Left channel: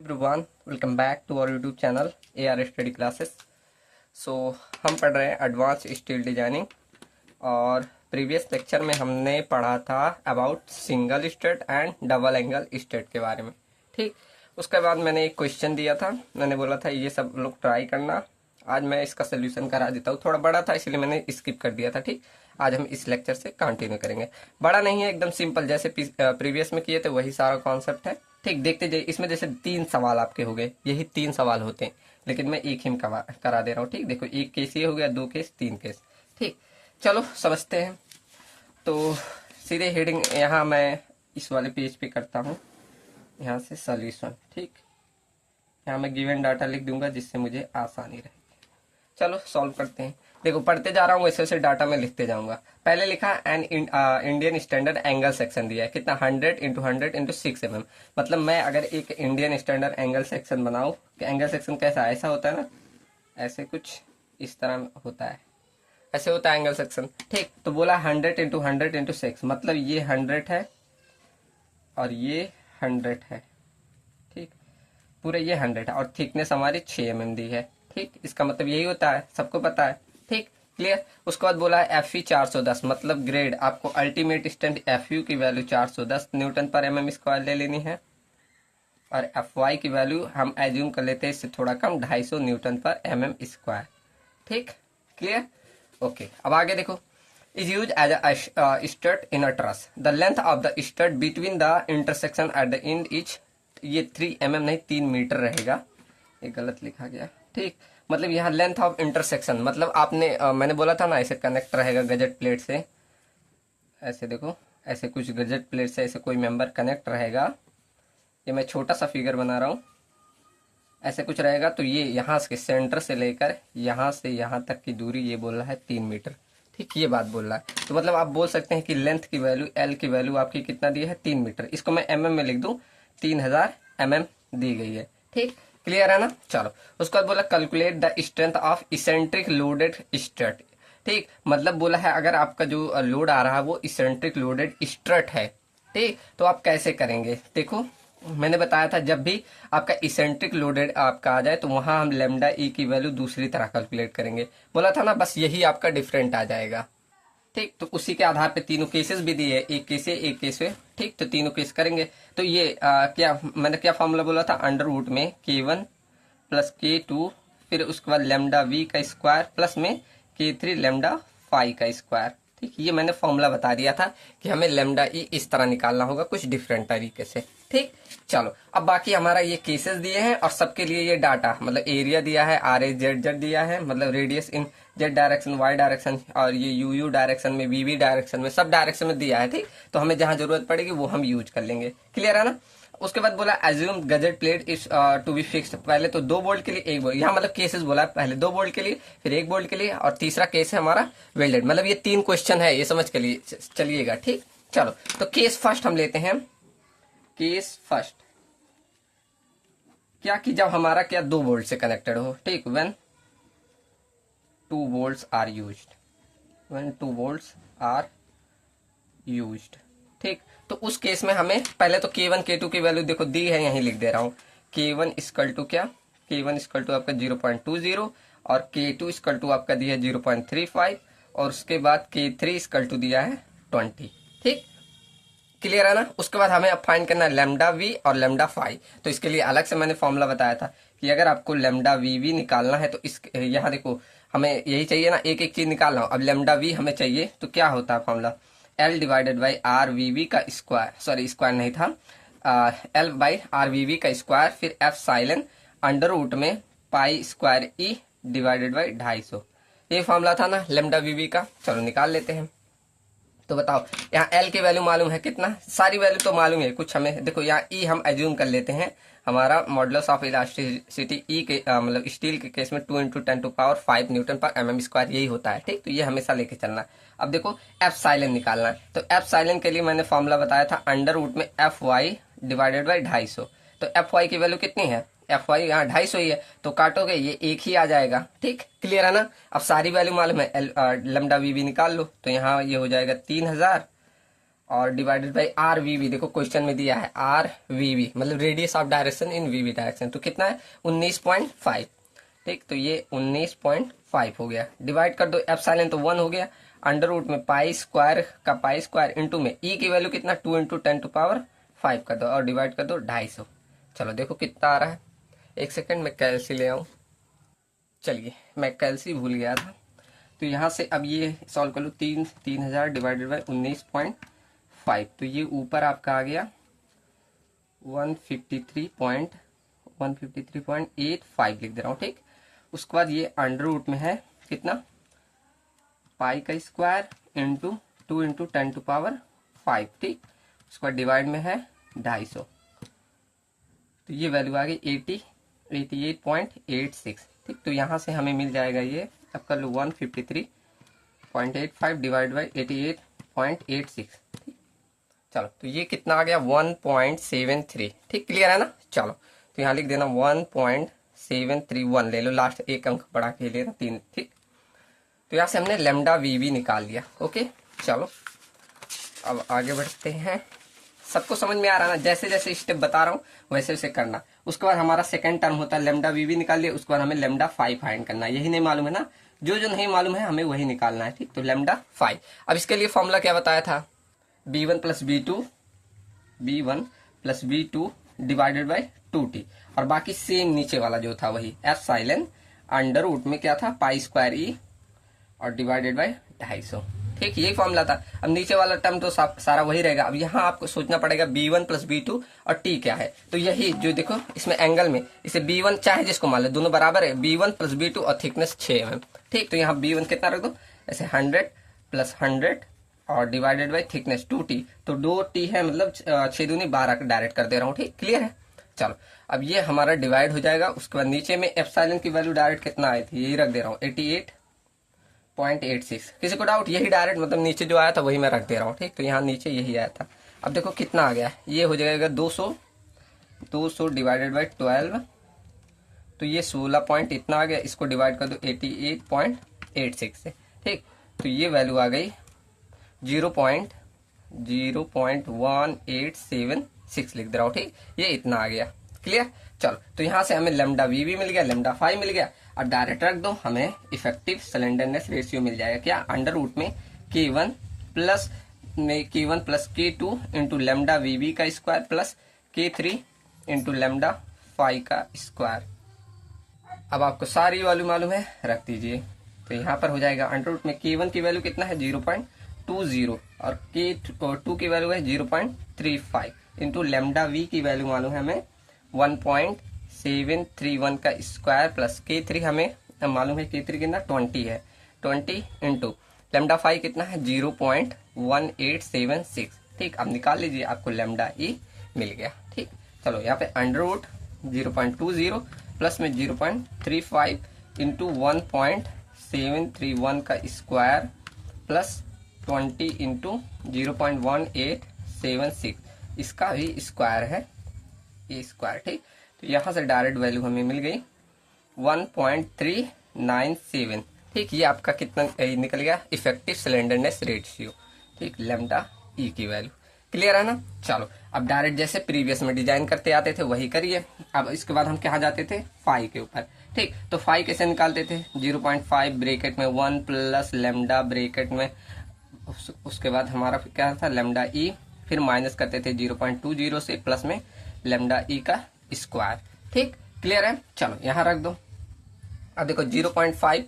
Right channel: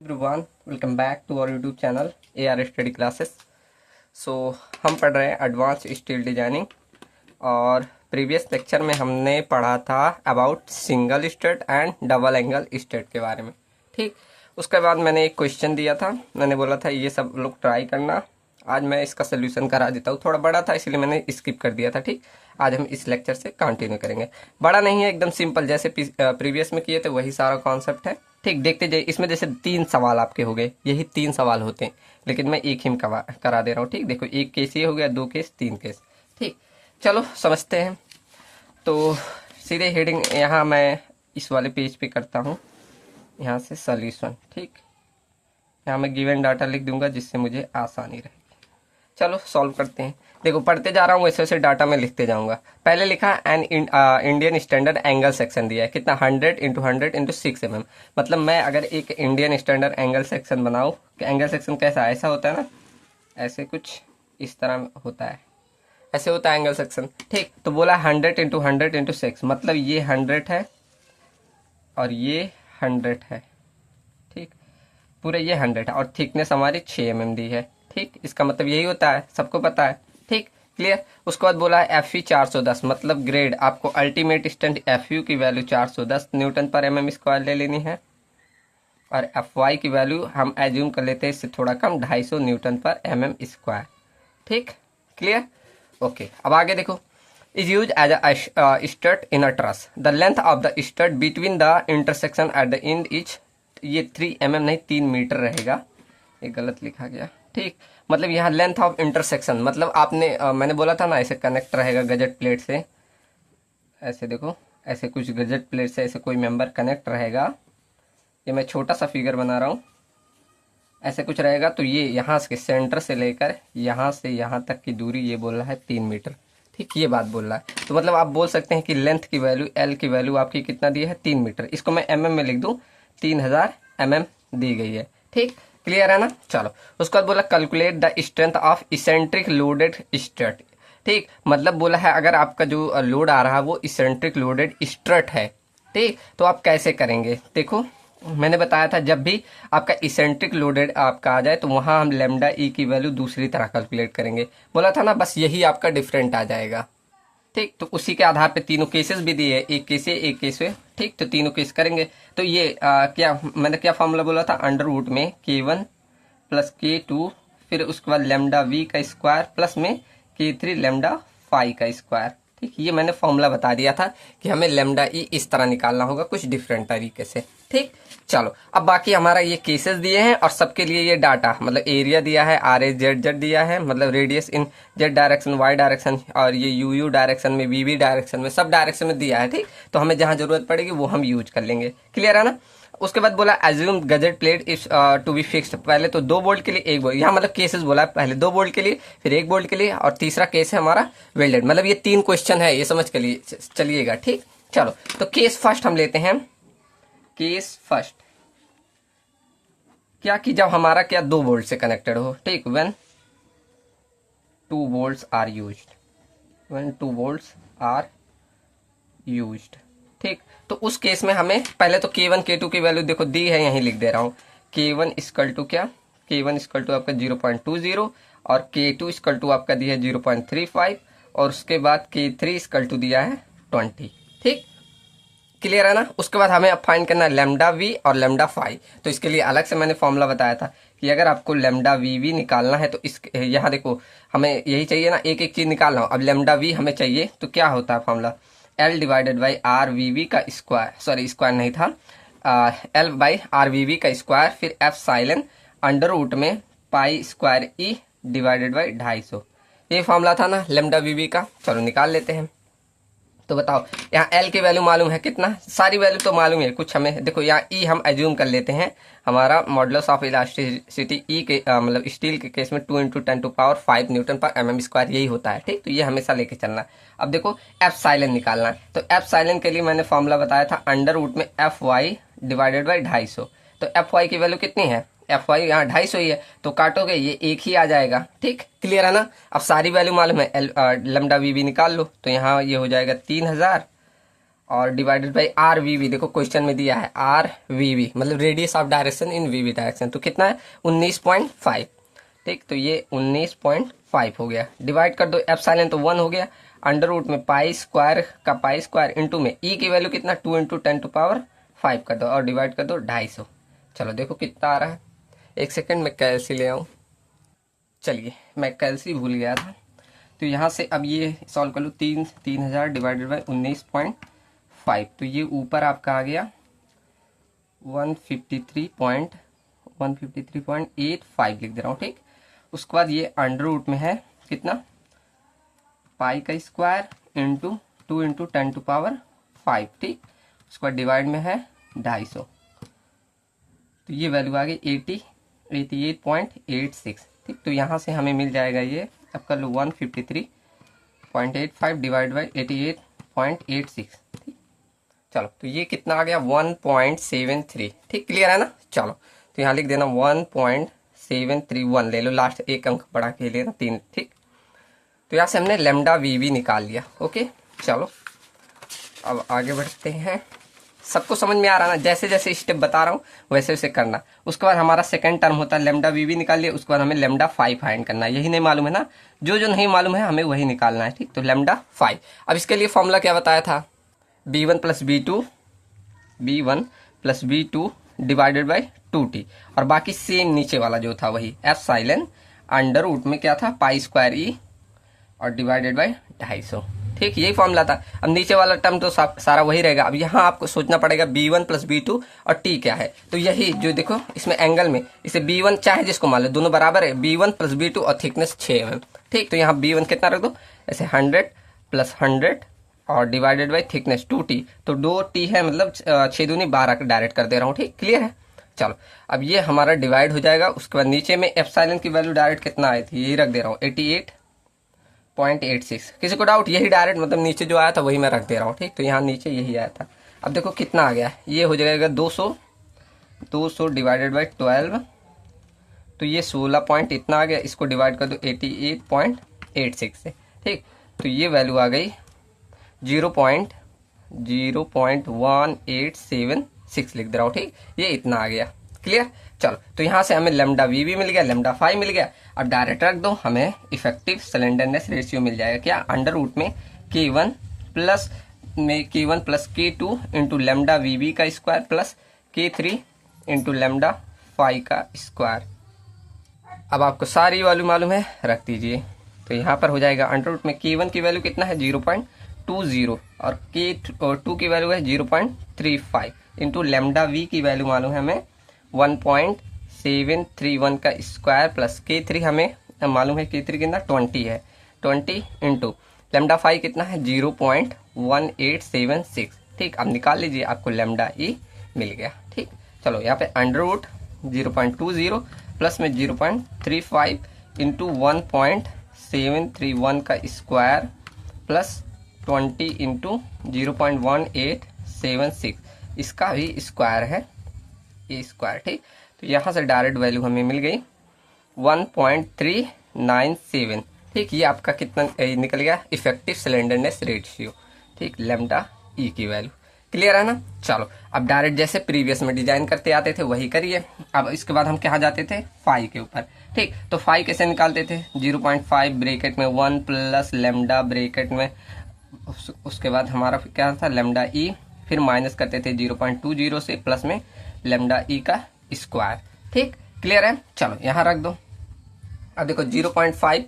Everyone, welcome back to our YouTube channel AR study classes. So हम पढ़ रहे हैं एडवांस स्टील डिजाइनिंग और प्रीवियस लेक्चर में हमने पढ़ा था about single stud and double angle stud के बारे में। ठीक, उसके बाद मैंने एक क्वेश्चन दिया था, मैंने बोला था ये सब लोग ट्राई करना। आज मैं इसका सोल्यूशन करा देता हूँ। थोड़ा बड़ा था इसलिए मैंने स्किप कर दिया था। ठीक, आज हम इस लेक्चर से कंटिन्यू करेंगे। बड़ा नहीं है, एकदम सिंपल, जैसे प्रीवियस में किए थे वही सारा कॉन्सेप्ट है। ठीक, देखते जाइए। इसमें जैसे 3 सवाल आपके हो गए, यही 3 सवाल होते हैं, लेकिन मैं एक ही करा दे रहा हूँ। ठीक, देखो, एक केस ये हो गया, 2 केस, 3 केस। ठीक, चलो समझते हैं। तो सीधे हेडिंग यहाँ मैं इस वाले पेज पे करता हूँ, यहाँ से सॉल्यूशन। ठीक, यहाँ मैं गिवन डाटा लिख दूंगा जिससे मुझे आसानी रहे। चलो सॉल्व करते हैं। देखो, पढ़ते जा रहा हूँ, वैसे वैसे डाटा में लिखते जाऊंगा। पहले लिखा an Indian standard angle section दिया है, कितना 100 इंटू 100 इंटू 6 mm। मतलब मैं अगर एक इंडियन स्टैंडर्ड एंगल सेक्शन बनाऊँ, कि एंगल सेक्शन कैसा ऐसा होता है ना, ऐसे कुछ इस तरह होता है, ऐसे होता है एंगल सेक्शन। ठीक, तो बोला 100 इंटू 100 इंटू 6, मतलब ये 100 है और ये 100 है। ठीक, पूरे ये 100 है और थिकनेस हमारी 6 mm दी है। ठीक, इसका मतलब यही होता है, सबको पता है। ठीक, क्लियर। उसके बाद बोला है FE 410, मतलब ग्रेड आपको अल्टीमेट स्ट्रेंथ FU की वैल्यू 410 न्यूटन पर mm स्क्वायर ले लेनी है, और FY की वैल्यू हम एज्यूम कर लेते हैं इससे थोड़ा कम, 250 न्यूटन पर mm स्क्वायर। ठीक, क्लियर। ओके, अब आगे देखो। Is use as a stud in a truss, the length of the stud between the intersection at the end is, ये 3 mm नहीं 3 मीटर रहेगा, ये गलत लिखा गया। ठीक, मतलब यहाँ लेंथ ऑफ इंटरसेक्शन, मतलब आपने मैंने बोला था ना, ऐसे कनेक्ट रहेगा गजट प्लेट से, ऐसे देखो, ऐसे कुछ गजट प्लेट से ऐसे कोई मेंबर कनेक्ट रहेगा। ये मैं छोटा सा फिगर बना रहा हूँ, ऐसे कुछ रहेगा। तो ये यहाँ से सेंटर से लेकर यहाँ से यहाँ तक की दूरी, ये बोल रहा है 3 मीटर। ठीक, ये बात बोल रहा है। तो मतलब आप बोल सकते हैं कि लेंथ की वैल्यू, L की वैल्यू आपकी कितना दी है, 3 मीटर। इसको मैं mm में लिख दूं, 3000 mm दी गई है। ठीक, क्लियर है ना। चलो, उसके बाद बोला calculate the strength of eccentric loaded strut. ठीक, मतलब बोला है अगर आपका जो लोड आ रहा है वो इसेंट्रिक लोडेड स्ट्रट है। ठीक, तो आप कैसे करेंगे, देखो मैंने बताया था जब भी आपका इसेंट्रिक लोडेड आपका आ जाए तो वहां हम लेमडा ई की वैल्यू दूसरी तरह कैलकुलेट करेंगे, बोला था ना, बस यही आपका डिफरेंट आ जाएगा। ठीक, तो उसी के आधार पे तीनों केसेस भी दिए, एक केस है एक केस है। ठीक, तो तीनों केस करेंगे। तो ये क्या मैंने क्या फॉर्मूला बोला था, अंडर रूट में K1 प्लस K2, फिर उसके बाद लेमडा V का स्क्वायर प्लस में K3 लेमडा फाई का स्क्वायर। ठीक, ये मैंने फॉर्मूला बता दिया था कि हमें लेमडा ई इस तरह निकालना होगा, कुछ डिफरेंट तरीके से। ठीक, चलो अब बाकी हमारा ये केसेस दिए हैं और सबके लिए ये डाटा, मतलब एरिया दिया है, RAZ दिया है, मतलब रेडियस इन Z डायरेक्शन, Y डायरेक्शन, और ये UU डायरेक्शन में, VV डायरेक्शन में, सब डायरेक्शन में दिया है। ठीक, तो हमें जहां जरूरत पड़ेगी वो हम यूज कर लेंगे। क्लियर है ना। उसके बाद बोला assume gusset plate is to be fixed, पहले तो 2 बोल्ट के लिए 1 बोल्ट, यहाँ मतलब केसेस बोला है, पहले 2 बोल्ट के लिए, फिर 1 बोल्ट के लिए, और तीसरा केस है हमारा वेल्डेड। मतलब ये 3 क्वेश्चन है, ये समझ के लिए चलिएगा। ठीक, चलो तो केस फर्स्ट हम लेते हैं। केस फर्स्ट क्या कि जब हमारा क्या 2 बोल्ट से कनेक्टेड हो। ठीक, when 2 volts are used, when 2 volts are used. ठीक, तो उस केस में हमें पहले तो K1 K2 की वैल्यू देखो दी है, यहीं लिख दे रहा हूं। K1 इक्वल टू क्या, K1 इक्वल टू आपका 0.20, और K2 इक्वल टू आपका दिया है 0.35, और उसके बाद K3 इक्वल टू दिया है 20। ठीक, क्लियर है ना। उसके बाद हमें अब फाइंड करना है लेमडा वी और लेमडा फाई। तो इसके लिए अलग से मैंने फॉर्मूला बताया था कि अगर आपको लेमडा वी निकालना है तो इस यहाँ देखो हमें यही चाहिए ना, एक एक चीज निकालना हो। अब लेमडा वी हमें चाहिए तो क्या होता है formula, L divided by r v का स्क्वायर, सॉरी स्क्वायर नहीं था, L बाई आर वी का स्क्वायर, फिर F साइलेंट अंडर रूट में pi square E divided by 250। ये फॉर्मूला था ना लेमडा वी का। चलो निकाल लेते हैं। तो बताओ, यहाँ L की वैल्यू मालूम है कितना, सारी वैल्यू तो मालूम है, कुछ हमें देखो यहाँ E हम एज्यूम कर लेते हैं, हमारा मॉडुलस ऑफ इलास्टिसिटी E के मतलब स्टील के केस में 2 × 10⁵ न्यूटन पर mm स्क्वायर यही होता है। ठीक, तो ये हमेशा लेके चलना। अब देखो F साइलेंट निकालना है, तो F साइलेंट के लिए मैंने फॉर्मूला बताया था अंडर रूट में FY डिवाइडेड बाई 250। तो FY की वैल्यू कितनी है, FY यहाँ 250 ही है, तो काटोगे ये एक ही आ जाएगा। ठीक, क्लियर है ना। अब सारी वैल्यू मालूम है, लेमडा वी निकाल लो, तो यहाँ ये हो जाएगा 3000, और divided by r v v, देखो क्वेश्चन में दिया है आर वी वी मतलब radius of direction in v v direction, तो कितना है 19.5। ठीक, तो ये 19.5 हो गया। डिवाइड कर दो एप्सिलॉन तो 1 हो गया, अंडर रूट में पाई स्क्वायर का पाई स्क्वायर इंटू में ई की वैल्यू कितना 2 इंटू 10⁵ कर दो और डिवाइड कर दो 250। चलो देखो कितना आ रहा है, एक सेकेंड में कैलसी ले आऊं। चलिए मैं कैलसी भूल गया था, तो यहाँ से अब ये सॉल्व कर लो, 3000 डिवाइडेड बाई 19.5, तो ये ऊपर आपका आ गया 153.85 लिख दे रहा हूँ। ठीक, उसके बाद ये अंडर रूट में है कितना पाई का स्क्वायर इंटू 2 इंटू 10⁵। ठीक, उसके बाद डिवाइड में है 250, तो ये वैल्यू आ गई 88.86। ठीक, तो यहाँ से हमें मिल जाएगा ये, अब कर लो 153.85 डिवाइड बाई 88.86। ठीक, चलो तो ये कितना आ गया 1.73। ठीक, क्लियर है ना। चलो तो यहाँ लिख देना 1.731 ले लो, लास्ट एक अंक बढ़ा के लेना 3। ठीक, तो यहाँ से हमने लेमडा वी वी निकाल लिया। ओके, चलो अब आगे बढ़ते हैं। सबको समझ में आ रहा है ना, जैसे जैसे स्टेप बता रहा हूँ वैसे वैसे करना। उसके बाद हमारा सेकंड टर्म होता है लेमडा वी वी निकाल लिया, उसके बाद हमें लेमडा 5 फाइंड करना है। यही नहीं मालूम है ना, जो जो नहीं मालूम है हमें वही निकालना है। ठीक, तो लेमडा 5। अब इसके लिए फॉर्मूला क्या बताया था, b1 plus b2 divided by 2t, और बाकी सेम नीचे वाला जो था वही एप्सिलॉन अंडर रूट में क्या था पाई स्क्वायर ई और डिवाइडेड बाई 250। ठीक, यही फॉर्मूला था। अब नीचे वाला टर्म तो सारा वही रहेगा। अब यहाँ आपको सोचना पड़ेगा b1 प्लस b2 और t क्या है, तो यही जो देखो इसमें एंगल में इसे b1 चाहे जिसको मान लो, दोनों बराबर है, b1 प्लस b2 और थिकनेस 6 mm। ठीक, तो यहाँ b1 कितना रख दो ऐसे 100 प्लस 100 और डिवाइडेड बाई थिकनेस 2t, तो 2t है मतलब 6 दूनी 12 डायरेक्ट कर दे रहा हूँ। ठीक, क्लियर है। चलो अब ये हमारा डिवाइड हो जाएगा, उसके बाद नीचे में एप्सिलॉन की वैल्यू डायरेक्ट कितना आई थी यही रख दे रहा हूँ 88.86। किसी को डाउट, यही डायरेक्ट मतलब नीचे जो आया था वही मैं रख दे रहा हूँ। ठीक, तो यहाँ नीचे यही आया था। अब देखो कितना आ गया, ये हो जाएगा 200 डिवाइडेड बाई 12, तो ये 16 पॉइंट इतना आ गया, इसको डिवाइड कर दो 88.86 से। ठीक, तो ये वैल्यू आ गई 0.01876 लिख दे रहा हूँ। ठीक, ये इतना आ गया। क्लियर। चलो तो यहाँ से हमें लेमडा वी भी मिल गया, लेमडा 5 मिल गया। अब डायरेक्ट रख दो, हमें इफेक्टिव सिलेंडरनेस रेशियो मिल जाएगा क्या, अंडर रूट में K1 plus K2 into lambda V B का square plus K3 into lambda 5 का स्क्वायर। अब आपको सारी वैल्यू मालूम है, रख दीजिए। तो यहाँ पर हो जाएगा अंडर रूट में K1 की वैल्यू कितना है 0.20 और K2 की वैल्यू है 0.35 इंटू लेमडा वी की वैल्यू मालूम है हमें 1.731 का स्क्वायर प्लस K3 हमें मालूम है K3 कितना 20 है, 20 इंटू लेमडा 5 कितना है 0.1876। ठीक, अब निकाल लीजिए, आपको लेमडा ई मिल गया। ठीक, चलो यहाँ पे अंडर रूट 0.20 प्लस में 0.35 इंटू 1.731 का स्क्वायर प्लस 20 इंटू 0.1876, इसका भी स्क्वायर है ये स्क्वायर। ठीक, तो यहाँ से डायरेक्ट वैल्यू हमें मिल गई 1.397। ठीक, ये आपका कितना निकल गया इफेक्टिव सिलेंडरनेस रेशियो। ठीक, लेमडा ई की वैल्यू। क्लियर है ना। चलो अब डायरेक्ट जैसे प्रीवियस में डिजाइन करते आते थे वही करिए। अब इसके बाद हम क्या जाते थे 5 के ऊपर। ठीक, तो 5 कैसे निकालते थे 0.5 ब्रेकेट में 1 प्लस लेमडा ब्रेकेट में, उसके बाद हमारा क्या था लेमडा ई, फिर माइनस करते थे 0.20 से प्लस में लेमडा ई का स्क्वायर। ठीक, क्लियर है। चलो यहाँ रख दो। अब देखो 0.5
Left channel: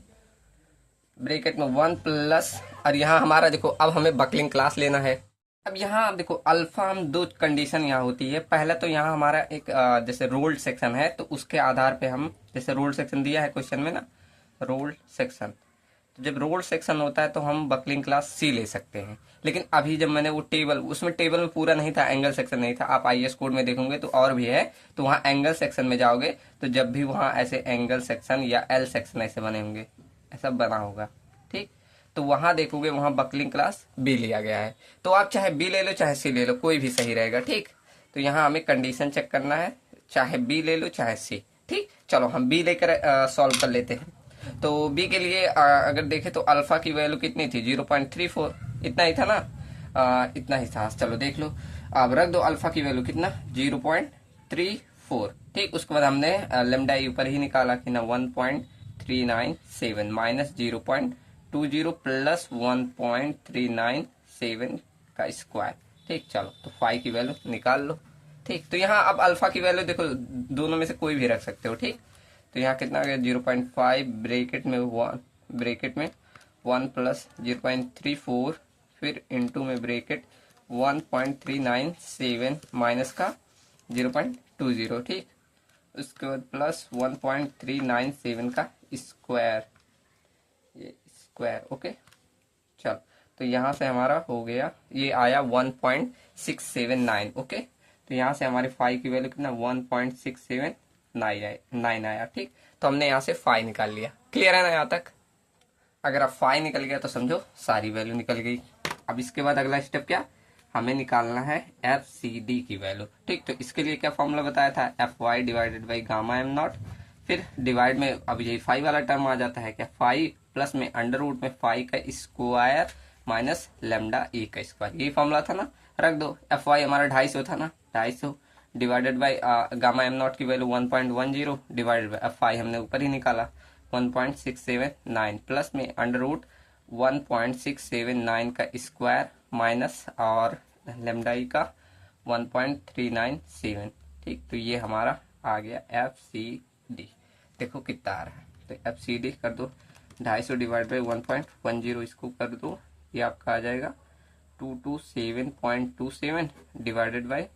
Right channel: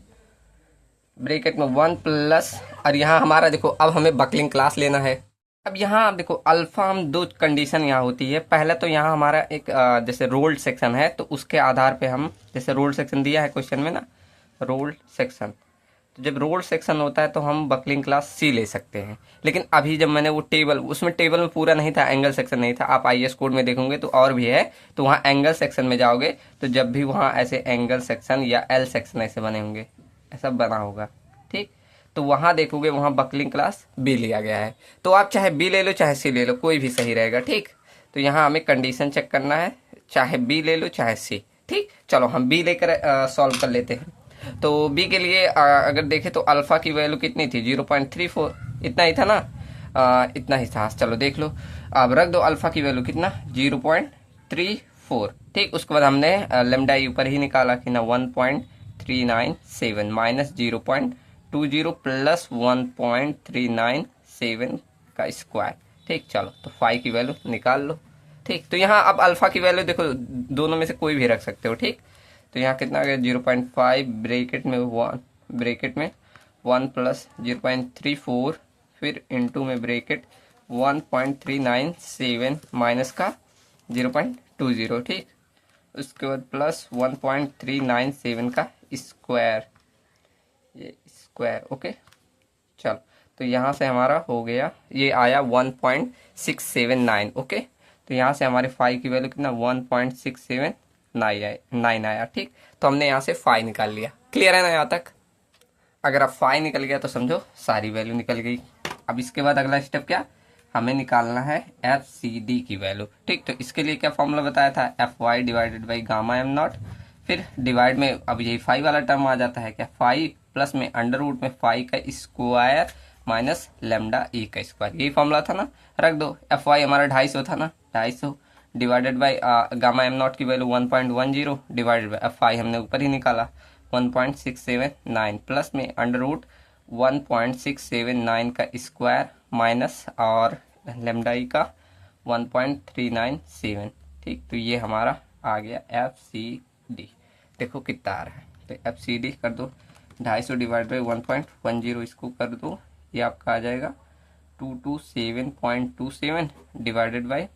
ब्रेकेट में 1 प्लस, और यहाँ हमारा देखो अब हमें बकलिंग क्लास लेना है। अब यहाँ देखो अल्फा हम दो कंडीशन यहाँ होती है। पहले तो यहाँ हमारा एक जैसे रोल्ड सेक्शन है, तो उसके आधार पे हम जैसे रोल्ड सेक्शन दिया है क्वेश्चन में ना, रोल्ड सेक्शन, तो जब रोल्ड सेक्शन होता है तो हम बकलिंग क्लास सी ले सकते हैं। लेकिन अभी जब मैंने वो टेबल, उसमें टेबल में पूरा नहीं था, एंगल सेक्शन नहीं था। आप आईएएस कोड में देखोगे तो और भी है, तो वहाँ एंगल सेक्शन में जाओगे तो जब भी वहाँ ऐसे एंगल सेक्शन या एल सेक्शन ऐसे बने होंगे, ऐसा बना होगा। ठीक, तो वहां देखोगे वहां बकलिंग क्लास बी लिया गया है। तो आप चाहे बी ले लो चाहे सी ले लो, कोई भी सही रहेगा। ठीक, तो यहाँ हमें कंडीशन चेक करना है, चाहे बी ले लो चाहे सी। ठीक, चलो हम बी लेकर सॉल्व कर लेते हैं। तो बी के लिए अगर देखें तो अल्फा की वैल्यू कितनी थी 0.34, इतना ही था ना। इतना ही था। चलो देख लो, अब रख दो अल्फा की वैल्यू कितना 0.34। ठीक, उसके बाद हमने लेमडा ई ऊपर ही निकाला कि ना 1.397 माइनस 0.20 प्लस 1.397 का स्क्वायर। ठीक, चलो तो फाई की वैल्यू निकाल लो। ठीक, तो यहाँ अब अल्फा की वैल्यू देखो, दोनों में से कोई भी रख सकते हो। ठीक, तो यहाँ कितना आ गया 0.5 ब्रेकेट में 1 प्लस 0.34 फिर इंटू में ब्रेकेट 1.397 माइनस का 0.20। ठीक, उसके बाद प्लस 1.397 का स्क्वायर, ये स्क्वायर। ओके, चल तो यहाँ से हमारा हो गया, ये आया 1.679। ओके, तो यहाँ से हमारे फाई की वैल्यू कितना 1.679 आया। ठीक, तो हमने यहाँ से फाई निकाल लिया। क्लियर है ना यहाँ तक? अगर आप फाई निकल गया तो समझो सारी वैल्यू निकल गई। अब इसके बाद अगला स्टेप क्या, हमें निकालना है एफ सी डी की वैल्यू। ठीक, तो इसके लिए क्या फॉर्मूला बताया था, F Y divided by gamma M naught, फिर डिवाइड में अब यही फाई वाला टर्म आ जाता है क्या, फाई प्लस में अंडर रूट में फाई का स्क्वायर माइनस लेमडा ए का स्क्वायर। यही फॉर्मूला था ना, रख दो। एफ वाई हमारा 250 था ना, 250 divided by gamma M not की value 1.10 divided by F I हमने ऊपर ही निकाला 1.679 प्लस में अंडर रूट 1.679 का स्क्वायर माइनस और लेमडा ई का 1.397। ठीक, तो ये हमारा आ गया एफ सी डी। देखो कितना आ रहा है, तो एफ सी डी कर दो 250 डिवाइड बाई 1.10, इसको कर दो, ये आपका आ जाएगा 227.27 divided by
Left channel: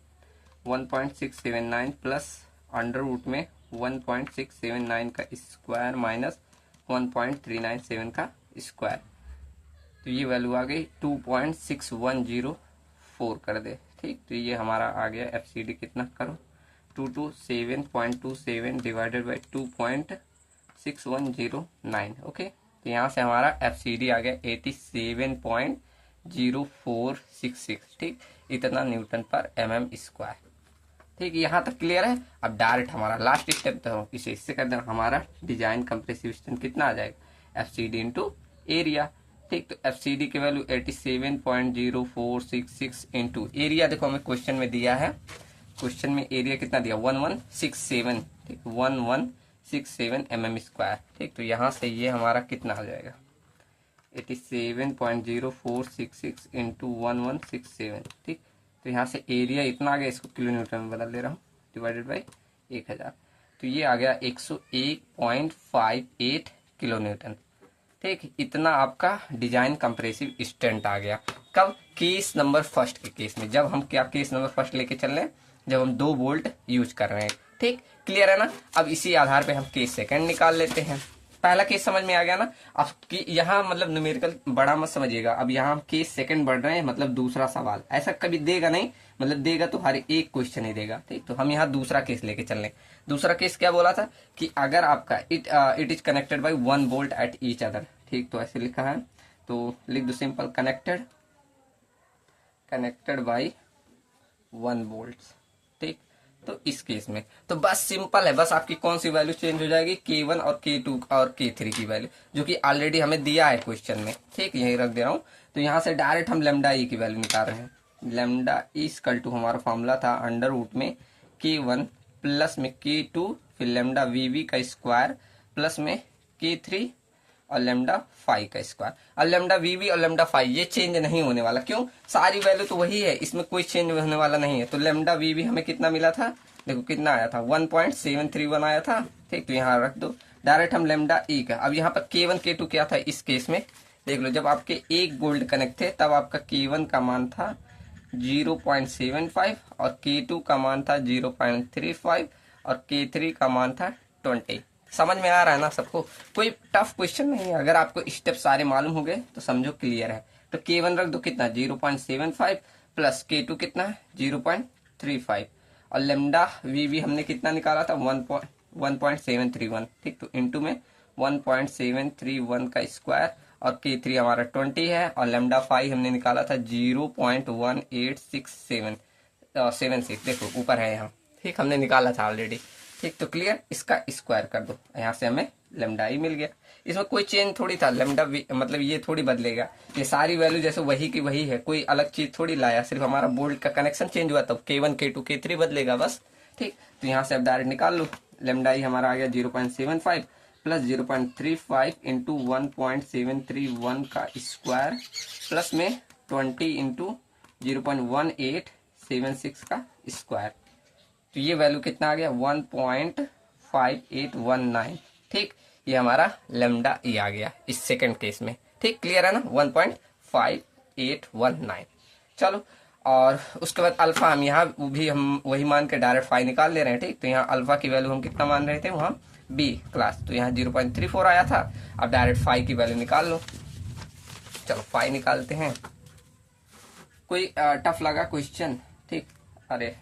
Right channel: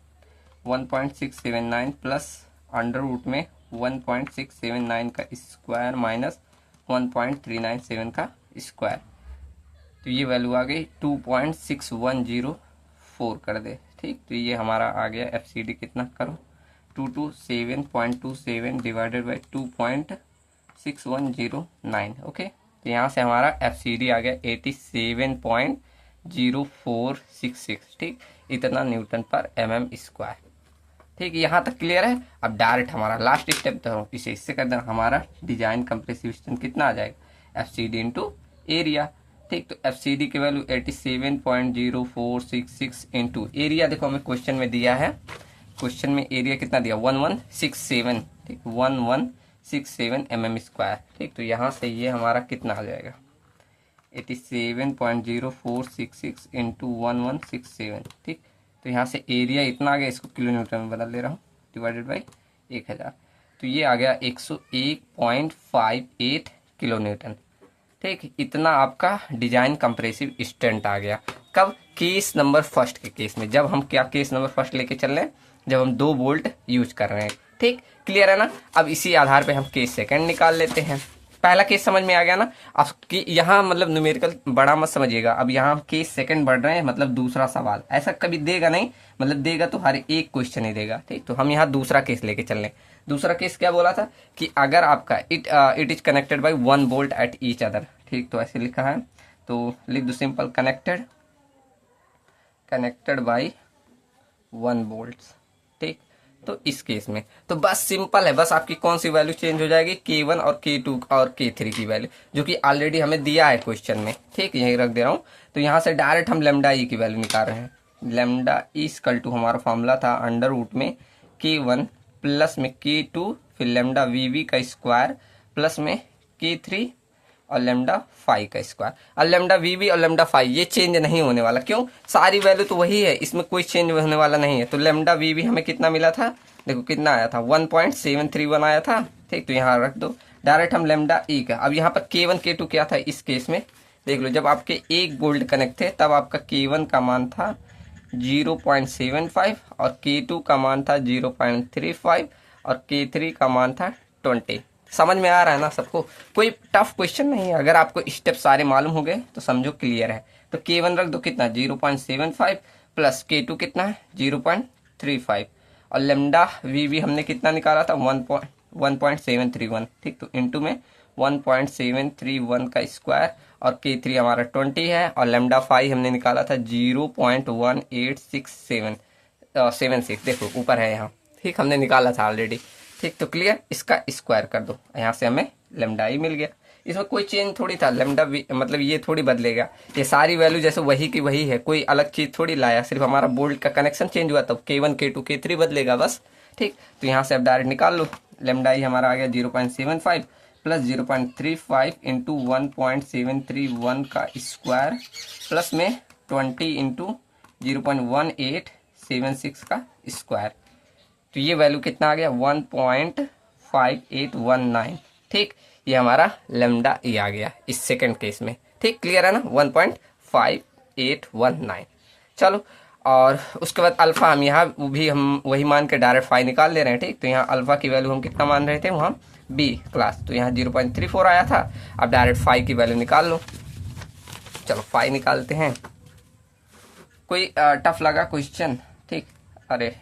1.679 plus under root में 1.679 का स्क्वायर माइनस 1.397 का स्क्वायर। तो ये वैल्यू आ गई 2.6104 कर दे। ठीक, तो ये हमारा आ गया एफ सी डी कितना करो 227.27 डिवाइडेड बाई 2.6109। ओके, तो यहाँ से हमारा एफ सी डी आ गया 87.0466। ठीक, इतना न्यूटन पर mm स्क्वायर। ठीक, यहाँ तक क्लियर है। अब डायरेक्ट हमारा लास्ट स्टेप तो इसे इससे कर देना, हमारा डिजाइन कंप्रेसिव स्ट्रेंथ कितना आ जाएगा F C D into area. ठीक, तो एफ सी डी की वैल्यू 87.0466 इंटू एरिया। देखो हमें क्वेश्चन में दिया है, क्वेश्चन में एरिया कितना दिया 1167। ठीक, 1167 mm स्क्वायर। ठीक, तो यहाँ से ये हमारा कितना आ जाएगा 87.0466 इंटू 1167। ठीक, तो यहाँ से एरिया इतना आ गया, इसको किलो न्यूटन में बदल दे रहा हूँ, डिवाइडेड बाई 1000। तो ये आ गया 101.58 किलो न्यूटन। ठीक, इतना आपका डिजाइन कंप्रेसिव स्ट्रेंथ आ गया। कब, केस नंबर फर्स्ट के केस में, जब हम क्या केस नंबर फर्स्ट लेके चल रहे हैं, जब हम 2 बोल्ट यूज कर रहे हैं। ठीक, क्लियर है ना? अब इसी आधार पे हम केस सेकंड निकाल लेते हैं। पहला केस समझ में आ गया ना? अब कि यहाँ मतलब न्यूमेरिकल बड़ा मत समझिएगा, अब यहाँ केस सेकंड बढ़ रहे हैं, मतलब दूसरा सवाल ऐसा कभी देगा नहीं, मतलब देगा तो हर एक क्वेश्चन ही देगा। ठीक, तो हम यहाँ दूसरा केस लेके चल रहे हैं। दूसरा केस क्या बोला था कि अगर आपका it is connected by 1 bolt at each other. ठीक, तो ऐसे लिखा है, तो लिख दो सिंपल, कनेक्टेड बाई 1 बोल्ट। ठीक, तो इस केस में तो बस सिंपल है, बस आपकी कौन सी वैल्यू चेंज हो जाएगी K1 और K2 और K3 की वैल्यू, जो कि ऑलरेडी हमें दिया है क्वेश्चन में। ठीक, यही रख दे रहा हूँ। तो यहाँ से डायरेक्ट हम लेमडा ई की वैल्यू निकाल रहे हैं। लेमडा ई इक्वल टू हमारा फॉर्मूला था अंडर रूट में K1 प्लस में K2 फिर लेमडा वीवी का स्क्वायर प्लस में K3 और लेमडा फाई का स्क्वायर। और लेमडा वीवी और लेमडा फाई ये चेंज नहीं होने वाला, क्यों, सारी वैल्यू तो वही है, इसमें कोई चेंज होने वाला नहीं है। तो लेमडा वीवी हमें कितना मिला था, देखो कितना आया था 1.731 आया था। ठीक, तो यहाँ रख दो डायरेक्ट हम लेमडा ई का। अब यहाँ पर K1 K2 क्या था इस केस में, देख लो, जब आपके एक गोल्ड कनेक्ट थे तब आपका K1 का मान था 0.75 और K2 का मान था 0.35 और K3 का मान था 20। समझ में आ रहा है ना सबको? कोई टफ क्वेश्चन नहीं है, अगर आपको स्टेप सारे मालूम हो गए तो समझो क्लियर है। तो K1 रख दो कितना 0.75 प्लस K2 कितना है 0.35 और लेमडा वीवी हमने कितना निकाला था 1.731। ठीक, तो इनटू में 1.731 का स्क्वायर और K3 हमारा 20 है और लेमडा फाई हमने निकाला था 0.186776। देखो ऊपर है यहाँ। ठीक, हमने निकाला था ऑलरेडी। ठीक, तो क्लियर, इसका स्क्वायर कर दो, यहाँ से हमें लेमडा ई मिल गया। इसमें कोई चेंज थोड़ी था, लेमडा मतलब ये थोड़ी बदलेगा, ये सारी वैल्यू जैसे वही की वही है, कोई अलग चीज थोड़ी लाया, सिर्फ हमारा बोल्ट का कनेक्शन चेंज हुआ, तब K1 K2 K3 बदलेगा बस। ठीक, तो यहाँ से अब डायरेक्ट निकाल लो, लेमडा ई हमारा आ गया 0.75 प्लस 0.35 इंटू 1.731 का स्क्वायर प्लस में 20 इंटू 0.1876 का स्क्वायर, तो ये वैल्यू कितना आ गया 1.5819। ठीक, ये हमारा लेमडा ई आ गया इस सेकंड केस में। ठीक, क्लियर है ना, 1.5819। चलो, और उसके बाद अल्फा हम यहाँ भी हम वही मान के डायरेक्ट फाई निकाल ले रहे हैं। ठीक, तो यहाँ अल्फा की वैल्यू हम कितना मान रहे थे वहाँ बी क्लास, तो यहाँ 0.34 आया था, अब डायरेक्ट फाई की वैल्यू निकाल लो। चलो फाई निकालते हैं, कोई टफ लगा क्वेश्चन? ठीक, अरे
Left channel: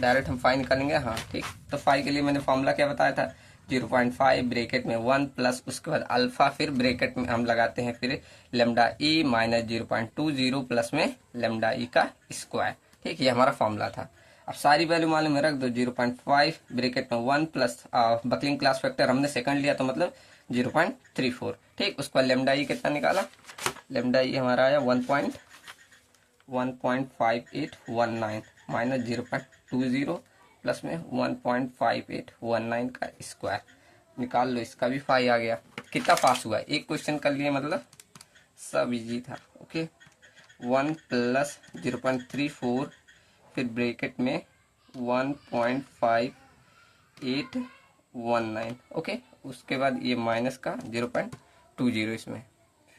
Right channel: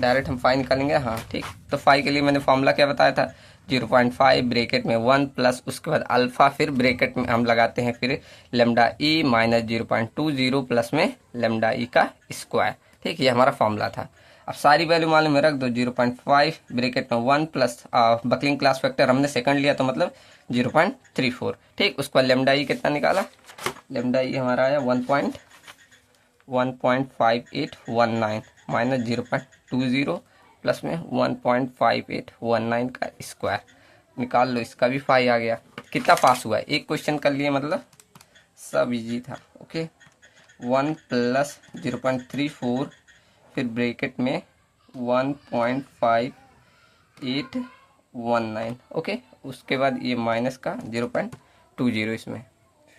डायरेक्ट हम फाई निकालेंगे। हाँ ठीक, तो फाई के लिए मैंने फॉर्मूला क्या बताया था, 0.5 ब्रेकेट में 1 प्लस उसके बाद अल्फा, फिर ब्रेकेट में हम लगाते हैं फिर लेमडा ई माइनस 0.20 प्लस में लेमडा ई का स्क्वायर। ठीक, ये हमारा फॉर्मूला था। अब सारी वैल्यू मालूम में रख दो, 0.5 ब्रेकेट में 1 प्लस बकलिंग क्लास फैक्टर हमने सेकंड लिया तो मतलब 0.34। ठीक, उसके बाद लेमडा ई कितना निकाला, लेमडा ई हमारा आया 1.5819 माइनस 0.20 प्लस में 1.5819 का स्क्वायर, निकाल लो, इसका भी फाई आ गया। कितना पास हुआ है, एक क्वेश्चन कर लिए, मतलब सब इजी था। ओके, 1 प्लस 0.34 फिर ब्रैकेट में 1.5819। ओके, उसके बाद ये माइनस का 0.20 इसमें,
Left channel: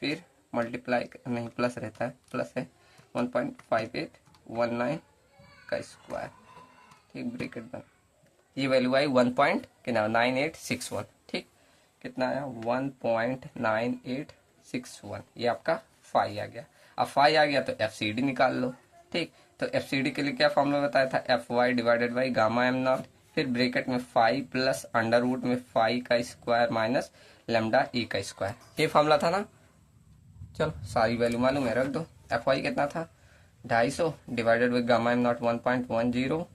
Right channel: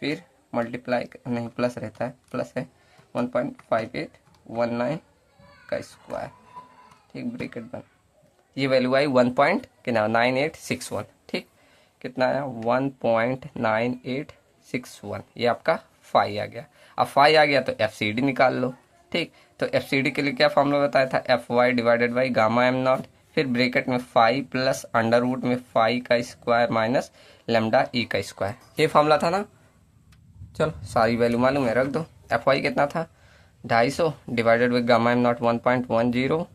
फिर मल्टीप्लाई नहीं प्लस रहता है, प्लस है 1.5819 का स्क्वायर। ठीक, ब्रैकेट बंद, ये वैल्यू आई 1.9861। ठीक, कितना आया 1.9861, ये आपका फाई आ गया। अब फाई आ गया तो FCD निकाल लो। ठीक, तो FCD के लिए क्या फॉर्मूला बताया था, FY divided by gamma M naught, फिर ब्रैकेट में फाई प्लस अंडर रूट में फाई का स्क्वायर माइनस लेमडा ई का स्क्वायर, ये फॉर्मूला था ना। चलो सारी वैल्यू मालूम है, रख दो। FY कितना था 250 divided by gamma M not 1.10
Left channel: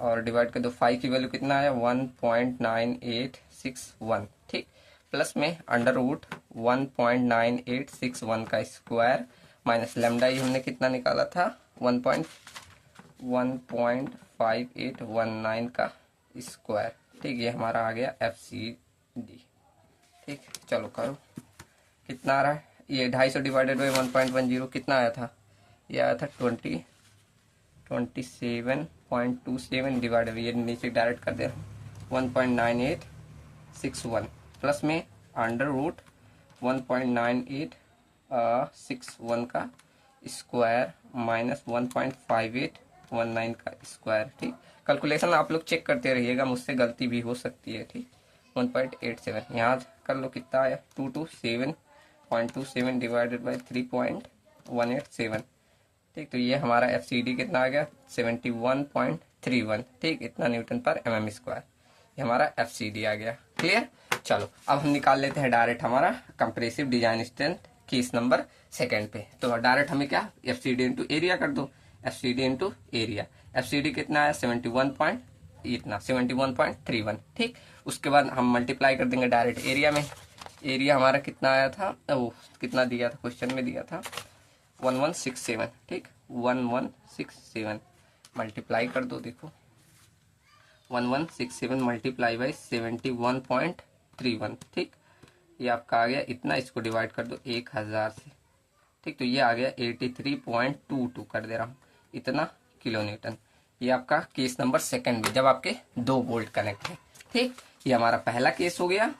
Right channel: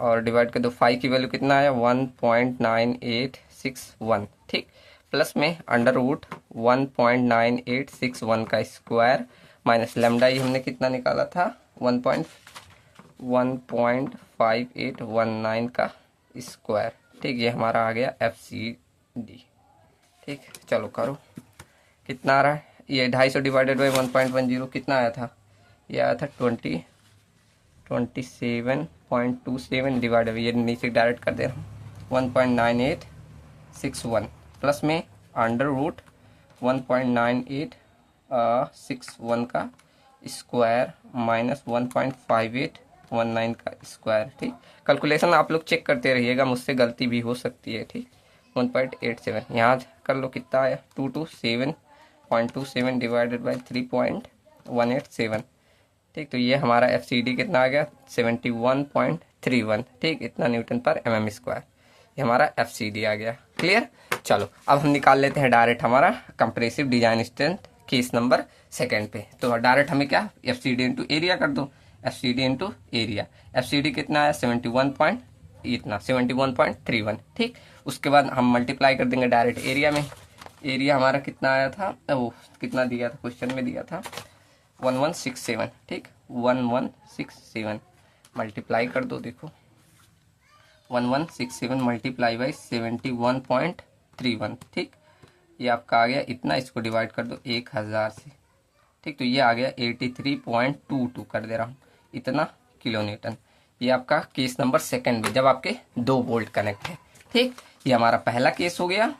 और डिवाइड कर दो, फाई की वैल्यू कितना आया 1.9861। ठीक, प्लस में अंडर रूट 1.9861 का स्क्वायर माइनस लेमडा ही हमने कितना निकाला था 1.5819 का स्क्वायर। ठीक, ये हमारा आ गया FCD। ठीक, चलो करो, कितना आ रहा है, ये 250 डिवाइडेड बाई 1.10 कितना आया था, ये आया था 27.27 डिवाइड, ये नीचे डायरेक्ट कर दे रहा हूँ 1.9861 प्लस में अंडर रूट 1.9861 का स्क्वायर माइनस 1.5819 का स्क्वायर। ठीक, कैलकुलेशन आप लोग चेक करते रहिएगा, मुझसे गलती भी हो सकती है। ठीक, 1.87 यहाँ कर लो, कितना आया 227.27 डिवाइडेड बाई 3.187। ठीक, तो ये हमारा FCD कितना आ गया 71.31। ठीक, इतना न्यूटन पर mm स्क्वायर, ये हमारा FCD आ गया। क्लियर, चलो अब हम निकाल लेते हैं डायरेक्ट हमारा compressive design strength case number second पे। तो डायरेक्ट हमें क्या FCD इंटू एरिया कर दो, FCD इंटू एरिया, FCD कितना है 71.31। ठीक, उसके बाद हम मल्टीप्लाई कर देंगे डायरेक्ट एरिया में, एरिया हमारा कितना आया था, वो कितना दिया था क्वेश्चन में दिया था 1167। ठीक, 1167 मल्टीप्लाई कर दो, देखो 1167 मल्टीप्लाई बाई 71.31। ठीक, ये आपका आ गया इतना, इसको डिवाइड कर दो 1000 से। ठीक, तो ये आ गया 83.22 कर दे रहा हूँ इतना किलो न्यूटन। ये आपका केस नंबर सेकंड में जब आपके 2 वोल्ट कनेक्ट है। ठीक, ये हमारा पहला केस हो गया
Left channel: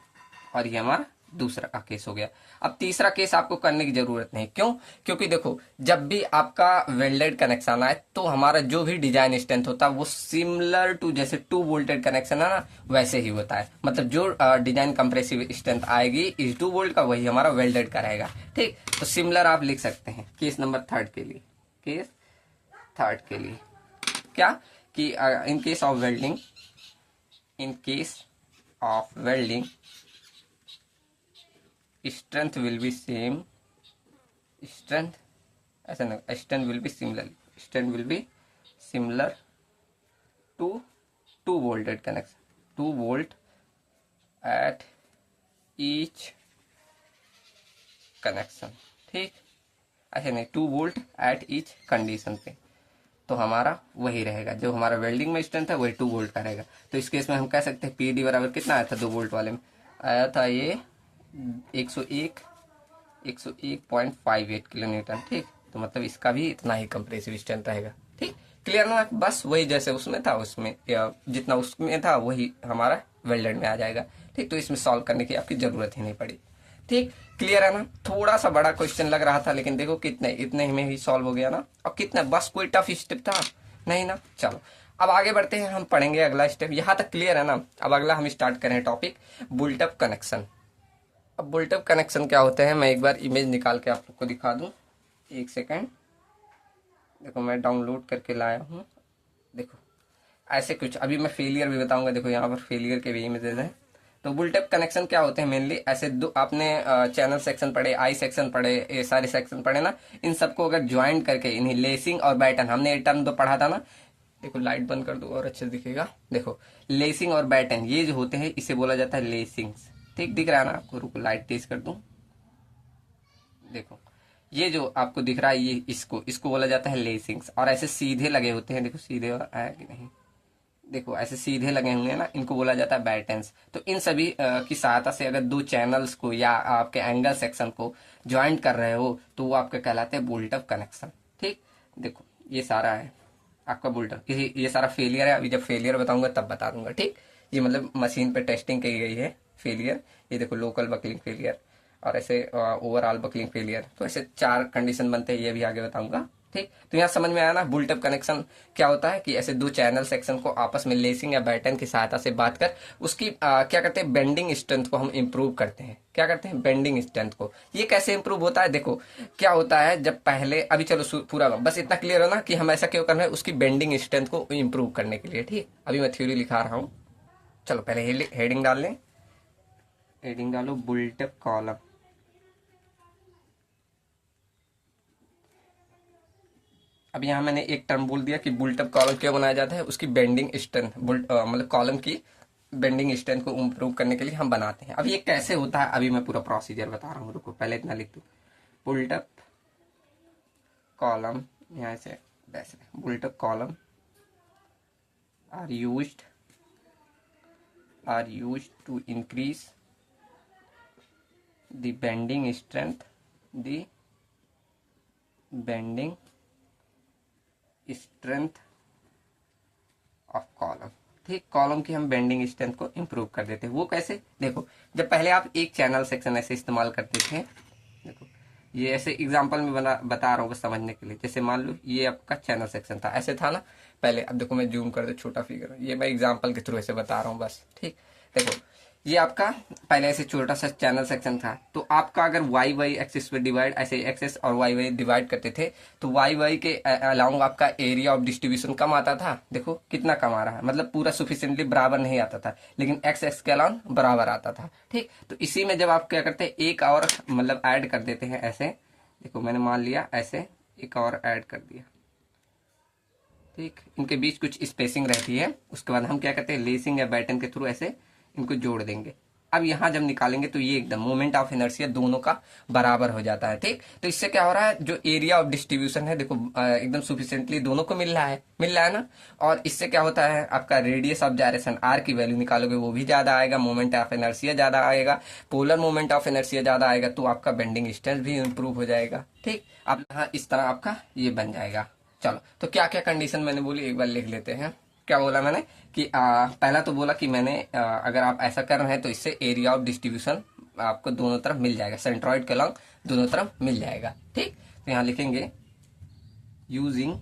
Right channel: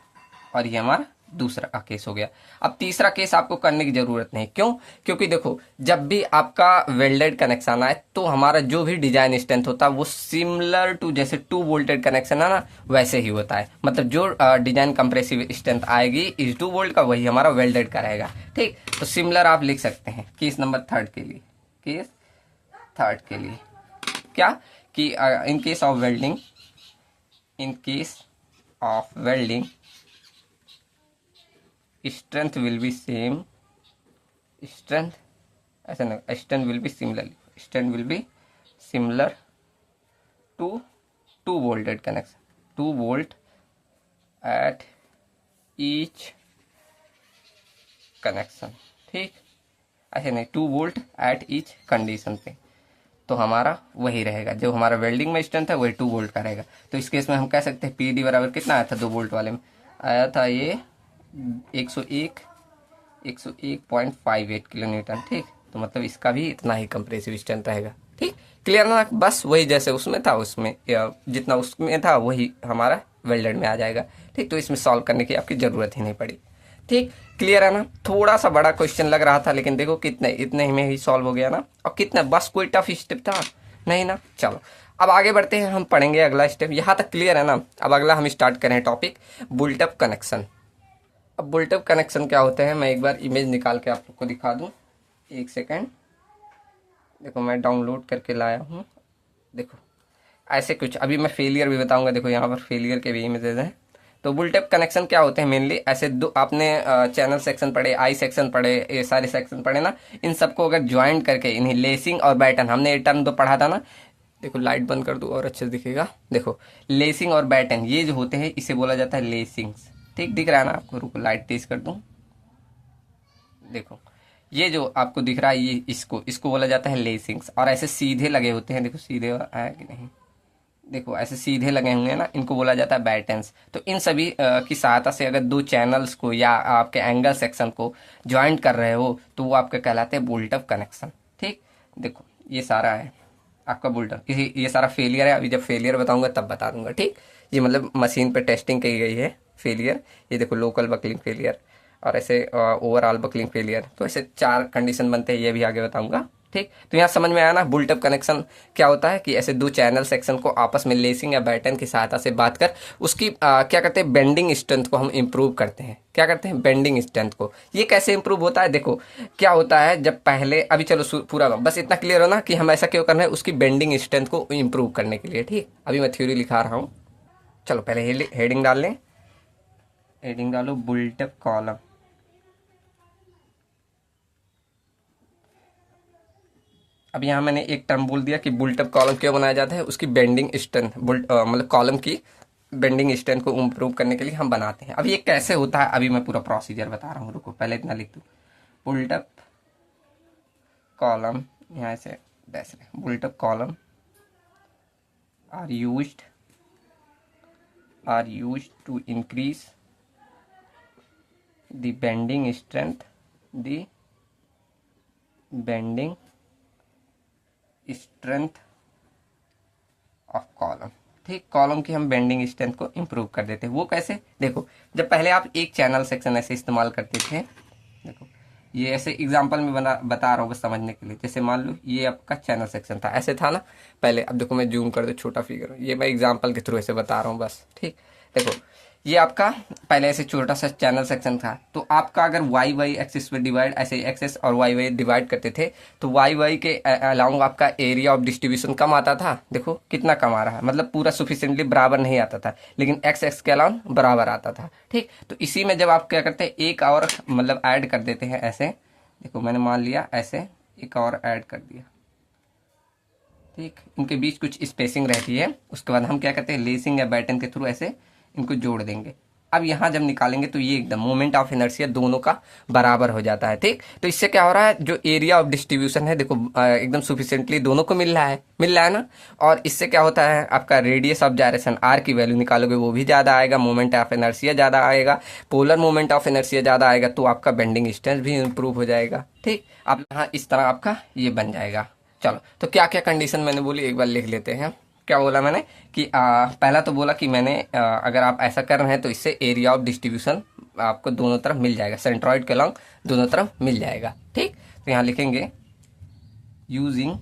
और ये हमारा दूसरा केस हो गया। अब तीसरा केस आपको करने की जरूरत नहीं, क्यों, क्योंकि देखो जब भी आपका वेल्डेड कनेक्शन आए तो हमारा जो भी डिजाइन स्ट्रेंथ होता है वो सिमिलर टू जैसे 2 वोल्टेड कनेक्शन है ना वैसे ही होता है, मतलब जो डिजाइन कंप्रेसिव स्ट्रेंथ आएगी इस 2 वोल्ट का वही हमारा वेल्डेड का रहेगा। ठीक, तो सिमिलर आप लिख सकते हैं केस नंबर थर्ड के लिए, केस थर्ड के लिए क्या कि इन case of welding, in case of welding strength will be same, strength ऐसा ना, strength will be similar, strength will be similar to 2 volted connection, 2 volt at each connection, ठीक। ऐसे नहीं, 2 वोल्ट एट ईच कंडीशन पे, तो हमारा वही रहेगा, जो हमारा वेल्डिंग में स्ट्रेंथ है वही 2 वोल्ट का रहेगा। तो इस केस में हम कह सकते हैं पीडी बराबर कितना आया था 2 वोल्ट वाले में, आया था ये 101.58 किलो न्यूटन, ठीक। तो मतलब इसका भी इतना ही कंप्रेसिव स्ट्रेंथ रहेगा, ठीक। क्लियर ना, बस वही जैसे उसमें था, उसमें या जितना उसमें था वही हमारा वेल्डेड में आ जाएगा, ठीक। तो इसमें सॉल्व करने की आपकी जरूरत ही नहीं पड़ी, ठीक। क्लियर है ना। थोड़ा सा बड़ा क्वेश्चन लग रहा था, लेकिन देखो कितने इतने में ही सॉल्व हो गया ना। और कितना, बस कोई टफ स्टेप था नहीं ना। चलो अब आगे बढ़ते हैं, हम पढ़ेंगे अगला स्टेप। यहाँ तक क्लियर है ना। अब अगला हम स्टार्ट करें टॉपिक बुल्टअप कनेक्शन। अब बुल्टअप कनेक्शन क्या होते हैं, मैं एक बार इमेज निकाल के आप लोग को दिखा दूं, एक सेकेंड। देखो मैं डाउनलोड करके लाया हूँ, देखो ऐसे कुछ। अभी मैं फेलियर भी बताऊंगा, देखो यहाँ पर फेलियर के भी इमेजेस हैं। तो बुलटेप कनेक्शन क्या होते हैं मेनली, ऐसे दो आपने चैनल सेक्शन पढ़े, आई सेक्शन पढ़े, ये सारे सेक्शन पढ़े ना, इन सबको अगर ज्वाइन करके इन्हें लेसिंग और बैटन, हमने ये टर्म तो पढ़ा था ना। देखो लाइट बंद कर दो और अच्छे से दिखेगा। देखो लेसिंग और बैटन ये जो होते हैं इसे बोला जाता है लेसिंग्स, ठीक। दिख रहा है ना आपको, रुको लाइट तेज कर दूं। देखो ये जो आपको दिख रहा है, ये इसको इसको बोला जाता है लेसिंग्स। और ऐसे सीधे लगे होते हैं, देखो सीधे आया कि नहीं, देखो ऐसे सीधे लगे होंगे ना, इनको बोला जाता है बैटन्स। तो इन सभी की सहायता से अगर दो चैनल्स को या आपके एंगल सेक्शन को ज्वाइंट कर रहे हो तो वो आपके कहलाते हैं बोल्टअप कनेक्शन, ठीक। देखो ये सारा है आपका बोल्टअप, ये सारा फेलियर है। अभी जब फेलियर बताऊंगा तब बता दूंगा, ठीक। ये मतलब मशीन पे टेस्टिंग की गई है फेलियर। ये देखो लोकल बकलिंग फेलियर और ऐसे ओवरऑल बकलिंग फेलियर, तो ऐसे 4 कंडीशन बनते हैं, ये भी आगे बताऊंगा, ठीक। तो यहाँ समझ में आया ना बुल्टअप कनेक्शन क्या होता है, कि ऐसे दो चैनल सेक्शन को आपस में लेसिंग या बैटन की सहायता से बात कर उसकी क्या करते हैं, बेंडिंग स्ट्रेंथ को हम इंप्रूव करते हैं। क्या करते हैं, बेंडिंग स्ट्रेंथ को। ये कैसे इंप्रूव होता है, देखो क्या होता है, जब पहले अभी चलो पूरा बस इतना क्लियर हो ना कि हम ऐसा क्यों कर रहे हैं, उसकी बेंडिंग स्ट्रेंथ को इंप्रूव करने के लिए, ठीक। अभी मैं थ्योरी लिखा रहा हूँ। चलो पहले हेडिंग डाल लें, हेडिंग डालो बुल्टअप कॉलम। अब यहाँ मैंने एक टर्म बोल दिया कि बुल्टअप कॉलम क्यों बनाया जाता है, उसकी बेंडिंग स्ट्रेंथ, मतलब कॉलम की बेंडिंग स्ट्रेंथ को इंप्रूव करने के लिए हम बनाते हैं। अब ये कैसे होता है, अभी मैं पूरा प्रोसीजर बता रहा हूँ, रुको पहले इतना लिख दूँ। बुल्टअप कॉलम, यहाँ से built up column are used to increase the bending strength, the bending strength of column, ठीक। कॉलम की हम बेंडिंग स्ट्रेंथ को इंप्रूव कर देते हैं। वो कैसे, देखो जब पहले आप एक चैनल सेक्शन ऐसे इस्तेमाल करते थे, देखो ये ऐसे एग्जांपल में बता रहा हूँ बस समझने के लिए। जैसे मान लो ये आपका चैनल सेक्शन था, ऐसे था ना पहले। अब देखो मैं जूम कर दो, छोटा फिगर, ये मैं एग्जांपल के थ्रू ऐसे बता रहा हूँ बस, ठीक। देखो ये आपका पहले ऐसे छोटा सा चैनल सेक्शन था, तो आपका अगर वाई वाई एक्सिस पे डिवाइड, ऐसे एक्सेस और वाई वाई डिवाइड करते थे, तो वाई वाई के अलाउंग आपका एरिया ऑफ डिस्ट्रीब्यूशन कम आता था। देखो कितना कम आ रहा है, मतलब पूरा सुफिशियंटली बराबर नहीं आता था, लेकिन एक्स एक्स के अलाउंग बराबर आता था, ठीक। तो इसी में जब आप क्या करते हैं, एक और मतलब ऐड कर देते हैं ऐसे, देखो मैंने मान लिया ऐसे एक और ऐड कर दिया, ठीक। इनके बीच कुछ स्पेसिंग रहती है, उसके बाद हम क्या करते हैं, लेसिंग या बैटन के थ्रू ऐसे इनको जोड़ देंगे। अब यहाँ जब निकालेंगे तो ये एकदम मोमेंट ऑफ इनर्शिया दोनों का बराबर हो जाता है, ठीक। तो इससे क्या हो रहा है, जो एरिया ऑफ डिस्ट्रीब्यूशन है, देखो एकदम सुफिशियंटली दोनों को मिल रहा है ना। और इससे क्या होता है, आपका रेडियस ऑफ जायरेशन आर की वैल्यू निकालोगे वो भी ज्यादा आएगा, मोमेंट ऑफ इनर्शिया ज्यादा आएगा, पोलर मोमेंट ऑफ इनर्शिया ज्यादा आएगा, तो आपका बेंडिंग स्ट्रेंथ भी इंप्रूव हो जाएगा, ठीक। अब यहाँ इस तरह आपका ये बन जाएगा। चलो तो क्या क्या कंडीशन मैंने बोली एक बार लिख लेते हैं। क्या बोला मैंने कि पहला तो बोला कि मैंने अगर आप ऐसा कर रहे हैं तो इससे एरिया ऑफ डिस्ट्रीब्यूशन आपको दोनों तरफ मिल जाएगा, सेंट्रॉइड के अलॉन्ग दोनों तरफ मिल जाएगा, ठीक। तो यहाँ लिखेंगे यूजिंग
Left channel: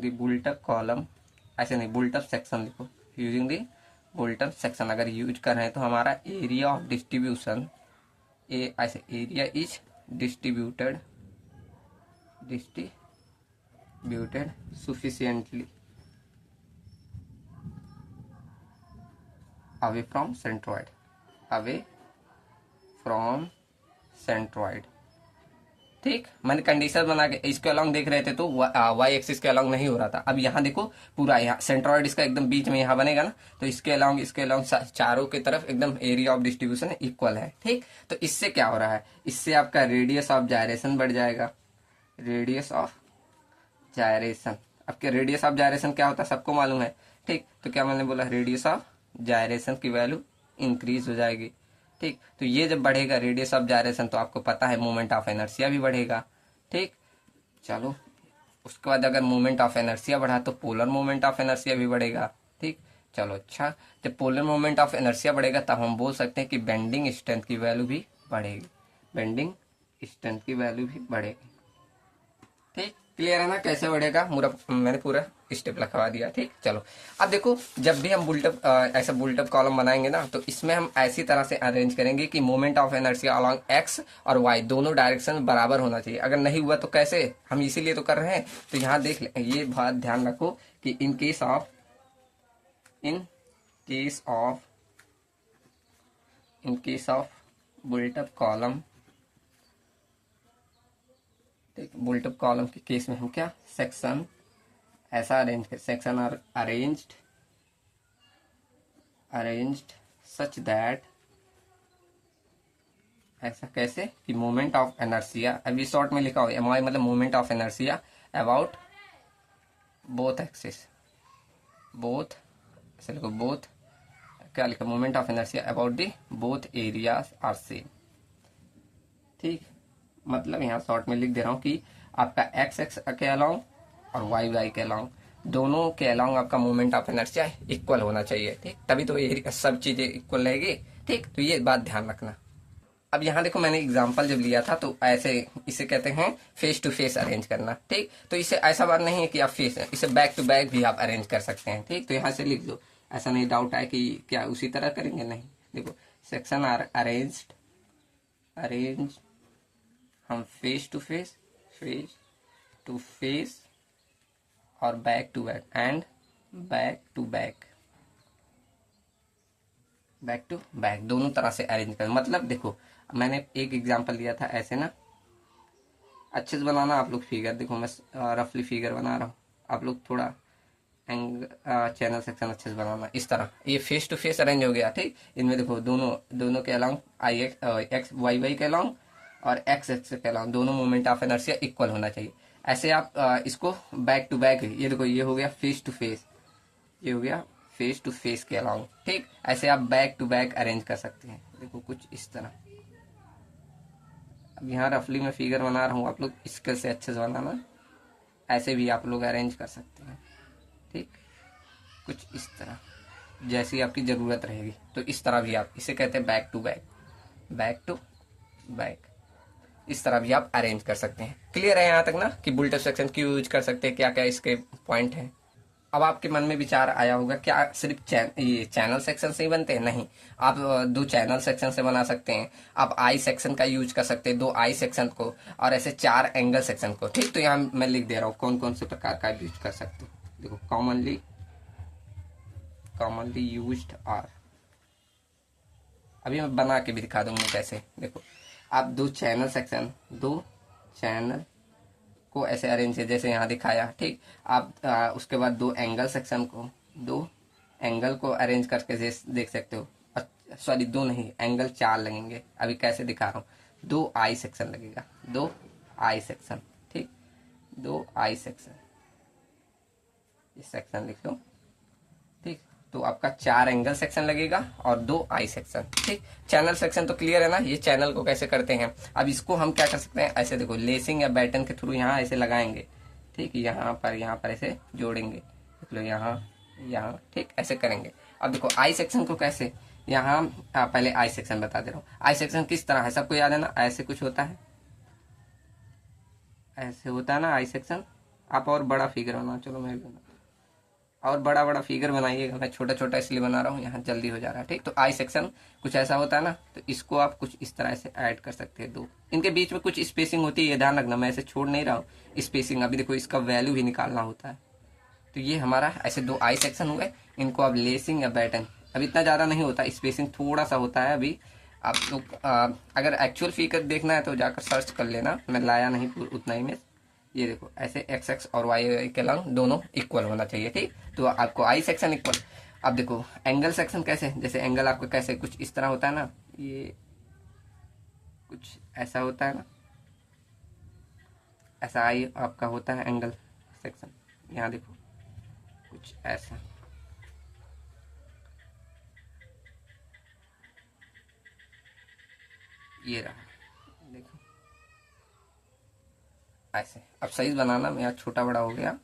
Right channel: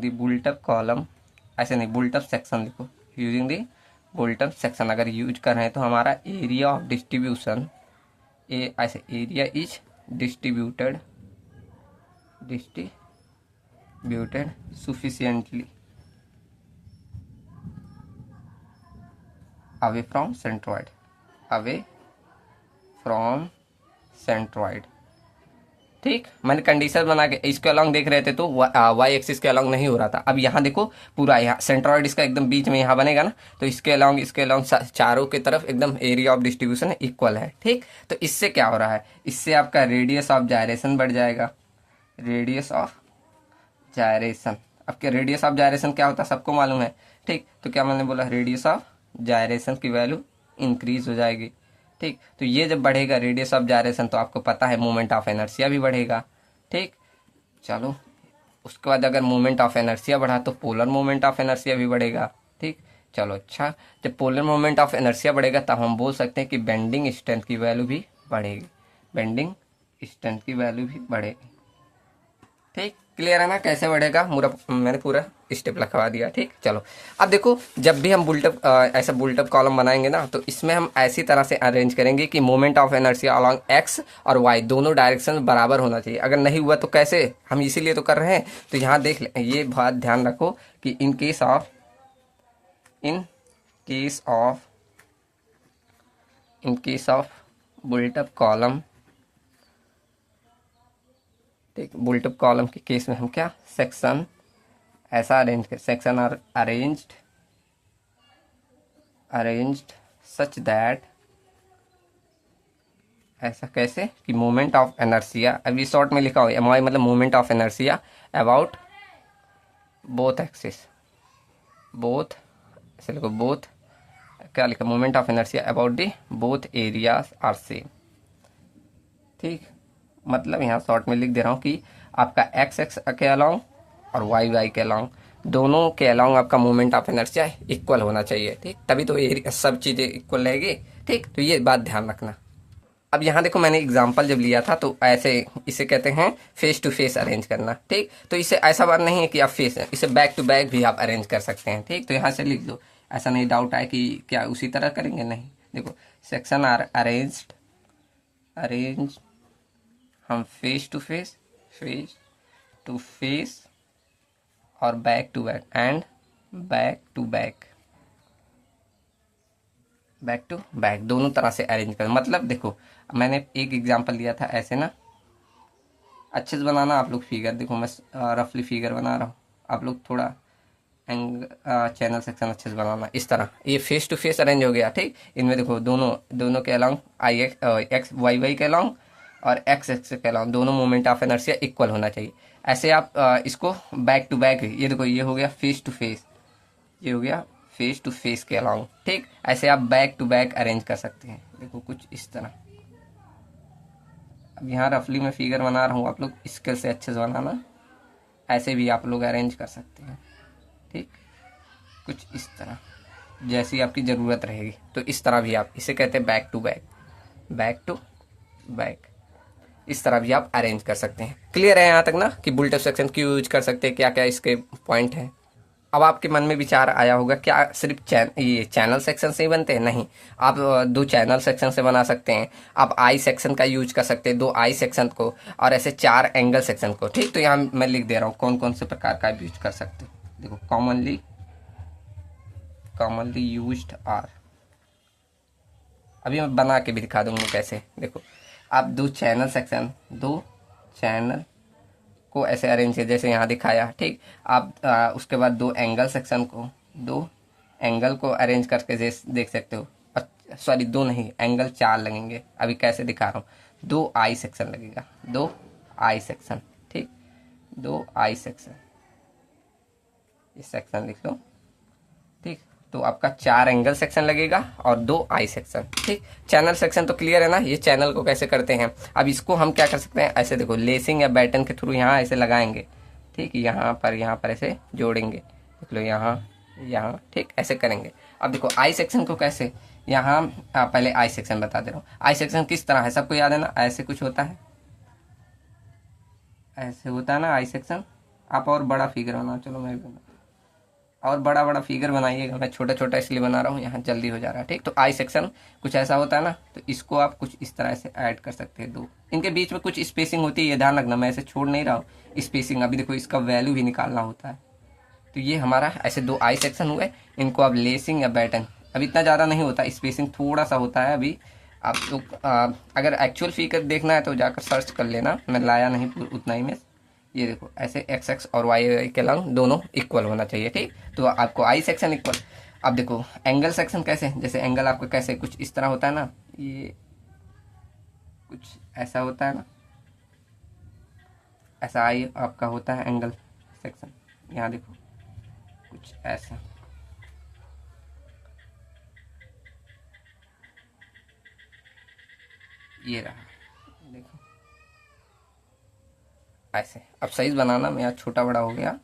दी बुल्टअप कॉलम, ऐसे नहीं बुल्टअप सेक्शन लिखो, यूजिंग दी बुल्टअप सेक्शन अगर यूज कर रहे हैं तो हमारा एरिया ऑफ डिस्ट्रीब्यूशन, ऐसे area is distributed sufficiently away from centroid ठीक, मैंने कंडीशन बना के इसके अलॉन्ग देख रहे थे तो वाई एक्सिस के अलॉन्ग नहीं हो रहा था। अब यहाँ देखो पूरा यहाँ सेंट्रॉइड इसका एकदम बीच में यहाँ बनेगा ना, तो इसके अलॉन्ग चारों की तरफ एकदम एरिया ऑफ डिस्ट्रीब्यूशन इक्वल है। ठीक, तो इससे क्या हो रहा है, इससे आपका रेडियस ऑफ जायरेशन बढ़ जाएगा। रेडियस ऑफ जायरेशन, आपके रेडियस ऑफ जायरेशन क्या होता है सबको मालूम है। ठीक, तो क्या मैंने बोला, रेडियस ऑफ जायरेशन की वैल्यू इंक्रीज हो जाएगी। ठीक, तो ये जब बढ़ेगा रेडियस ऑफ जायरेशन तो आपको पता है मोमेंट ऑफ इनर्शिया भी बढ़ेगा। ठीक, चलो उसके बाद अगर मोमेंट ऑफ इनर्शिया बढ़ा तो पोलर मोमेंट ऑफ इनर्शिया भी बढ़ेगा। ठीक, चलो अच्छा, जब पोलर मोमेंट ऑफ इनर्शिया बढ़ेगा तब हम बोल सकते हैं कि बेंडिंग स्ट्रेंथ की वैल्यू भी बढ़ेगी। बेंडिंग स्ट्रेंथ की वैल्यू भी बढ़ेगी। ठीक, क्लियर है ना कैसे बढ़ेगा, मैंने पूरा स्टेप लिखवा दिया। ठीक, चलो अब देखो, जब भी हम बुल्टअप ऐसा बुल्टअप कॉलम बनाएंगे ना, तो इसमें हम ऐसी तरह से अरेंज करेंगे कि moment of inertia along x और वाई दोनों डायरेक्शन बराबर होना चाहिए। अगर नहीं हुआ तो कैसे, हम इसीलिए तो कर रहे हैं। तो यहाँ देख ले, ये बात ध्यान रखो कि इन केस ऑफ बुल्टअप कॉलम, ठीक, बुल्टअप कॉलम के केस में हम क्या सेक्शन ऐसा अरेंज कर, section are arranged such that, ऐसा कैसे कि मोमेंट ऑफ इनर्शिया, अभी शॉर्ट में लिखा हो एम मतलब moment of inertia about both axis, both ऐसे लिखो, बोथ क्या लिखा, moment of inertia about the both areas are same. ठीक, मतलब यहाँ शॉर्ट में लिख दे रहा हूँ कि आपका एक्स एक्स के अलाउंग और वाई वाई के अलाउंग, दोनों के अलाउंग आपका मोमेंट ऑफ इनर्शिया इक्वल होना चाहिए। ठीक, तभी तो सब चीज़ें इक्वल रहेगी। ठीक, तो ये बात ध्यान रखना। अब यहाँ देखो, मैंने एग्जांपल जब लिया था तो ऐसे इसे कहते हैं फेस टू फेस अरेंज करना। ठीक, तो इसे ऐसा बात नहीं है कि आप फेस है, इसे बैक टू बैक भी आप अरेंज कर सकते हैं। ठीक, तो यहाँ से लिख दो, ऐसा नहीं डाउट आए कि क्या उसी तरह करेंगे, नहीं। देखो, सेक्शन आर अरेंज हम फेस टू फेस और back to back and back to back दोनों तरह से अरेंज कर। मतलब देखो, मैंने एक एग्जांपल दिया था ऐसे ना, अच्छे से बनाना आप लोग फिगर। देखो मैं रफली फिगर बना रहा हूँ, आप लोग थोड़ा चैनल सेक्शन अच्छे से बनाना। इस तरह ये फेस टू फेस अरेंज हो गया। ठीक, इनमें देखो दोनों के अलॉन्ग एक्स वाई वाई के अलॉन्ग और एक्स एक्स के अलॉन्ग दोनों मोमेंट ऑफ इनर्शिया इक्वल होना चाहिए। ऐसे आप इसको बैक टू बैक, ये देखो ये हो गया फेस टू फेस, ये हो गया फेस टू फेस के अलॉन्ग। ठीक, ऐसे आप बैक टू बैक अरेंज कर सकते हैं। देखो कुछ इस तरह, अब यहाँ रफली मैं फिगर बना रहा हूँ, आप लोग स्केल से अच्छे से बनाना, ऐसे भी आप लोग अरेंज कर सकते हैं। ठीक, कुछ इस तरह जैसी आपकी ज़रूरत रहेगी। तो इस तरह भी आप, इसे कहते हैं बैक टू बैक, इस तरह भी आप अरेंज कर सकते हैं। क्लियर है यहाँ तक ना कि बुल्टअप सेक्शन क्यों यूज कर सकते हैं, क्या क्या इसके पॉइंट हैं। अब आपके मन में विचार आया होगा, क्या सिर्फ ये चैनल सेक्शन से ही बनते हैं? नहीं, आप दो चैनल सेक्शन से बना सकते हैं, आप आई सेक्शन का यूज कर सकते हैं, दो आई सेक्शन को, और ऐसे 4 एंगल सेक्शन को। ठीक, तो यहाँ मैं लिख दे रहा हूँ कौन कौन से प्रकार का यूज कर सकते हैं। देखो, कॉमनली यूज्ड आर, अभी मैं बना के भी दिखा दूंगा कैसे। देखो, आप दो चैनल को ऐसे अरेंज किया जैसे यहाँ दिखाया। ठीक, आप उसके बाद दो एंगल को अरेंज करके देख सकते हो। सॉरी, दो नहीं, एंगल 4 लगेंगे। अभी कैसे दिखा रहा हूँ, 2 आई सेक्शन लगेगा, 2 आई सेक्शन। ठीक, 2 आई सेक्शन, इस सेक्शन लिख लो। ठीक, तो आपका 4 एंगल सेक्शन लगेगा और 2 आई सेक्शन। ठीक, चैनल सेक्शन तो क्लियर है ना, ये चैनल को कैसे करते हैं। अब इसको हम क्या कर सकते हैं, ऐसे देखो लेसिंग या बैटन के थ्रू यहाँ ऐसे लगाएंगे। ठीक, यहाँ पर ऐसे जोड़ेंगे, देख लो यहाँ। ठीक, ऐसे करेंगे। अब देखो आई सेक्शन को कैसे, यहाँ पहले आई सेक्शन बता दे रहा हूँ। आई सेक्शन किस तरह है, सबको याद है ना, ऐसे कुछ होता है, ऐसे होता है ना आई सेक्शन। आप और बड़ा फिगर बना, चलो मैं भी और बड़ा फिगर बनाइएगा, मैं छोटा छोटा इसलिए बना रहा हूँ, यहाँ जल्दी हो जा रहा है। ठीक, तो आई सेक्शन कुछ ऐसा होता है ना, तो इसको आप कुछ इस तरह से ऐड कर सकते हैं। दो इनके बीच में कुछ स्पेसिंग होती है, ये ध्यान रखना, मैं ऐसे छोड़ नहीं रहा हूँ स्पेसिंग। अभी देखो, इसका वैल्यू भी निकालना होता है। तो ये हमारा ऐसे 2 आई सेक्शन हुए, इनको आप लेसिंग या बैटन, अब इतना ज़्यादा नहीं होता, स्पेसिंग थोड़ा सा होता है अभी आप लोग अगर एक्चुअल फिगर देखना है तो जाकर सर्च कर लेना, मैं लाया नहीं उतना इमेज। ये देखो ऐसे एक्स एक्स और वाई के लंग दोनों इक्वल होना चाहिए, ठीक। तो आपको आई सेक्शन इक्वल। अब देखो एंगल सेक्शन कैसे, जैसे एंगल आपका कैसे कुछ इस तरह होता है ना, ये कुछ ऐसा होता है ना, ऐसा आई आपका होता है एंगल सेक्शन। यहाँ देखो कुछ ऐसा, ये रहा, देखो ऐसे। अब साइज बनाना मेरा छोटा बड़ा हो गया,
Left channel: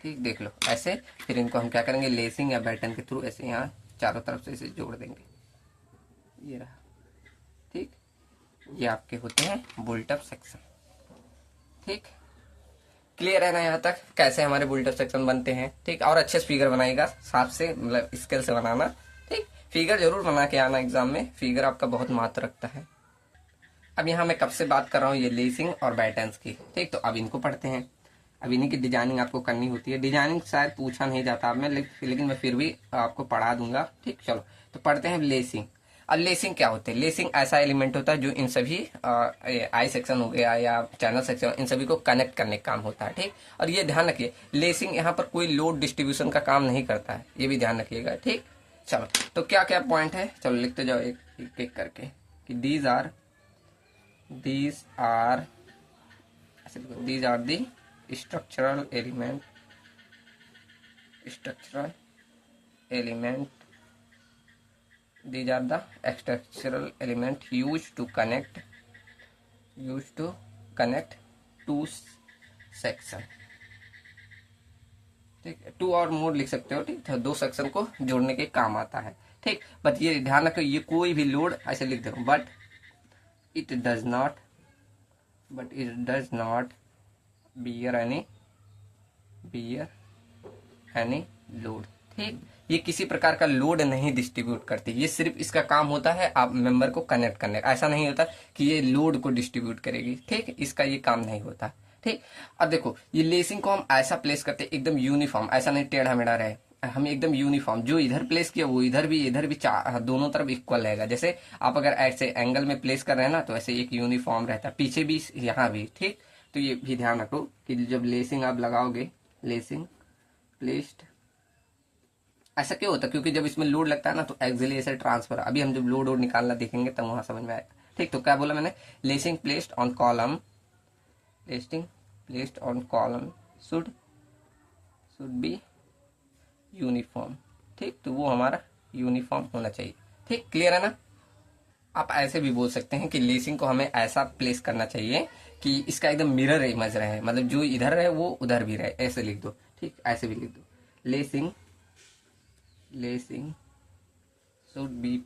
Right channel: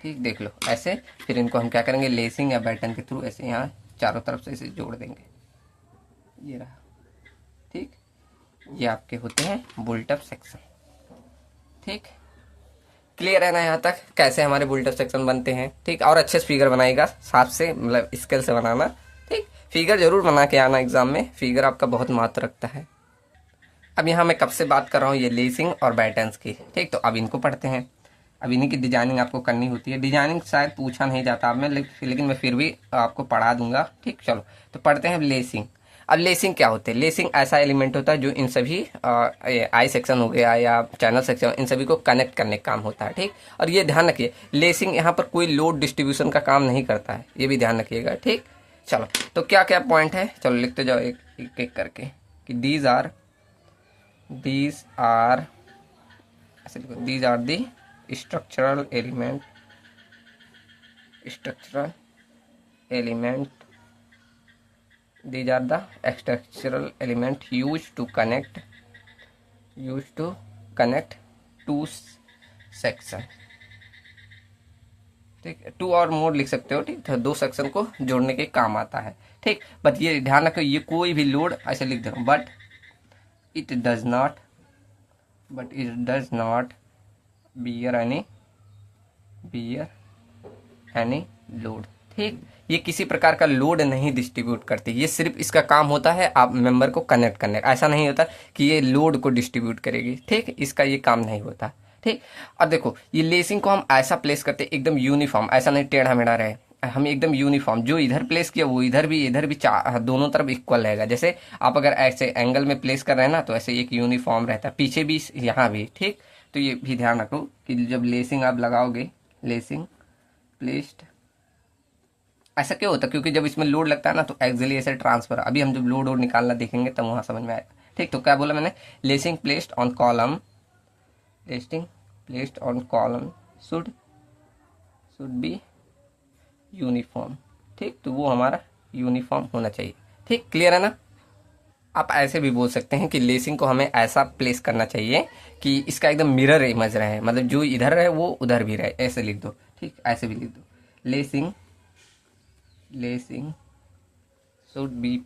ठीक, देख लो ऐसे। फिर इनको हम क्या करेंगे, लेसिंग या बैटन के थ्रू ऐसे यहाँ चारों तरफ से इसे जोड़ देंगे, ये रहा, ठीक। ये आपके होते हैं बुल्ट अप सेक्शन, ठीक। क्लियर है ना यहाँ तक कैसे हमारे बुल्ट अप सेक्शन बनते हैं, ठीक। और अच्छे से फिगर बनाएगा, साफ से मतलब स्केल से बनाना, ठीक। फिगर जरूर बना के आना एग्जाम में, फिगर आपका बहुत महत्व रखता है। अब यहाँ मैं कब से बात कर रहा हूँ, ये लेसिंग और बैटन्स की, ठीक। तो अब इनको पढ़ते हैं। अब इन्हीं की डिजाइनिंग आपको करनी होती है। डिजाइनिंग शायद पूछा नहीं जाता अब मैं, लेकिन मैं फिर भी आपको पढ़ा दूंगा, ठीक। चलो तो पढ़ते हैं लेसिंग। अब लेसिंग क्या होते हैं, लेसिंग ऐसा एलिमेंट होता है जो इन सभी आई सेक्शन हो गया या चैनल सेक्शन, इन सभी को कनेक्ट करने का काम होता है, ठीक। और ये ध्यान रखिए, लेसिंग यहाँ पर कोई लोड डिस्ट्रीब्यूशन का काम नहीं करता है, ये भी ध्यान रखिएगा, ठीक। चलो तो क्या क्या पॉइंट है, चलो लिखते जाओ एक एक करके कि these are these are the structural element these are the structural element used to connect two section, ठीक। टू और मोर लिख सकते हो, ठीक। तो दो सेक्शन को जोड़ने के काम आता है, ठीक। बट ये ध्यान रखो, ये कोई भी लोड ऐसे लिख दो, but it does not bear any load, ठीक। ये किसी प्रकार का लोड नहीं डिस्ट्रीब्यूट करती, ये सिर्फ इसका काम होता है आप मेंबर को कनेक्ट करने का। ऐसा नहीं होता कि ये लोड को डिस्ट्रीब्यूट करेगी, ठीक। इसका ये काम नहीं होता, ठीक। अब देखो ये लेसिंग को हम ऐसा प्लेस करते हैं एकदम यूनिफॉर्म, ऐसा नहीं टेढ़ा मेढ़ा रहे, हम एकदम यूनिफॉर्म, जो इधर प्लेस किया वो इधर भी दोनों तरफ इक्वल रहेगा। जैसे आप अगर ऐसे एंगल में प्लेस कर रहे हैं ना, तो ऐसे एक यूनिफॉर्म रहता है, पीछे भी यहाँ भी, ठीक। तो ये भी ध्यान रखो कि जब लेसिंग आप लगाओगे, लेसिंग प्लेस्ड, ऐसा क्यों होता है, क्योंकि जब इसमें लोड लगता है ना तो एक्सियली ऐसे ट्रांसफर, अभी हम जब लोड वोड निकालना देखेंगे तब वहां समझ में आएगा, ठीक। तो क्या बोला मैंने, lacing placed on column, lacing placed on column should be uniform, ठीक। तो वो हमारा यूनिफॉर्म होना चाहिए, ठीक। क्लियर है ना। आप ऐसे भी बोल सकते हैं कि लेसिंग को हमें ऐसा प्लेस करना चाहिए कि इसका एकदम मिरर इमेज रहे, मतलब जो इधर रहे वो उधर भी रहे, ऐसे लिख दो, ठीक। ऐसे भी लिख दो, lacing should be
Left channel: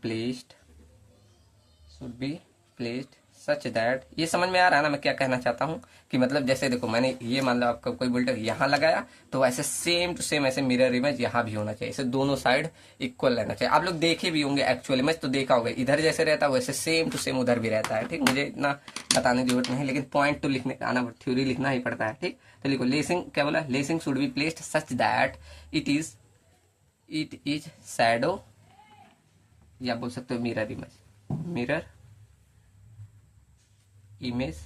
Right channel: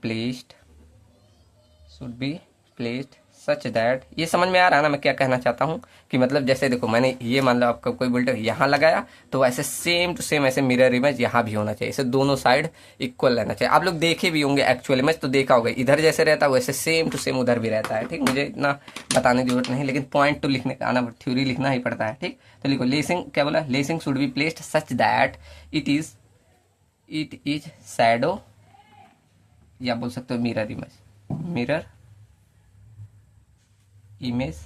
placed such that, ये समझ में आ रहा है ना मैं क्या कहना चाहता हूँ, कि मतलब जैसे देखो मैंने ये मान लो आपका कोई बोल्ट यहाँ लगाया, तो ऐसे सेम टू सेम ऐसे मिरर इमेज यहाँ भी होना चाहिए, इसे दोनों साइड इक्वल रहना चाहिए। आप लोग देखे भी होंगे एक्चुअल इमेज, तो देखा होगा इधर जैसे रहता है वैसे सेम टू सेम उधर भी रहता है, ठीक। मुझे इतना बताने की जरूरत नहीं, लेकिन पॉइंट तो लिखने का आना, थ्योरी लिखना ही पड़ता है, ठीक। तो लिखो लेसिंग, क्या बोला, lacing should be placed such that it is shadow, या बोल सकते हो mirror image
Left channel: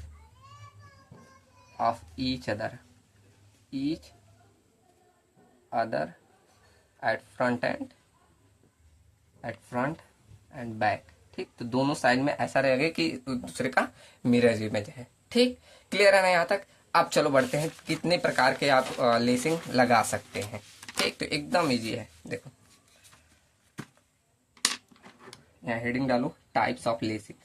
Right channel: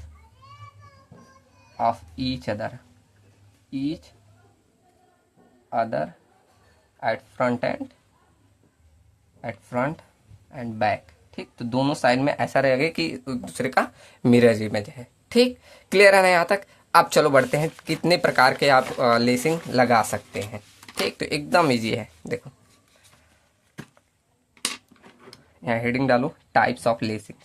of each other at front end back, ठीक। तो दोनों साइड में ऐसा रहेगा कि दूसरे का मिरर इमेज है, ठीक। क्लियर है ना यहाँ तक। अब चलो बढ़ते हैं कितने प्रकार के आप लेसिंग लगा सकते हैं, ठीक। तो एकदम इजी है, देखो यहाँ हेडिंग डालो, टाइप्स ऑफ लेसिंग,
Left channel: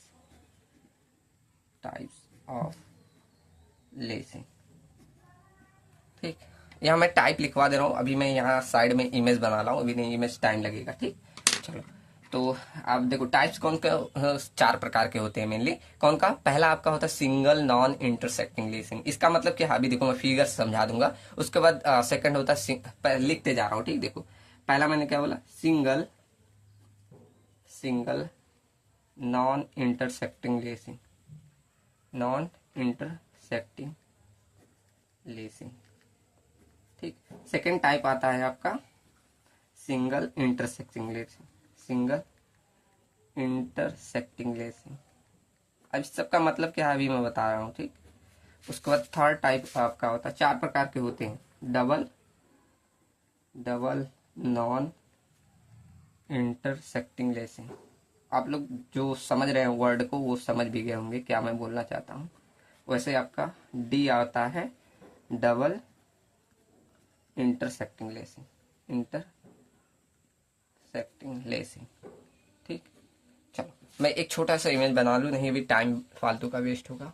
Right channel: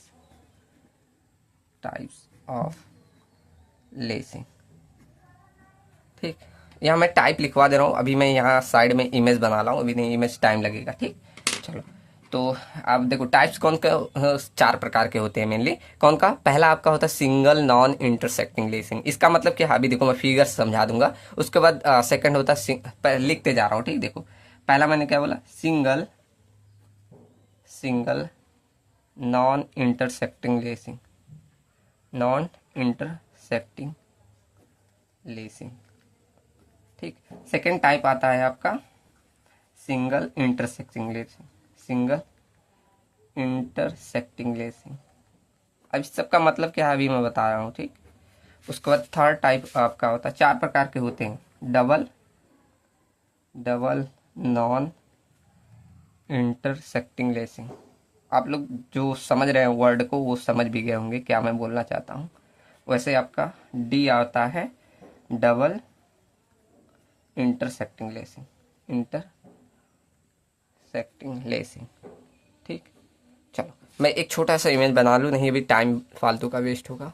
ठीक। यहाँ मैं टाइप लिखवा दे रहा हूँ, अभी मैं यहाँ साइड में इमेज बना रहा हूँ, अभी नहीं इमेज टाइम लगेगा, ठीक। चलो तो आप देखो टाइप्स कौन का, चार प्रकार के होते हैं मेनली। कौन का, पहला आपका होता है सिंगल नॉन इंटरसेक्टिंग लेसिंग। इसका मतलब क्या, अभी देखो मैं फिगर समझा दूंगा, उसके बाद सेकंड होता है, लिखते जा रहा हूँ, ठीक। देखो पहला मैंने क्या बोला, सिंगल नॉन इंटरसेक्टिंग लेसिंग, ठीक। सेकेंड टाइप आता है आपका single intersecting lacing, intersecting lacing. अब इस सब का मतलब क्या है अभी मैं बता रहा हूँ, ठीक। उसके बाद थर्ड टाइप आपका होता है, 4 प्रकार के होते हैं, डबल नॉन इंटरसेक्टिंग लेसिंग। आप लोग जो समझ रहे हैं वर्ड को वो समझ भी गए होंगे क्या मैं बोलना चाहता हूँ। वैसे आपका डी आता है double intersecting lacing, intersecting lacing, ठीक। चलो मैं एक छोटा सा इमेज बना लूँ, नहीं अभी टाइम फालतू का वेस्ट होगा।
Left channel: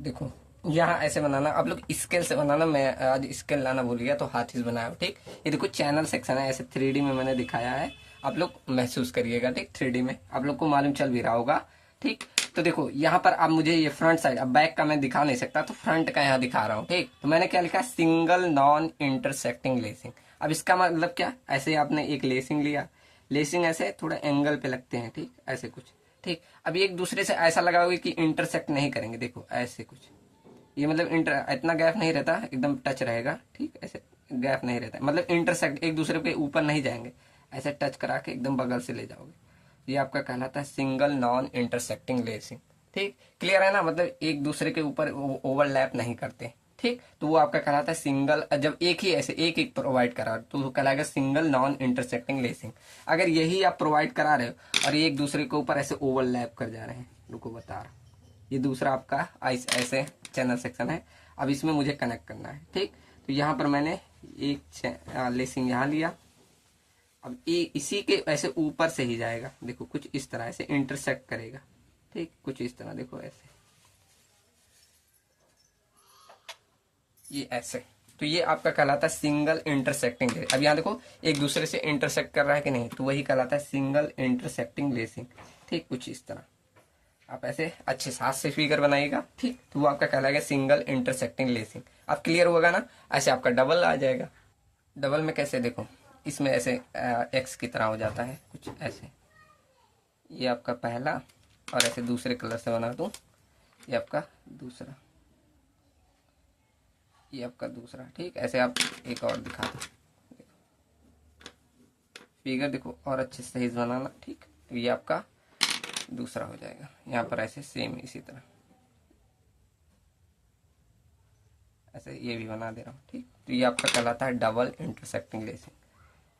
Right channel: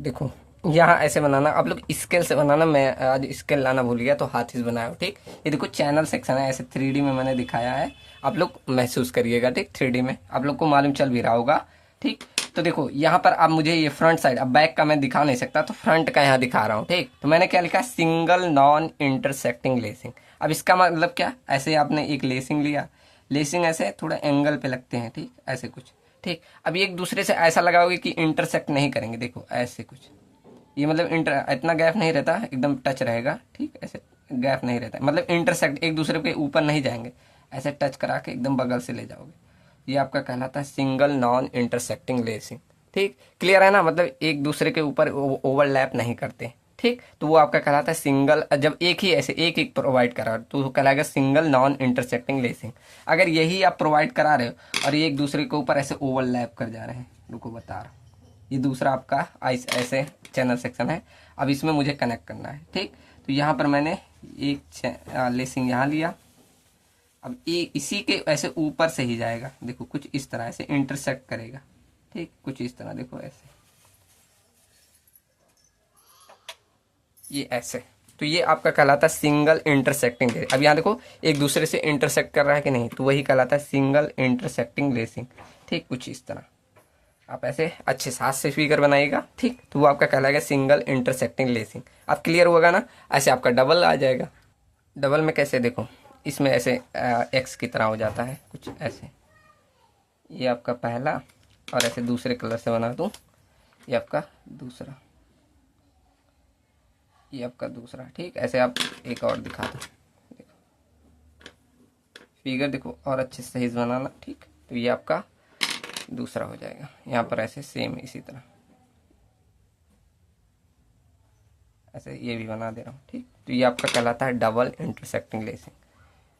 देखो यहाँ ऐसे बनाना, आप लोग स्केल से बनाना, मैं आज स्केल लाना भूल गया तो हाथ से बनाया हूँ, ठीक। ये देखो चैनल सेक्शन है, ऐसे 3D में मैंने दिखाया है, आप लोग महसूस करिएगा, ठीक। 3D में आप लोग को मालूम चल भी रहा होगा, ठीक। तो देखो यहाँ पर अब मुझे ये फ्रंट साइड, अब बैक का मैं दिखा नहीं सकता तो फ्रंट का यहाँ दिखा रहा हूँ, ठीक। तो मैंने क्या लिखा, सिंगल नॉन इंटरसेक्टिंग लेसिंग। अब इसका मतलब क्या, ऐसे आपने एक लेसिंग लिया, लेसिंग ऐसे थोड़ा एंगल पे लगते हैं, ठीक, ऐसे कुछ, ठीक। अब एक दूसरे से ऐसा लगाओगे कि इंटरसेक्ट नहीं करेंगे, देखो ऐसे कुछ, ये मतलब इंटर इतना गैप नहीं रहता, एकदम टच रहेगा, ठीक। ऐसे गैप नहीं रहता, मतलब इंटरसेक्ट एक दूसरे के ऊपर नहीं जाएंगे, ऐसे टच करा के एकदम बगल से ले जाओगे, ये आपका कहलाता है सिंगल नॉन इंटरसेक्टिंग लेसिंग, ठीक। क्लियर है ना, मतलब एक दूसरे के ऊपर ओवरलैप नहीं करते, ठीक। तो वो आपका कहलाता है सिंगल, जब एक ही ऐसे एक एक प्रोवाइड करा तो वो कहलाएगा सिंगल नॉन इंटरसेक्टिंग लेसिंग। अगर यही आप प्रोवाइड करा रहे हो और ये एक दूसरे के ऊपर ऐसे ओवरलैप कर जा रहे हैं, रुको बता रहा हूँ, ये दूसरा आपका ऐसे चैनल सेक्शन है। अब इसमें मुझे कनेक्ट करना है, ठीक। तो यहाँ पर मैंने एक लेसिंग यहाँ लिया, अब ये इसी के ऐसे ऊपर से ही जाएगा, देखो कुछ इस तरह ऐसे इंटरसेक्ट करेगा, ठीक, कुछ इस तरह, देखो ऐसे, ये ऐसे। तो ये आपका कहलाता है सिंगल इंटरसेक्टिंग लेसिंग। अब यहाँ देखो एक दूसरे से इंटरसेक्ट कर रहा है कि नहीं, तो वही कहलाता है सिंगल इंटरसेक्टिंग लेसिंग, ठीक, कुछ इस तरह। आप ऐसे अच्छे से हाथ से फिगर बनाइएगा, ठीक। तो वो आपका कहलाएगा सिंगल इंटरसेक्टिंग लेसिंग। आप क्लियर होगा ना, ऐसे आपका डबल आ जाएगा। डबल में कैसे, देखो इसमें ऐसे एक्स की तरह हो जाता है कुछ ऐसे, ये आपका पहला, और ऐसे दूसरे कलर से बना दूं, ये आपका दूसरा, ये आपका दूसरा, ठीक। ऐसे आप एक और दिखा दो, फिगर देखो और अच्छे से सही से बनाना, ठीक। तो ये आपका दूसरा हो जाएगा, यहाँ पर ऐसे सेम इसी तरह ऐसे ये भी बना दे रहा हूँ, ठीक। तो ये आपका कहलाता है डबल इंटरसेक्टिंग लेसिंग,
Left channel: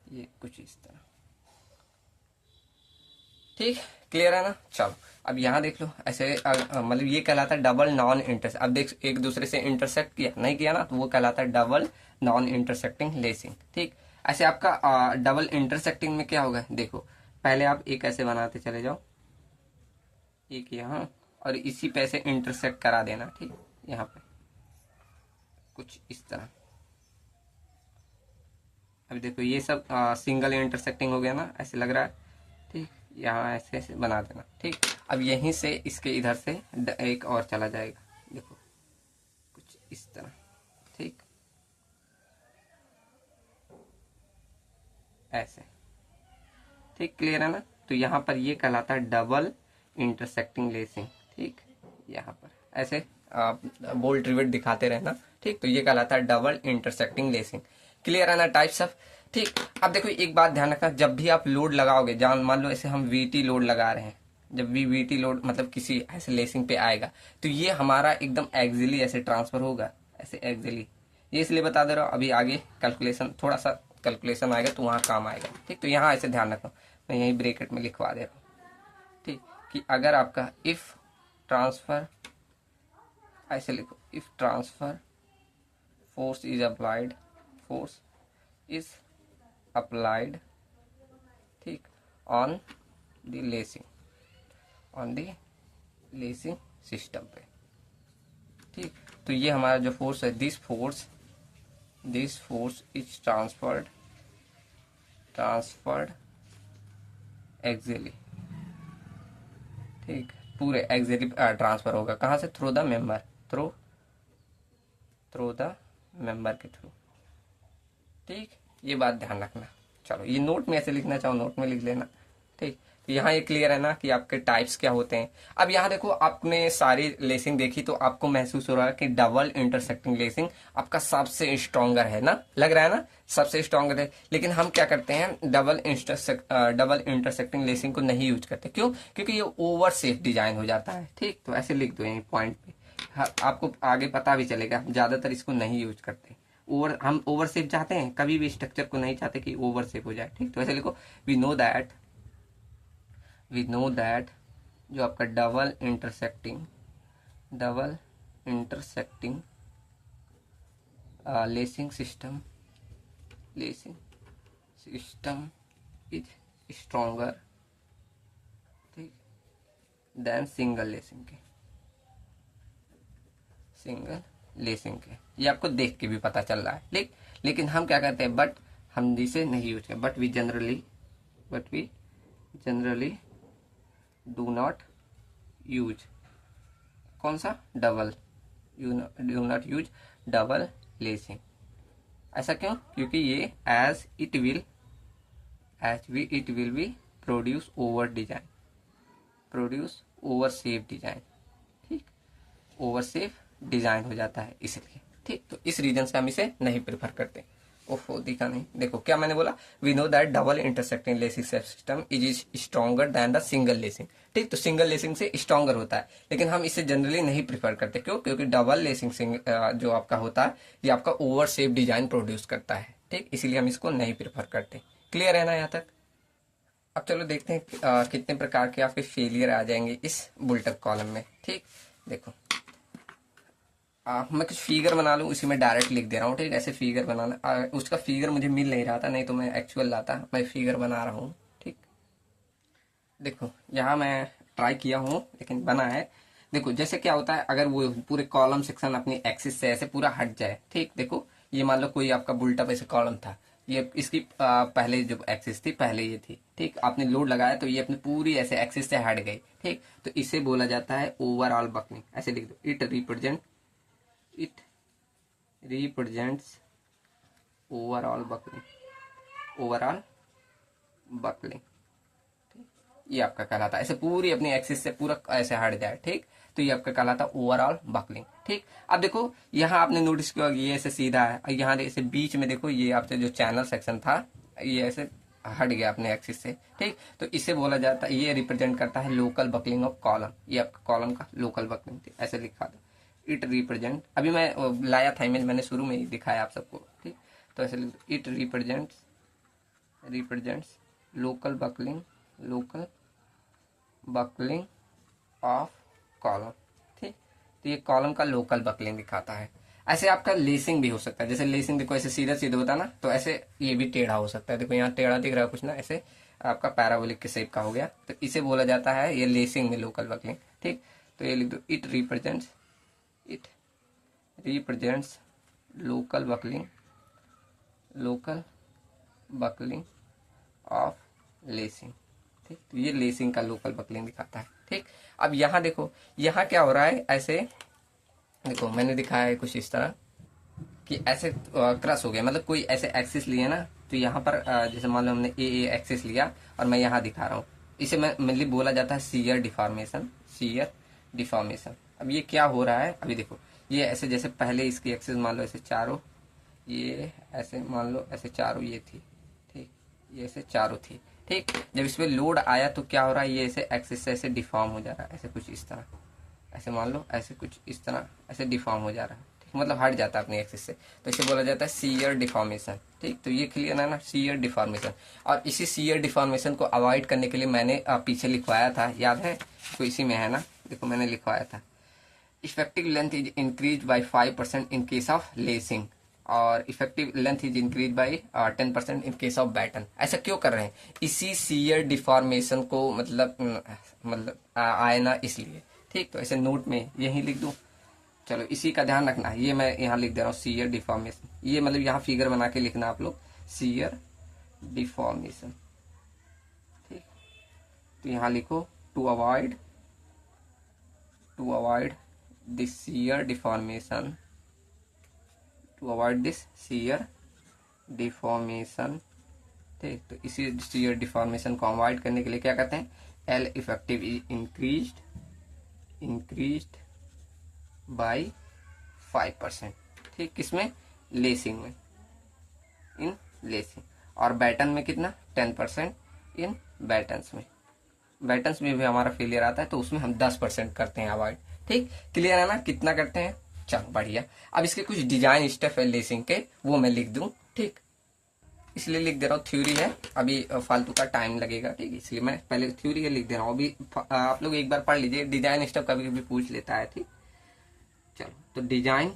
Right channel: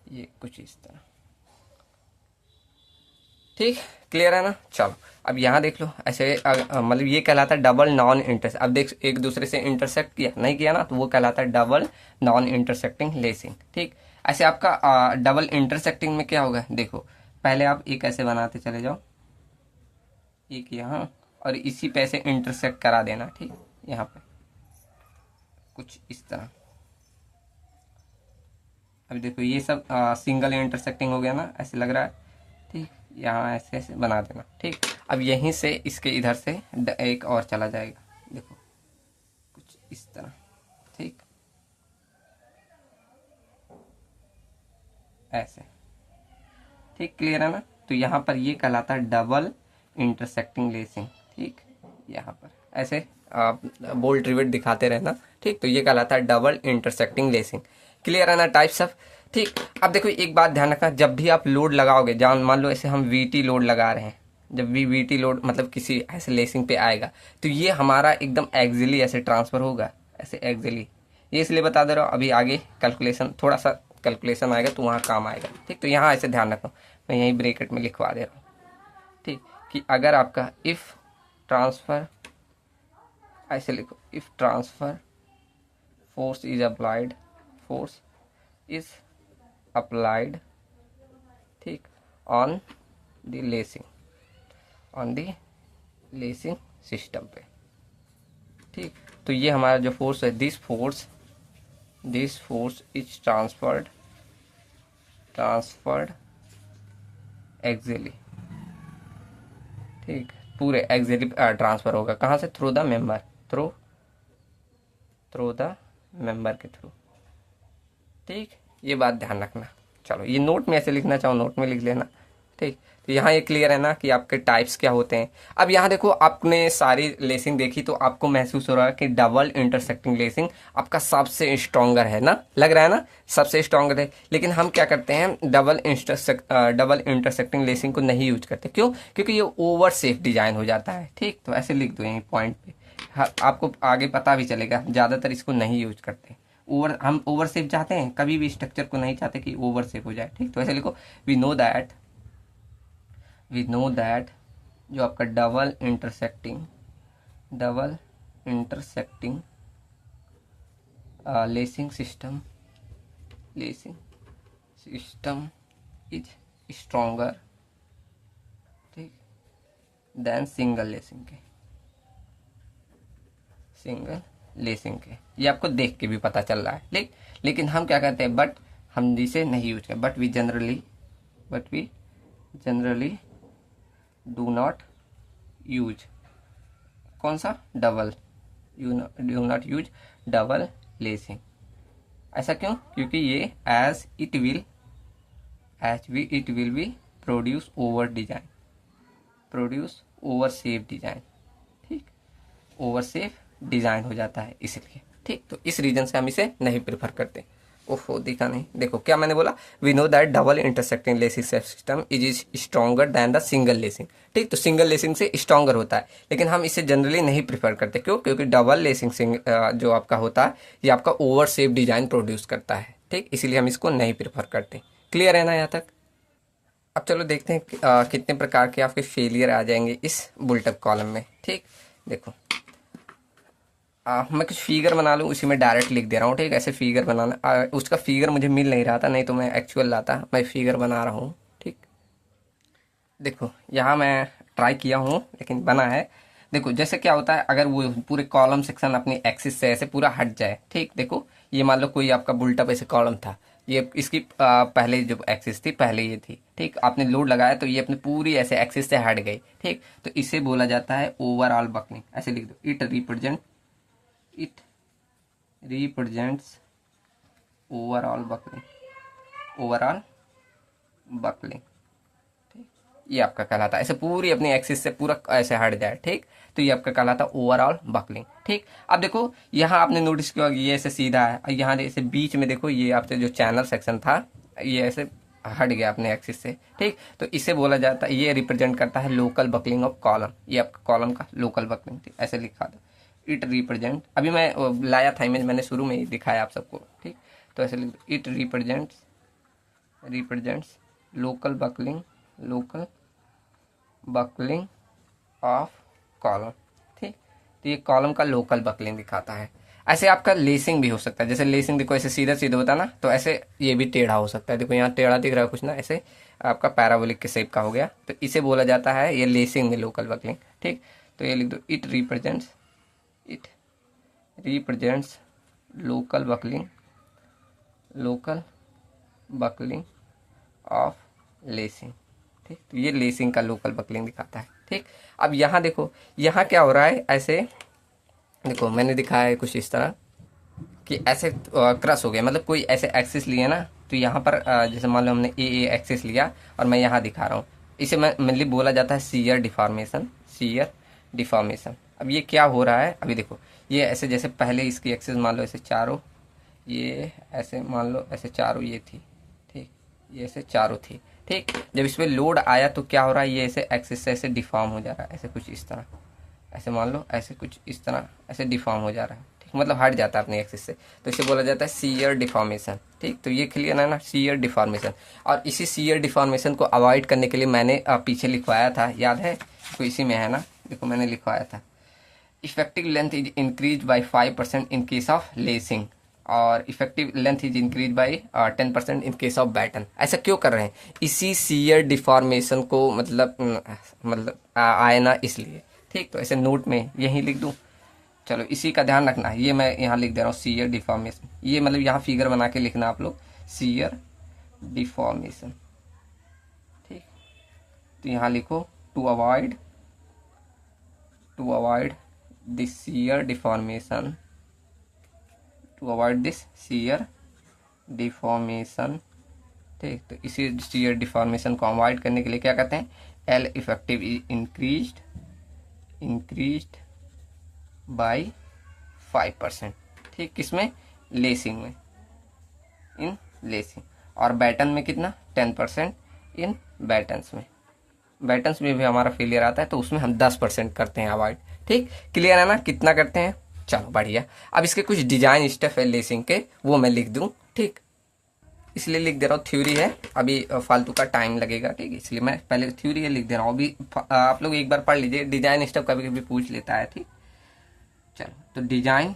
ये कुछ इस तरह, ठीक। क्लियर है ना। चलो अब यहाँ देख लो ऐसे, मतलब ये कहलाता है डबल नॉन इंटरसेक्ट। अब देख एक दूसरे से इंटरसेक्ट किया नहीं किया ना, तो वो कहलाता है डबल नॉन इंटरसेक्टिंग लेसिंग, ठीक। ऐसे आपका डबल इंटरसेक्टिंग में क्या होगा, देखो पहले आप एक ऐसे बनाते चले जाओ, एक यहाँ, और इसी पे ऐसे इंटरसेक्ट करा देना, ठीक, यहाँ पे कुछ इस तरह। अब देखो ये सब सिंगल इंटरसेक्टिंग हो गया ना, ऐसे लग रहा है, ठीक। यहाँ ऐसे ऐसे बना देना, ठीक। अब यहीं से इसके इधर से एक और चला जाएगा, देखो कुछ इस तरह, ठीक, ऐसे, ठीक। क्लियर है ना। तो यहाँ पर ये कहलाता है डबल इंटरसेक्टिंग लेसिंग, ठीक। यहाँ पर ऐसे आप बोल्ट रिवेट दिखाते रहना, ठीक। तो ये कहलाता है डबल इंटरसेक्टिंग लेसिंग। क्लियर है ना टाइप्स ऑफ, ठीक। अब देखो एक बात ध्यान रखना, जब भी आप लोड लगाओगे, जान मान लो ऐसे हम वीटी लोड लगा रहे हैं, जब भी वीटी लोड मतलब किसी ऐसे लेसिंग पे आएगा, तो ये हमारा एकदम एक्सिली ऐसे ट्रांसफर होगा, ऐसे एक्सिली। ये इसलिए बता दे रहा हूँ, अभी आगे कैलकुलेशन थोड़ा सा कैलकुलेशन आएगा तो वहाँ काम आएगा, ठीक। तो यहाँ ऐसे ध्यान रखना, मैं यहीं ब्रैकेट में लिखवा दे रहा हूँ, ठीक। कि अगर आपका इफ ट्रांसफर, ऐसे लिखो, if transfer force is applied, force is applied, ठीक, on the lacing, on the lacing system पे, ठीक। तो ये हमारा जो फोर्स है, this force is transferred axially, ठीक। पूरे एक्सिली ट्रांसफर होगा, कहाँ से, through the member, through the member के थ्रू, ठीक। ये बात ध्यान रखना। चलो ये नोट में ऐसे लिखना चाहो नोट में लिख लेना, ठीक। तो यहाँ ये क्लियर है ना कि आपके टाइप्स क्या होते हैं। अब यहाँ देखो, आपने सारी लेसिंग देखी तो आपको महसूस हो रहा है कि डबल इंटरसेक्टिंग लेसिंग आपका सबसे स्ट्रॉन्गर है ना, लग रहा है ना सबसे स्ट्रॉन्गर है। लेकिन हम क्या करते हैं, डबल इंटरसेक्टिंग लेसिंग को नहीं यूज करते। क्यों? क्योंकि ये ओवर सेफ डिजाइन हो जाता है। ठीक, तो ऐसे लिख दो यहीं पॉइंट पे। हाँ, आपको आगे पता भी चलेगा, ज्यादातर इसको नहीं यूज करते। हम ओवर सेफ चाहते हैं, कभी भी स्ट्रक्चर को नहीं चाहते कि ओवर सेफ हो जाए। ठीक, तो ऐसे लिखो, वी नो दैट जो आपका double intersecting lacing system is stronger, ठीक, देन सिंगल लेसिंग के। ये आपको देख के भी पता चल रहा है। लेकिन हम क्या कहते हैं, बट हम इसे नहीं यूज करते, but we generally do not use कौन सा, do not use double lacing. ऐसा क्यों? क्योंकि ये it will be produce over safe design. ठीक, ओवर सेफ डिजाइन हो जाता है इसलिए। ठीक, तो इस रीजन से हम इसे नहीं प्रेफर करते। ओहो, दिखा नहीं, देखो क्या मैंने बोला, we know that double intersecting lacing system is stronger than the single lacing. ठीक, तो सिंगल लेसिंग से स्ट्रॉन्गर होता है, लेकिन हम इसे जनरली नहीं प्रेफर करते। क्यों? क्योंकि डबल लेसिंग जो आपका होता है, ये आपका ओवर सेफ डिजाइन प्रोड्यूस करता है। ठीक, इसीलिए हम इसको नहीं प्रेफर करते। क्लियर है ना यहाँ तक? अब चलो देखते हैं कितने प्रकार के आपके फेलियर आ जाएंगे इस बुलटअप कॉलम में। ठीक, देखो, मैं कुछ फिगर बना लूँ, उसी में डायरेक्ट लिख दे रहा हूँ। ठीक, ऐसे फिगर बनाना, उसका फिगर मुझे मिल नहीं रहा था, नहीं तो मैं एक्चुअल लाता। मैं फिगर बना रहा हूँ। ठीक, देखो यहाँ मैं ट्राई किया हूँ, लेकिन बना है। देखो जैसे क्या होता है, अगर वो पूरे कॉलम सेक्शन अपनी एक्सिस से ऐसे पूरा हट जाए। ठीक, देखो ये मान लो कोई आपका बुलटअप ऐसे कॉलम था, ये इसकी पहले जो एक्सिस थी, पहले ये थी। ठीक, आपने लोड लगाया तो ये अपनी पूरी ऐसे एक्सिस से हट गई। ठीक, तो इसे बोला जाता है ओवरऑल बकलिंग। ऐसे लिख दो, इट रिप्रेजेंट्स ओवरऑल बकलिंग। ये आपका कहलाता है, ऐसे पूरी अपनी एक्सिस से पूरा ऐसे हट जाए। ठीक, तो ये आपका कहलाता है ओवरऑल बकलिंग। ठीक, अब देखो यहाँ आपने नोटिस किया ये ऐसे सीधा है, और यहाँ ऐसे बीच में देखो ये आपका जो चैनल सेक्शन था, ये ऐसे हट गया अपने एक्सिस से। ठीक, तो इसे बोला जाता है, ये रिप्रेजेंट करता है लोकल बकलिंग ऑफ कॉलम। ये आपका कॉलम का लोकल बकलिंग थी, ऐसे लिखा था। इट रिप्रेजेंट, अभी मैं लाया था इमेज, मैंने शुरू में ही दिखाया आप सबको। ठीक, तो ऐसे it represents local buckling of column. ठीक, तो ये कॉलम का लोकल बकलिंग दिखाता है। ऐसे आपका लेसिंग भी हो सकता है, जैसे लेसिंग देखो ऐसे सीधा सीधा होता है ना, तो ऐसे ये भी टेढ़ा हो सकता है। देखो यहाँ टेढ़ा दिख रहा है कुछ ना, ऐसे आपका पैराबोलिक के शेप का हो गया, तो इसे बोला जाता है ये लेसिंग में लोकल बकलिंग। ठीक, तो ये लिख दो, it represents local buckling of lacing. ठीक, तो ये लेसिंग का लोकल बकलिंग दिखाता है। ठीक, अब यहाँ देखो, यहाँ क्या हो रहा है, ऐसे देखो मैंने दिखाया है कुछ इस तरह कि ऐसे क्रस हो गया, मतलब कोई ऐसे एक्सिस लिया ना, तो यहाँ पर जैसे मान लो हमने ए एक्सिस लिया और मैं यहाँ दिखा रहा हूँ, इसे मैं मेनली बोला जाता है शियर डिफॉर्मेशन। अब ये क्या हो रहा है, अभी देखो ये ऐसे, जैसे पहले इसकी एक्सिस मान लो ऐसे चारों, ये ऐसे मान लो ऐसे चारों ये थी। ठीक, ये ऐसे चारों थी। ठीक, जब इस पर लोड आया तो क्या हो रहा है, ये ऐसे एक्सिस से ऐसे डिफॉर्म हो जा रहा है, ऐसे कुछ इस तरह, ऐसे मान लो ऐसे कुछ इस तरह ऐसे डिफॉर्म हो जा रहा है। ठीक, मतलब हट जाता है अपने एक्सिस से, तो इसे बोला जाता है शियर डिफॉर्मेशन। ठीक, तो ये क्लियर है ना, शियर डिफॉर्मेशन। और इसी शियर डिफॉर्मेशन को अवॉइड करने के लिए मैंने पीछे लिखवाया था, याद है? तो इसी में है ना, देखो मैंने लिखवाया था, effective length is increase by 5% in case of lacing, और effective length is increase by 10% in case of batten. ऐसा क्यों कर रहे हैं? इसी सीयर डिफॉर्मेशन को मतलब आए ना, इसलिए। ठीक, तो ऐसे नोट में यही लिख दूं, चलो इसी का ध्यान रखना है। ये मैं यहाँ लिख दे रहा हूँ सीयर डिफॉर्मेशन, ये मतलब यहाँ फिगर बना के लिखना आप लोग, सीयर डिफॉर्मेशन। ठीक, तो यहाँ लिखो to avoid this shear deformation, ठीक। तो इसी शियर डिफॉर्मेशन को अवॉइड करने के लिए क्या कहते हैं, एल इफेक्टिव इंक्रीज्ड बाय 5%। ठीक, किसमें, लेसिंग में, इन लेसिंग। और बैटन में कितना, 10% इन बैटन्स में। बैटन्स में भी हमारा फेलियर आता है तो उसमें हम 10% करते हैं अवॉइड। ठीक, क्लियर है ना, कितना करते हैं। चलो बढ़िया। अब इसके कुछ डिजाइन स्टेप है लेसिंग के, वो मैं लिख दूं। ठीक, इसलिए लिख दे रहा हूँ, थ्योरी है, अभी फालतू का टाइम लगेगा। ठीक, इसलिए मैं पहले थ्योरी है लिख दे रहा हूँ। अभी आप लोग एक बार पढ़ लीजिए, डिजाइन स्टेप कभी कभी पूछ लेता है। ठीक, चलो तो design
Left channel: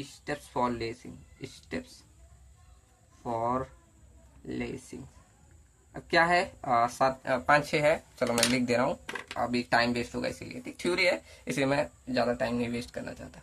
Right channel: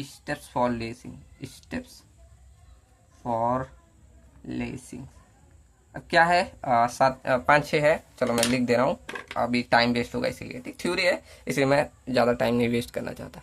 steps for lacing, steps for lacing. अब क्या है, 5-6 है। चलो मैं लिख दे रहा हूँ, अभी टाइम वेस्ट होगा इसीलिए। ठीक, थ्योरी है इसलिए मैं ज़्यादा टाइम नहीं वेस्ट करना चाहता।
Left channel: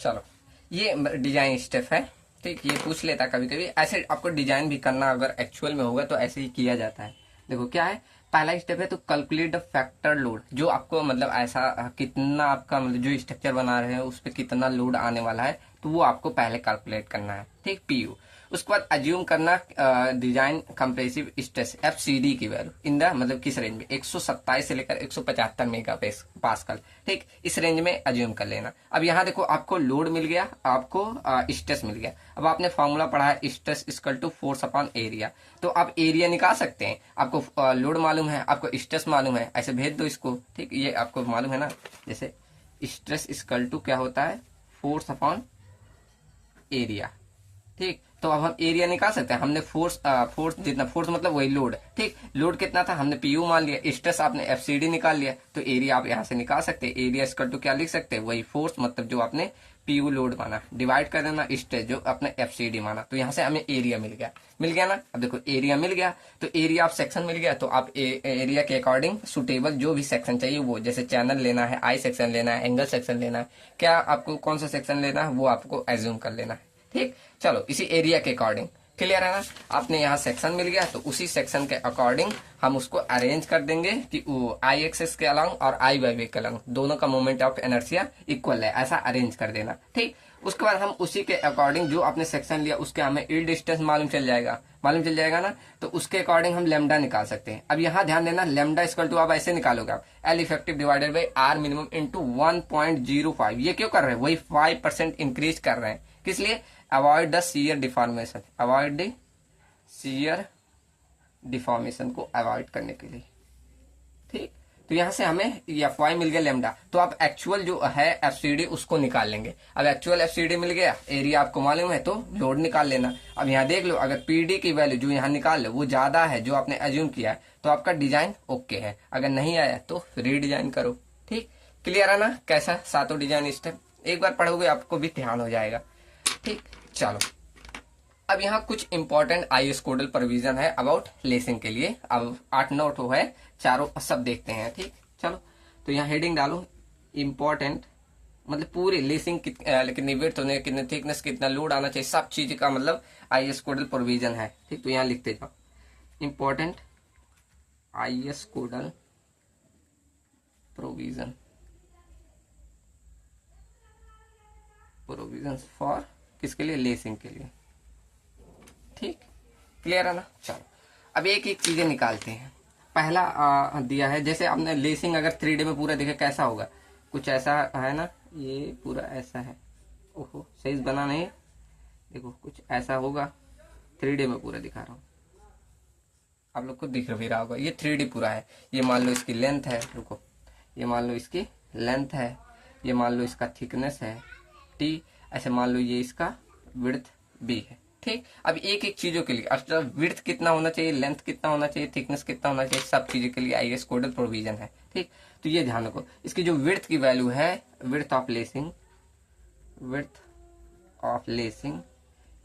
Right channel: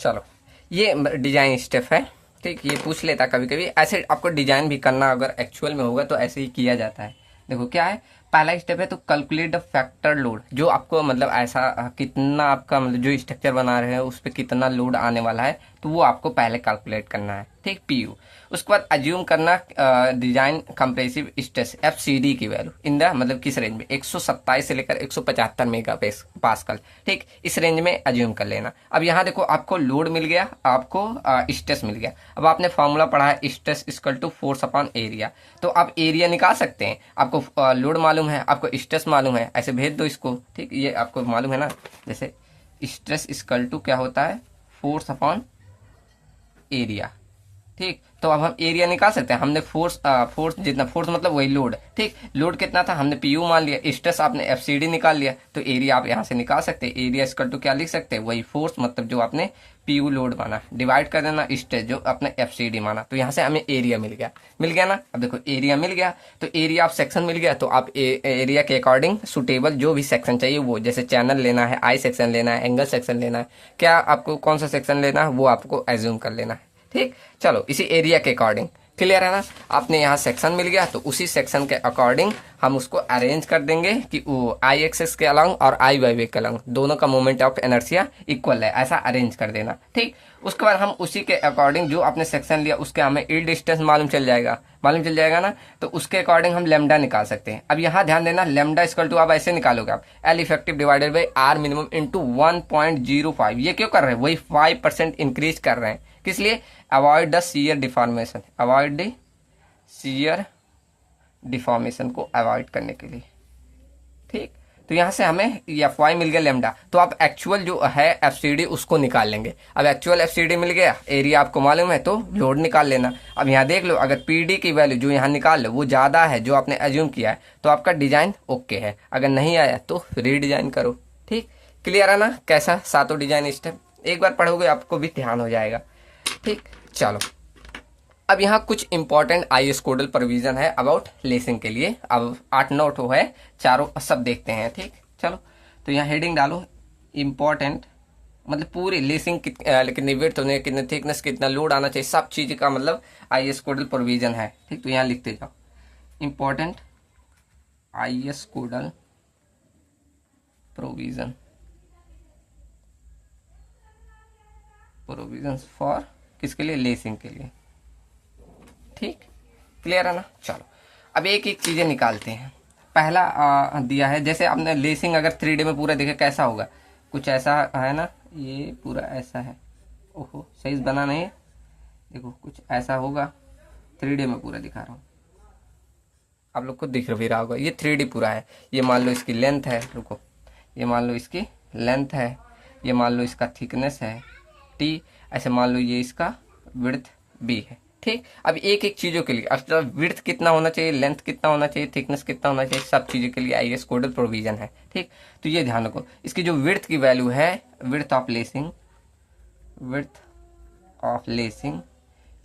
चलो, ये डिजाइन स्टेप है। ठीक, ये पूछ लेता कभी कभी, ऐसे आपको डिजाइन भी करना अगर एक्चुअल में होगा तो ऐसे ही किया जाता है। देखो क्या है, पहला स्टेप है तो कैलकुलेट द फैक्टर लोड, जो आपको मतलब ऐसा कितना आपका मतलब जो स्ट्रक्चर बना रहे हैं उस पर कितना लोड आने वाला है, तो वो आपको पहले कैलकुलेट करना है। ठीक, पीयू। उसके बाद अज्यूम करना डिजाइन कंप्रेसिव स्ट्रेस एफसीडी की वैल्यू इन द मतलब किस रेंज में, 127 से लेकर 175 मेगा पास्कल। ठीक, इस रेंज में अज्यूम कर लेना। अब यहाँ देखो, आपको लोड मिल गया, आपको स्ट्रेस मिल गया। अब आपने फॉर्मूला पढ़ा है, stress equal to force upon area, तो आप एरिया निकाल सकते हैं। आपको लोड मालूम है, आपको स्ट्रेस मालूम है, ऐसे भेज दो इसको। ठीक, ये आपको मालूम है ना, जैसे स्ट्रेस इक्वल टू क्या होता है, फोर्स अपॉन एरिया। ठीक, तो अब हम एरिया निकाल सकते हैं। हमने फोर्स जितना, फोर्स मतलब वही लोड। ठीक, लोड कितना था हमने पीयू मान लिया, स्ट्रेस आपने एफसीडी निकाल लिया, तो एरिया आप यहाँ से निकाल सकते हैं। एरिया इक्वल टू क्या लिख सकते हैं, वही फोर्स मतलब जो आपने पीयू लोड माना, डिवाइड कर देना स्ट्रेस जो आपने एफसीडी माना, तो यहाँ से हमें एरिया मिल गया ना। अब देखो एरिया मिल गया, तो एरिया आप सेक्शन मिल गया, तो आप एरिया के अकॉर्डिंग सुटेबल जो भी सेक्शन चाहिए वो, जैसे चैनल लेना है, आई सेक्शन लेना है, एंगल सेक्शन लेना है, क्या आपको कौन सा सेक्शन लेना है वो आपको एज्यूम कर लेना है। ठीक, चलो इसी एरिया के अकॉर्डिंग, क्लियर है ना। आपने यहाँ सेक्शन मिल गया तो उसी सेक्शन के अकॉर्डिंग हम उसको अरेंज कर देंगे कि वो आई एक्सेस के अलॉन्ग और आई वाई वे के अलॉन्ग दोनों का मोमेंट ऑफ इनर्शिया इक्वल है, ऐसा अरेंज कर देना। ठीक, उसके बाद हम उसी के अकॉर्डिंग जो आपने सेक्शन लिया उसके हमें यील्ड डिस्टेंस मालूम चल जाएगा ना, तो उसके अकॉर्डिंग हम लेमडा निकाल सकते हैं। अब यहाँ ध्यान देना, लेमडा इक्वल टू आप ऐसे निकालोगे, आप L effective divided by r minimum into 1.05। ये क्यों कर रहे हैं, वही 5% इंक्रीज कर रहे हैं, किस लिए, avoid the shear deformation, avoid the shear deformation को अवॉइड करने के लिए। ठीक, तो यहां से हमें एफ वाई मिल गया लेमडा, तो आप एक्चुअल जो है एफसीडी उसको निकाल लेंगे। अब एक्चुअल एफसीडी मिल गया, एरिया आपको मालूम है, तो लोड निकाल लेना। अब यहाँ देख लो, अगर पीडी की वैल्यू जो यहाँ निकाल लो वो ज्यादा है जो आपने एज्यूम किया है, तो आपका डिजाइन ओके है। अगर नहीं आया तो रीडिजाइन करो। ठीक, क्लियर है ना, कैसा सातों डिजाइन स्टेप एक बार पढ़ोगे आपको भी ध्यान हो जाएगा। ठीक, चलो अब यहाँ कुछ इंपॉर्टेंट आईएस कोडल प्रोविजन है अबाउट लेसिंग के लिए। अब 8-9 है, चारों सब देखते हैं। ठीक, चलो तो यहाँ हेडिंग डालो इंपॉर्टेंट, मतलब पूरी लेसिंग कितनी विड्थ होने, कितने थिकनेस, कितना लोड आना चाहिए, सब चीज का मतलब आईएस कोडल प्रोविजन है। ठीक, तो यहाँ लिखते जाओ important IS codal provision for किसके लिए, लेसिंग के लिए। ठीक, क्लियर है ना। चलो अब एक एक चीजें निकालते हैं। पहला दिया है, जैसे आपने लेसिंग अगर 3D में पूरा देखे कैसा होगा, कुछ ऐसा है ना, ये पूरा ऐसा है। ओहो सही बना नहीं, देखो कुछ ऐसा होगा, 3D में पूरा दिखा रहा हूँ, आप लोग को दिख भी रहा होगा। ये 3D पूरा है। ये मान लो इसकी लेंथ है, रुको, ये मान लो इसकी लेंथ है, ये मान लो इसका थिकनेस है टी, ऐसे मान लो ये इसका विड्थ बी है। ठीक, अब एक एक चीजों के लिए अब विड्थ कितना होना चाहिए, लेंथ कितना होना चाहिए, थिकनेस कितना होना चाहिए, सब चीजों के लिए आईएस कोडल प्रोविजन है। ठीक, तो ये ध्यान रखो, इसकी जो विड्थ की वैल्यू है, विड्थ ऑफ लेसिंग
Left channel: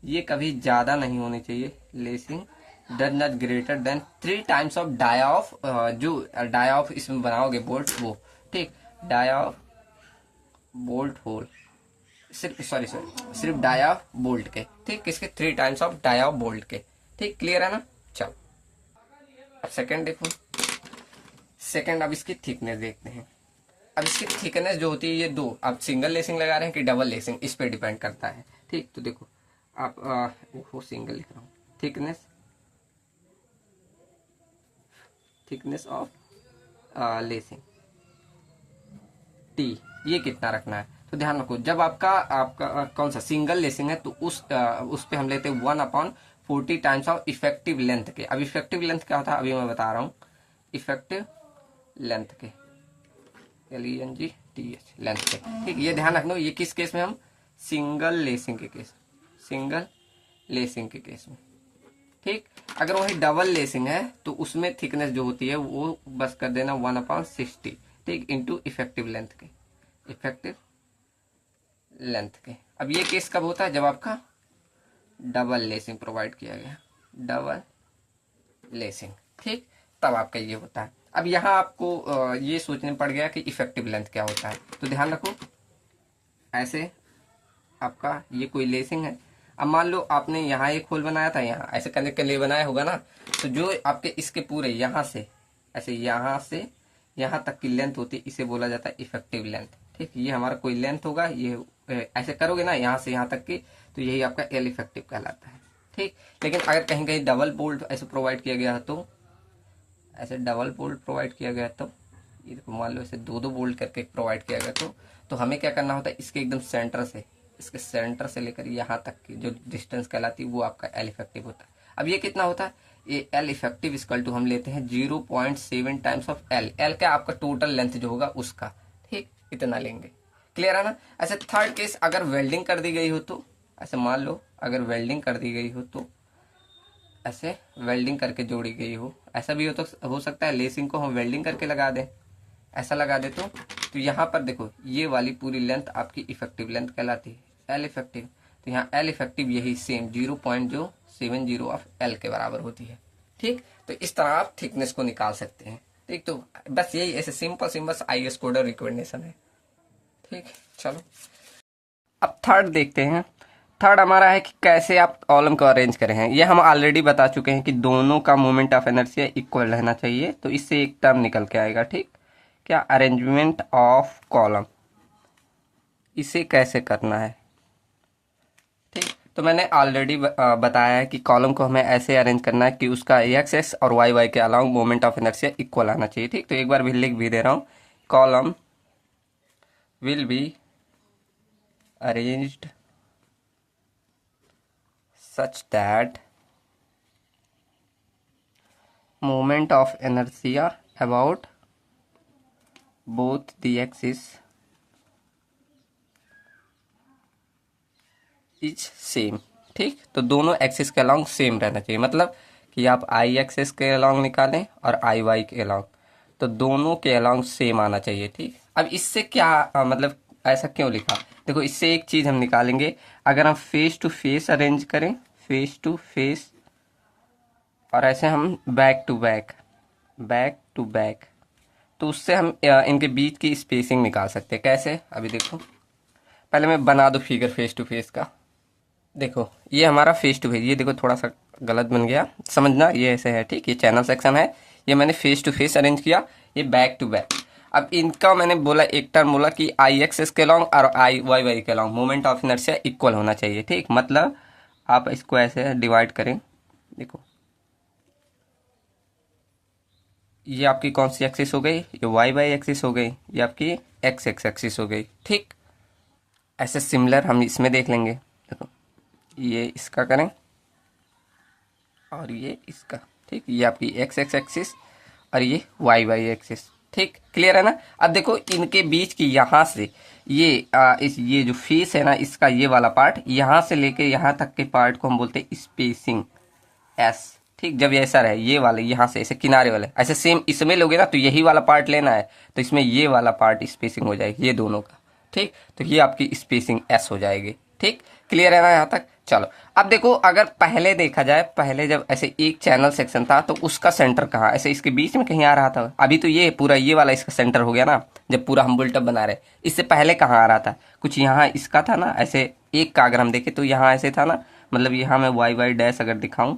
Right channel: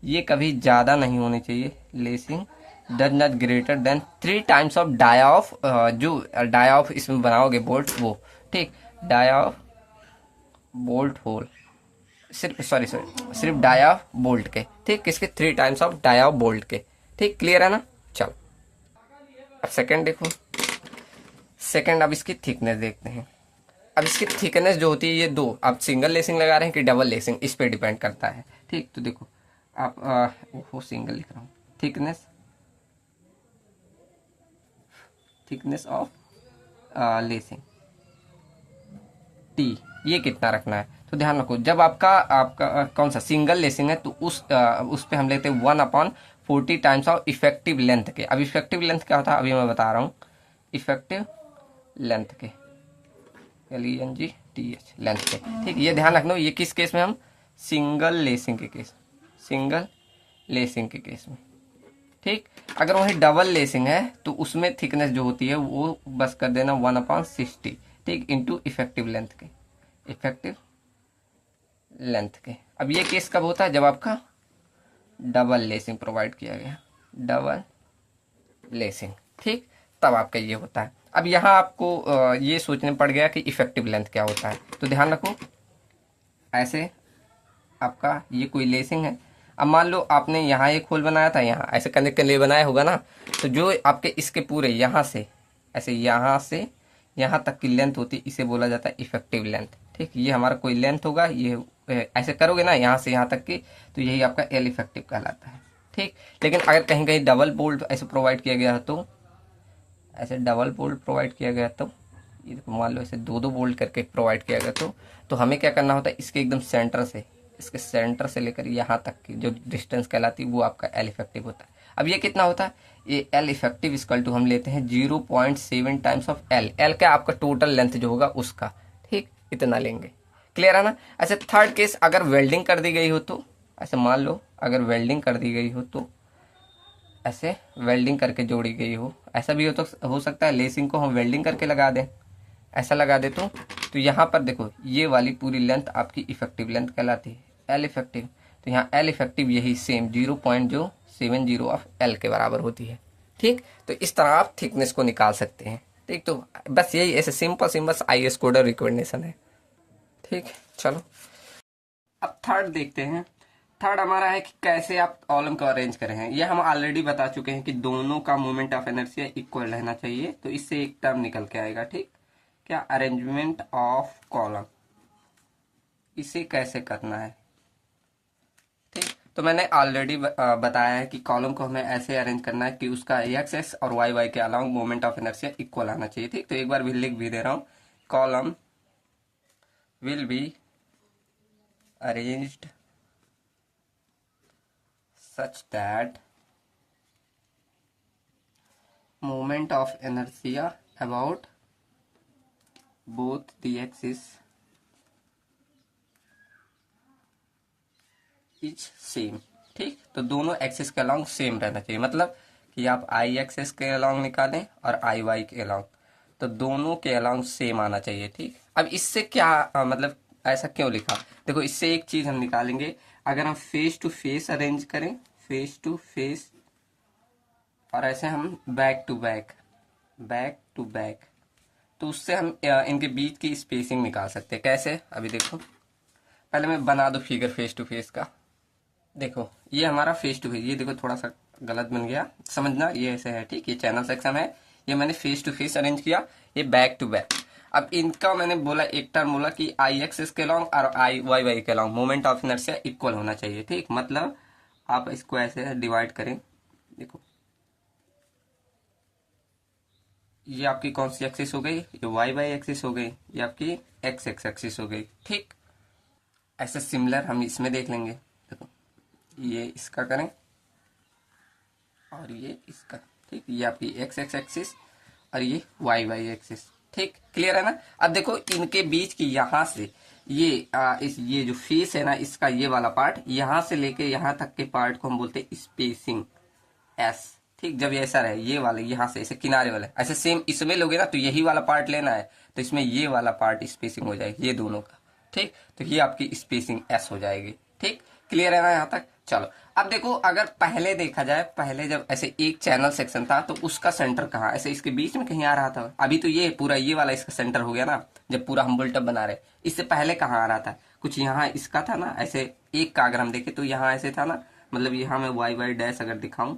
ये कभी ज्यादा नहीं होनी चाहिए। Lacing does not greater than 3 times of dia of, जो डाया ऑफ इसमें बनाओगे बोल्ट वो। ठीक, डाया ऑफ बोल्ट होल, सिर्फ डाया बोल्ट के। ठीक, किसके, 3 टाइम्स ऑफ डाया बोल्ट के। ठीक, क्लियर है ना। चलो अब सेकंड देखो, सेकंड अब इसकी थिकनेस देखते हैं। अब इसकी थिकनेस जो होती है, ये दो, आप सिंगल लेसिंग लगा रहे हैं कि डबल लेसिंग, इस पे डिपेंड करता है। ठीक, तो देखो आप वो सिंगल लिख रहा हूँ, थिकनेस ऑफ लेसिंग टी, ये कितना रखना है। तो ध्यान रखो, जब आपका कौन सा सिंगल लेसिंग है तो उस पे हम लेते हैं 1/40 टाइम्स ऑफ इफेक्टिव लेंथ के। अब इफेक्टिव लेंथ क्या होता है अभी मैं बता रहा हूँ। इफेक्टिव लेंथ के LENGTH लेंथ के, ठीक। ये ध्यान रखना, ये किस केस में, हम सिंगल लेसिंग के केस में, ठीक। अगर वही डबल लेसिंग है तो उसमें थिकनेस जो होती है वो बस कर देना 1/60, ठीक, इंटू इफेक्टिव लेंथ के। अब ये केस कब होता है, जब आपका डबल लेसिंग प्रोवाइड किया गया, डबल लेसिंग, ठीक, तब आपका ये होता है। अब यहाँ आपको ये सोचने पड़ गया कि इफेक्टिव लेंथ क्या होता है। तो ध्यान रखो, ऐसे आपका ये कोई लेसिंग है। अब मान लो आपने यहाँ एक होल बनाया था, यहाँ ऐसे कनेक्ट के लिए बनाया होगा ना, तो जो आपके इसके पूरे यहाँ से ऐसे यहाँ तक की लेंथ होती है, इसे बोला जाता है इफेक्टिव लेंथ, ठीक। ये हमारा कोई लेंथ होगा, ये ऐसे करोगे ना यहाँ से यहाँ तक की, तो यही आपका एल इफेक्टिव कहलाता है, ठीक। लेकिन अगर कहीं कहीं डबल बोल्ट ऐसे प्रोवाइड किया गया तो ये देखो, मान लो ऐसे 2-2 बोल्ट करके प्रोवाइड किया गया तो हमें क्या करना होता है, इसके एकदम इसके सेंटर से लेकर यहाँ तक की जो डिस्टेंस कहलाती है वो आपका एल इफेक्टिव होता है। अब ये कितना होता है, ये एल इफेक्टिव इक्वल टू हम लेते हैं 0.7 टाइम्स ऑफ एल क्या आपका टोटल लेंथ जो होगा उसका, ठीक, इतना लेंगे। क्लियर है ना। ऐसे थर्ड केस, अगर वेल्डिंग कर दी गई हो तो, ऐसे मान लो अगर वेल्डिंग कर दी गई हो तो, ऐसे वेल्डिंग करके जोड़ी गई हो, ऐसा भी हो सकता है लेसिंग को हम वेल्डिंग करके लगा दें, ऐसा लगा दे तो यहाँ पर देखो ये वाली पूरी लेंथ आपकी इफेक्टिव लेंथ कहलाती है, एल इफेक्टिव। तो यहाँ एल इफेक्टिव यही सेम 0.70 ऑफ एल के बराबर होती है, ठीक। तो इस तरह आप थिकनेस को निकाल सकते हैं, ठीक। तो बस यही ऐसे सिंपल IS कोडर रिकमेंडेशन है, ठीक। चलो अब थर्ड देखते हैं। थर्ड हमारा है कि कैसे आप कॉलम को अरेंज करें हैं। ये हम ऑलरेडी बता चुके हैं कि दोनों का मोमेंट ऑफ इनर्शिया इक्वल रहना चाहिए, तो इससे एक टर्म निकल के आएगा, ठीक। क्या, अरेंजमेंट ऑफ कॉलम, इसे कैसे करना है, ठीक। तो मैंने ऑलरेडी बताया है कि कॉलम को हमें ऐसे अरेंज करना है कि उसका एक्स और वाई के along moment of inertia equal आना चाहिए, ठीक। तो एक बार भी लिख भी दे रहा हूं, column will be arranged such that moment of inertia about both the axis is same, ठीक। तो दोनों एक्सिस के अलोंग सेम रहना चाहिए, मतलब कि आप आई एक्सिस के अलोंग निकालें और आई वाई के अलोंग, तो दोनों के अलोंग सेम आना चाहिए, ठीक। अब इससे क्या मतलब ऐसा क्यों लिखा, देखो इससे एक चीज हम निकालेंगे, अगर हम फेस टू फेस अरेंज करें, फेस टू फेस, और ऐसे हम बैक टू बैक, तो उससे हम इनके बीच की स्पेसिंग निकाल सकते हैं। कैसे, अभी देखो, पहले मैं बना दो फिगर फेस टू फेस का। देखो ये हमारा फेस टू फेस, ये देखो थोड़ा सा गलत बन गया, समझना, ये ऐसे है, ठीक। ये चैनल सेक्शन है, ये मैंने फेस टू फेस अरेंज किया, ये बैक टू बैक। अब इनका मैंने बोला, एक टर्म बोला कि आई एक्सेस के लॉन्ग और आई वाई के long moment of inertia equal होना चाहिए, ठीक। मतलब आप इसको ऐसे डिवाइड करें, देखो ये आपकी कौन सी एक्सिस हो गई, ये वाई एक्सिस हो गई, ये आपकी एक्स एक्सिस हो गई, ठीक। ऐसे सिमिलर हम इसमें देख लेंगे, देखो ये इसका करें और ये इसका, ठीक। ये आपकी एक्स एक्सिस और ये वाई एक्सिस, ठीक। क्लियर है ना। अब देखो इनके बीच की यहाँ से ये जो फेस है ना, इसका ये वाला पार्ट, यहाँ से लेके यहाँ तक के पार्ट को हम बोलते हैं स्पेसिंग एस, ठीक। जब ये ऐसा रहे, ये वाले यहाँ से ऐसे किनारे वाले ऐसे सेम इसमें लोगे ना, तो यही वाला पार्ट लेना है, तो इसमें ये वाला पार्ट स्पेसिंग हो जाएगी ये दोनों का, ठीक। तो ये आपकी स्पेसिंग एस हो जाएगी, ठीक। क्लियर है ना यहाँ तक। चलो अब देखो, अगर पहले देखा जाए, पहले जब ऐसे एक चैनल सेक्शन था तो उसका सेंटर कहाँ, ऐसे इसके बीच में कहीं आ रहा था। अभी तो ये पूरा ये वाला इसका सेंटर हो गया ना, जब पूरा हम बुलटअप बना रहे। इससे पहले कहाँ आ रहा था, कुछ यहाँ इसका था ना, ऐसे एक का अगर हम देखें तो यहाँ ऐसे था ना, मतलब यहाँ मैं वाई डैश अगर दिखाऊं,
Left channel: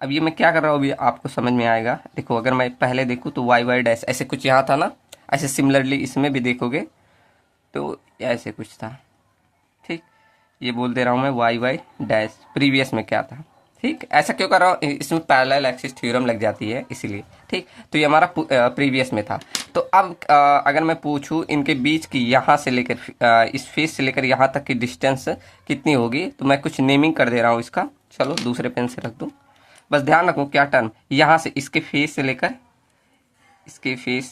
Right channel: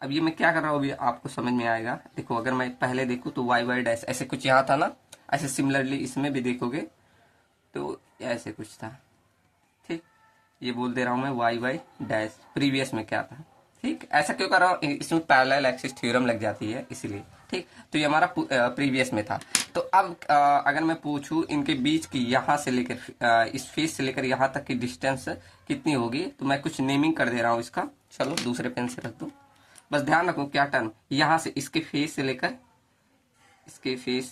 अब ये मैं क्या कर रहा हूँ अभी आपको समझ में आएगा। देखो अगर मैं पहले देखूँ तो वाई डैश ऐसे कुछ यहाँ था ना, ऐसे सिमिलरली इसमें भी देखोगे तो ऐसे कुछ था, ठीक। ये बोल दे रहा हूँ मैं वाई डैश, प्रीवियस में क्या था, ठीक, ऐसा क्यों कर रहा हूँ, इसमें पैरेलल एक्सिस थ्योरम लग जाती है इसीलिए। ठीक, तो ये हमारा प्रीवियस में था। तो अब अगर मैं पूछूं इनके बीच की यहाँ से लेकर इस फेस से लेकर यहाँ तक की डिस्टेंस कितनी होगी, तो मैं कुछ नेमिंग कर दे रहा हूँ इसका। चलो दूसरे पेन से रख दूँ, बस ध्यान रखो क्या टर्म, यहाँ से इसके फेस से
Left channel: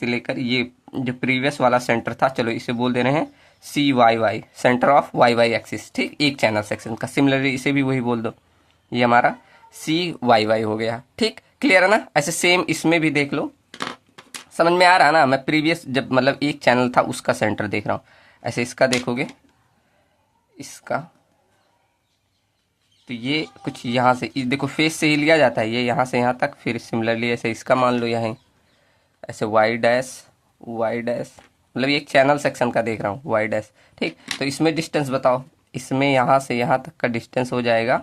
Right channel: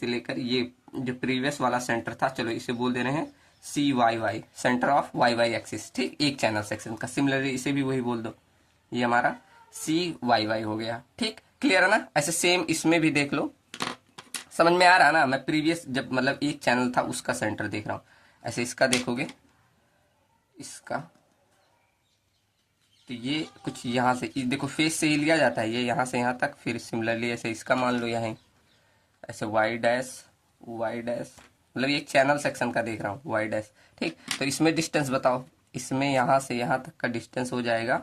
लेकर ये जो प्रीवियस वाला सेंटर था, चलो इसे बोल दे रहे हैं C Y Y, centre of Y Y axis. ठीक, एक चैनल सेक्शन का। सिमिलरली इसे भी वही बोल दो, ये हमारा सी वाई वाई हो गया। ठीक, क्लियर है ना। ऐसे सेम इसमें भी देख लो, समझ में आ रहा है ना। मैं प्रीवियस जब मतलब एक चैनल था उसका सेंटर देख रहा हूँ, ऐसे इसका देखोगे, इसका तो ये कुछ यहाँ से देखो फेस से ही लिया जाता है, ये यहाँ से यहाँ तक, फिर सिमिलरली ऐसे इसका मान लो यहाँ ऐसे वाई डैश मतलब ये एक चैनल सेक्शन का देख रहा हूँ वाई डैश। ठीक, तो इसमें डिस्टेंस बताओ, इसमें यहाँ से यहाँ तक का डिस्टेंस हो जाएगा,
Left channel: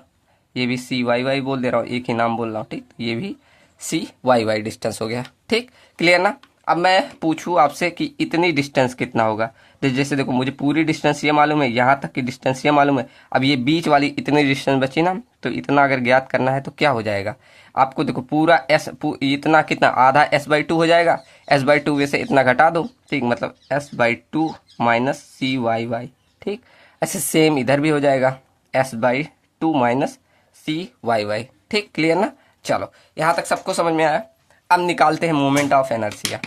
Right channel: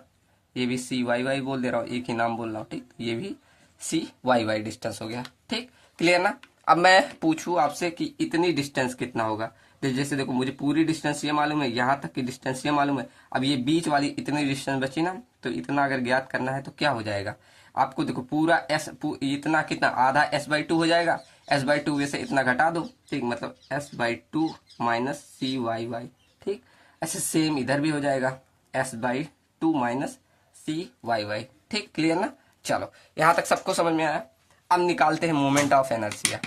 ये भी सी वाई वाई बोल दे रहा हूँ, एक ही नाम बोल रहा हूँ। ठीक, ये भी सी वाई वाई डिस्टेंस हो गया। ठीक, क्लियर ना। अब मैं पूछूं आपसे कि इतनी डिस्टेंस कितना होगा, तो जैसे देखो मुझे पूरी डिस्टेंस ये मालूम है, यहाँ तक की डिस्टेंस ये मालूम है, अब ये बीच वाली इतनी डिस्टेंस बची ना, तो इतना अगर ज्ञात करना है तो क्या हो जाएगा आपको, देखो पूरा इतना कितना, आधा S/2 हो जाएगा। S/2 में से इतना घटा दो। ठीक, मतलब S/2 minus C Y Y. ठीक, ऐसे सेम इधर भी हो जाएगा, S/2 minus C Y Y. ठीक, क्लियर ना। चलो यहां तक सबको समझ में आया। अब निकालते हैं मोमेंट ऑफ इनर्शिया।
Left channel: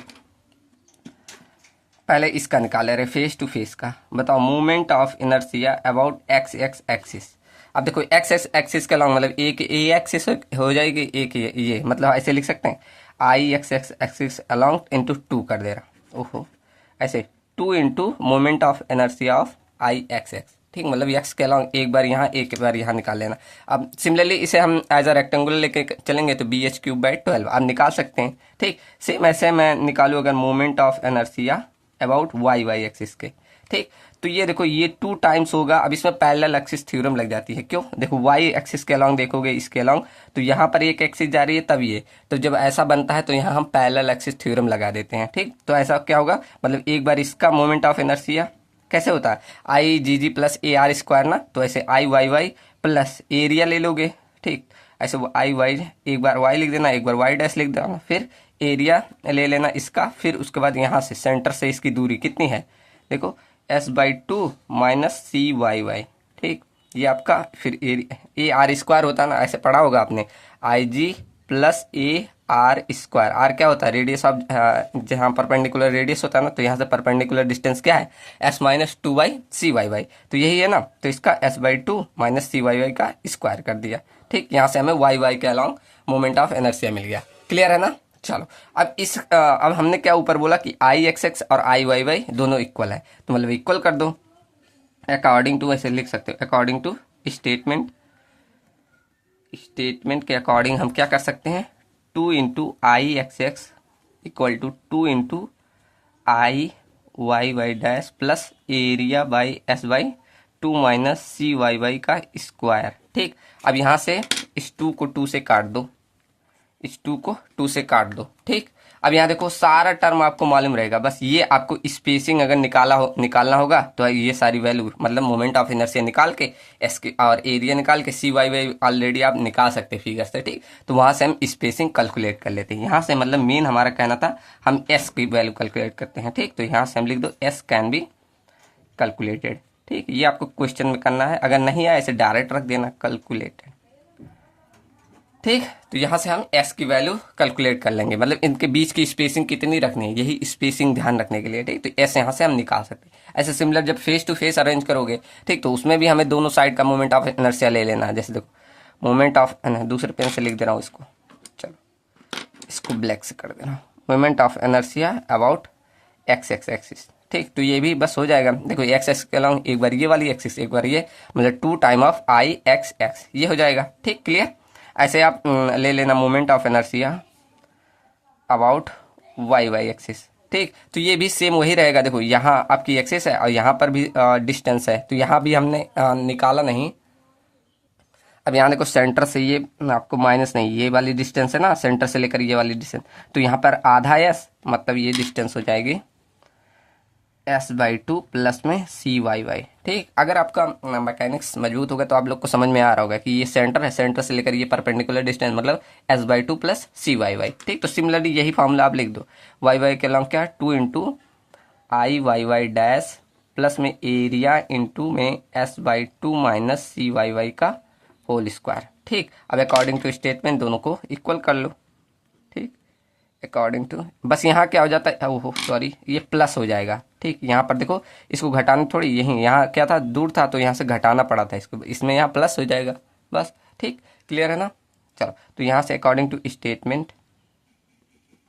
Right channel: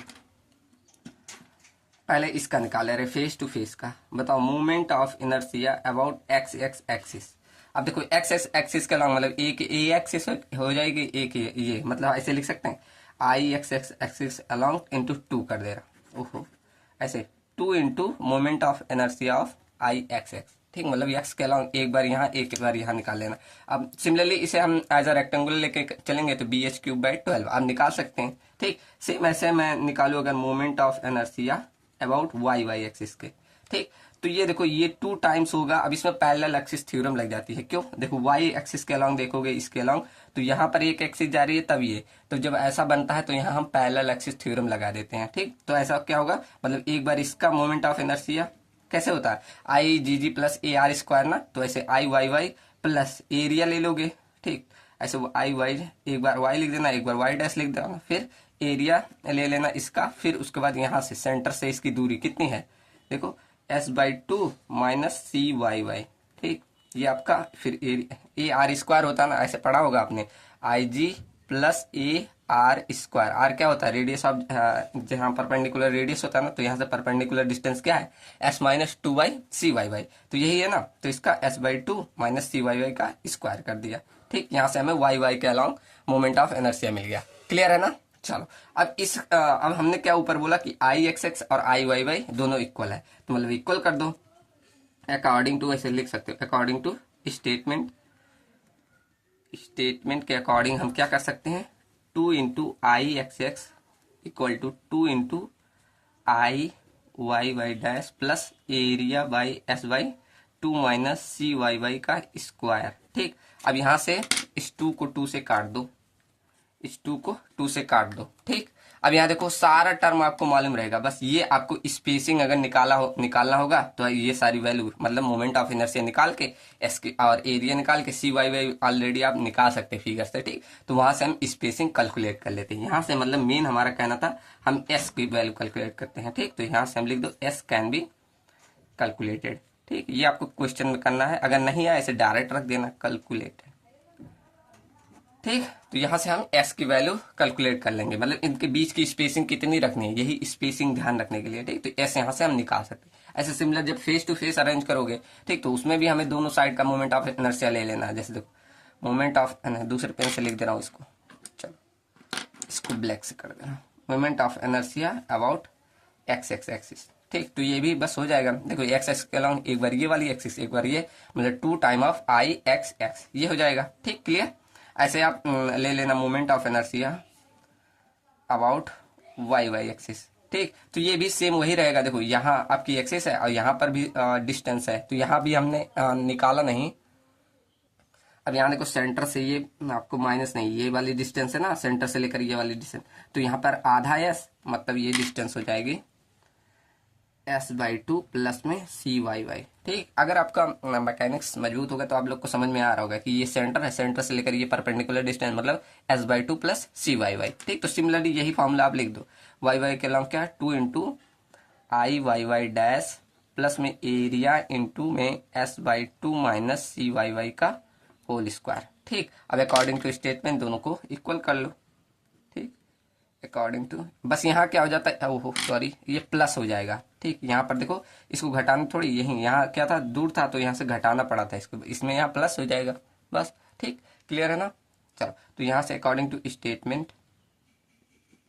पहले इसका निकाले रहे, फेस टू फेस का। बताओ moment of inertia about x X axis. अब देखो एक्स एक्स एक्सिस का लॉन्ग मतलब एक ए एक्सिस हो जाएगी, एक ये मतलब ऐसे लिख सकते हैं I X X axis along into 2 कर दे रहा। ओहो, ऐसे 2 इंटू moment of inertia of I X X. ठीक, मतलब एक्स के अलॉन्ग एक बार यहाँ एक बार यहाँ निकाल लेना। अब सिमिलरली इसे हम एज अ रेक्टेंगुलर लेके चलेंगे तो BH³/12 आप निकाल सकते हैं। ठीक, सेम ऐसे मैं निकालू अगर moment of inertia about Y Y axis के। ठीक, तो ये देखो ये 2 टाइम्स होगा। अब इसमें पैरेलल एक्सिस थ्योरम लग जाती है, क्यों, देखो वाई एक्सिस के अलॉन्ग देखोगे, इसके अलॉन्ग, तो यहाँ पर एक एक्सिस जा रही है तब ये, तो जब ऐसा बनता है तो यहाँ हम पैरेलल एक्सिस थ्योरम लगा देते हैं। ठीक, तो ऐसा क्या होगा, मतलब एक बार इसका मोमेंट ऑफ इनर्शिया कैसे होता है, आई जी जी प्लस ए आर स्क्वायर ना, तो ऐसे आई वाई वाई प्लस एरिया ले लोगे। ठीक, ऐसे वो आई वाई, एक बार वाई लिख देना, एक बार वाई डैश लिख देना, फिर एरिया ले लेना इसका, फिर उसके बाद यहाँ से सेंटर से इसकी दूरी कितनी है, देखो S/2 minus C Y Y. ठीक, ये आपका फिर ए आर स्क्वायर होता है ना, ऐसे पढ़ा होगा आपने, I G plus A R square. R क्या होता है, रेडियस ऑफ, जहाँ परपेंडिकुलर रेडियस होता है ना, तो यहाँ से परपेंडिकुलर डिस्टेंस क्या है, S-2/CYY। तो यही है ना, तो इसका S/2 माइनस CYY का स्क्वायर कर दिया। ठीक, यहाँ से हमें वाई वाई के अलॉन्ग मोमेंट ऑफ इनर्शिया मिल गया। क्लियर है ना। चलो अब अब हमने क्या ऊपर बोला कि आई एक्स एक्स और आई वाई वाई दोनों इक्वल है, तो मतलब इक्वल कर दो अकॉर्डिंग टू, ऐसे लिख सकते हो अकॉर्डिंग टू स्टेटमेंट के अकॉर्डिंग हम क्या कर सकते हैं, 2 into I X X equal to 2 into I Y Y dash plus area by S/2 minus C Y Y का स्क्वायर। ठीक, अब यहाँ से इस 2 को 2 से काट दो, इस 2 को 2 से काट दो। ठीक, अब यहाँ देखो सारा टर्म आपको मालूम रहेगा, बस ये आपको स्पेसिंग अगर निकालना होगा तो ये सारी वैल्यू मतलब मोमेंट ऑफ इनर्शिया निकाल के एस की और एरिया निकाल के सी वाई वाई ऑलरेडी आप निकाल सकते हैं फिगर से। ठीक, तो वहां से हम स्पेसिंग कैलकुलेट कर लेते हैं। यहाँ से मतलब मेन हमारा कहना था हम एस की वैल्यू कैलकुलेट करते हैं। ठीक, तो यहाँ से हम लिख दो एस कैन बी कैलकुलेटेड। ठीक, ये आपको क्वेश्चन में करना है, अगर नहीं आए ऐसे डायरेक्ट रख देना कैलकुलेटेड। ठीक, तो यहां से हम s की वैल्यू कैलकुलेट कर लेंगे, मतलब इनके बीच की स्पेसिंग कितनी रखनी है, यही स्पेसिंग ध्यान रखने के लिए। ठीक, तो s यहां से हम निकाल सकते हैं। ऐसे सिमिलर जब फेस टू फेस अरेंज करोगे, ठीक, तो उसमें भी हमें दोनों साइड का मोमेंट ऑफ इनर्शिया ले लेना है। जैसे देखो मोमेंट ऑफ, दूसरे पेन से लिख दे रहा हूँ इसको, चलो इसको ब्लैक से कर देना, moment of inertia about x X axis. ठीक, तो ये भी बस हो जाएगा। देखो एक्स एक्स के अलॉन्ग एक बार ये वाली एक्सिस, एक बार ये, मतलब 2 time of I X X, ये हो जाएगा। ठीक, क्लियर। ऐसे आप ले लेना moment of inertia about Y Y axis. ठीक, तो ये भी सेम वही रहेगा। देखो यहाँ आपकी एक्सिस है और यहाँ पर भी डिस्टेंस है, तो यहाँ भी हमने निकाला नहीं। अब यहाँ देखो सेंटर से ये आपको माइनस नहीं, ये वाली डिस्टेंस है ना, सेंटर से लेकर ये वाली डिस्टेंस, तो यहाँ पर आधा एस मतलब ये डिस्टेंस हो जाएगी S/2 प्लस में CYY। ठीक, अगर आपका मैकेनिक्स मजबूत होगा तो आप लोग को समझ में आ रहा होगा कि ये सेंटर है, सेंटर से लेकर ये परपेंडिकुलर डिस्टेंस मतलब S/2 प्लस CYY। ठीक, तो सिमिलरली यही फॉर्मूला आप लिख दो। YY के अलावा क्या है, 2 इंटू IYY डैश प्लस में एरिया इंटू में S/2 माइनस CYY का होल स्क्वायर। ठीक, अब अकॉर्डिंग टू स्टेटमेंट दोनों को इक्वल कर लो। ठीक, अकॉर्डिंग टू, बस यहाँ क्या हो जाता है, ओहो सॉरी, ये प्लस हो जाएगा। ठीक, यहाँ पर देखो इसको घटाना थोड़ी, यही यहाँ क्या था, दूर था तो यहाँ से घटाना पड़ा था इसको, इसमें यहाँ प्लस हो जाएगा बस। ठीक, क्लियर है ना। चलो, तो यहाँ से अकॉर्डिंग टू स्टेटमेंट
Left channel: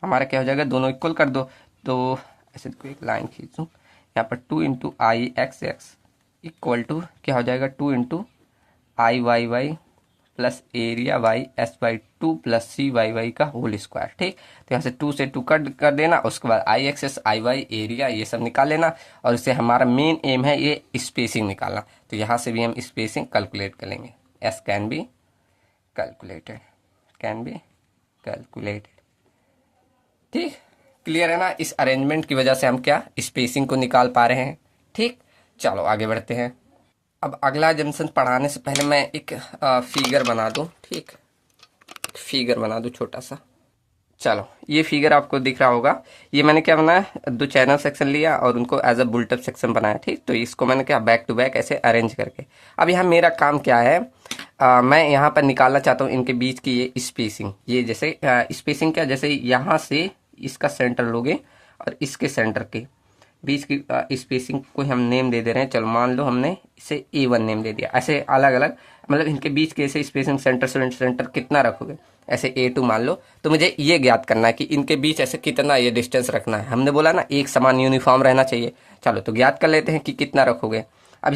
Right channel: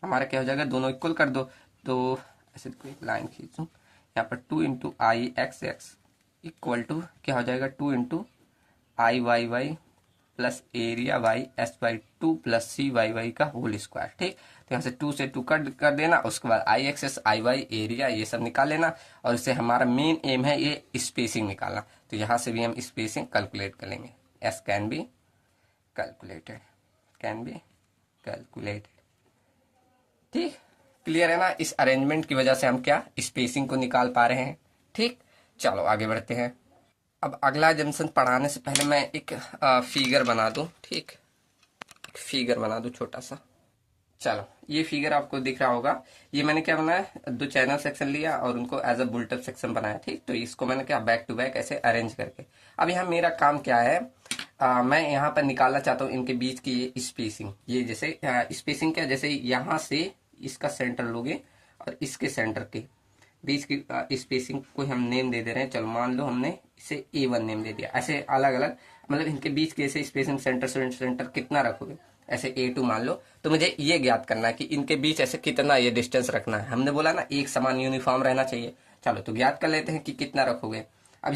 हमारा क्या हो जाएगा, दोनों इक्वल कर दो। तो ऐसे देखो एक लाइन खींचूँ यहाँ पर, 2 इंटू IXX इक्वल टू क्या हो जाएगा, 2 into IYY plus area Y S/2 plus CYY का होल स्क्वायर। ठीक, तो यहाँ से 2 से 2 कट कर देना, उसके बाद IXS IY एरिया ये सब निकाल लेना, और इससे हमारा मेन एम है ये स्पेसिंग निकालना। तो यहाँ से भी हम स्पेसिंग कैलकुलेट कर लेंगे। S can be calculated, can be calculated. ठीक, क्लियर है ना। इस अरेंजमेंट की वजह से हम क्या स्पेसिंग को निकाल पा रहे हैं। ठीक, चलो आगे बढ़ते हैं। अब अगला जंक्शन पढ़ाने से पहले मैं एक फिगर बना दूं। ठीक, फिगर बना दूं छोटा सा। चलो, ये फिगर आपको दिख रहा होगा। ये मैंने क्या बनाया, 2 चैनल सेक्शन लिया और उनको एज अ बुलेट सेक्शन बनाया। ठीक, तो इसको मैंने क्या बैक टू बैक ऐसे अरेंज करके, अब यहाँ मेरा काम क्या है, मैं यहाँ पर निकालना चाहता हूँ इनके बीच की ये स्पेसिंग। ये जैसे स्पेसिंग क्या, जैसे यहाँ से इसका सेंटर लोगे और इसके सेंटर के बीच की स्पेसिंग को हम नेम दे दे रहे हैं। चलो मान लो हमने इसे A1 नेम दे दिया। ऐसे अलग अलग मतलब इनके बीच के ऐसे स्पेसिंग सेंटर से सेंटर कितना रखोगे, ऐसे A2 मान लो। तो मुझे ये ज्ञात करना है कि इनके बीच ऐसे कितना ये डिस्टेंस रखना है। हमने बोला ना एक समान यूनिफॉर्म रहना चाहिए। चलो तो ज्ञात कर लेते हैं कि कितना रखोगे। अब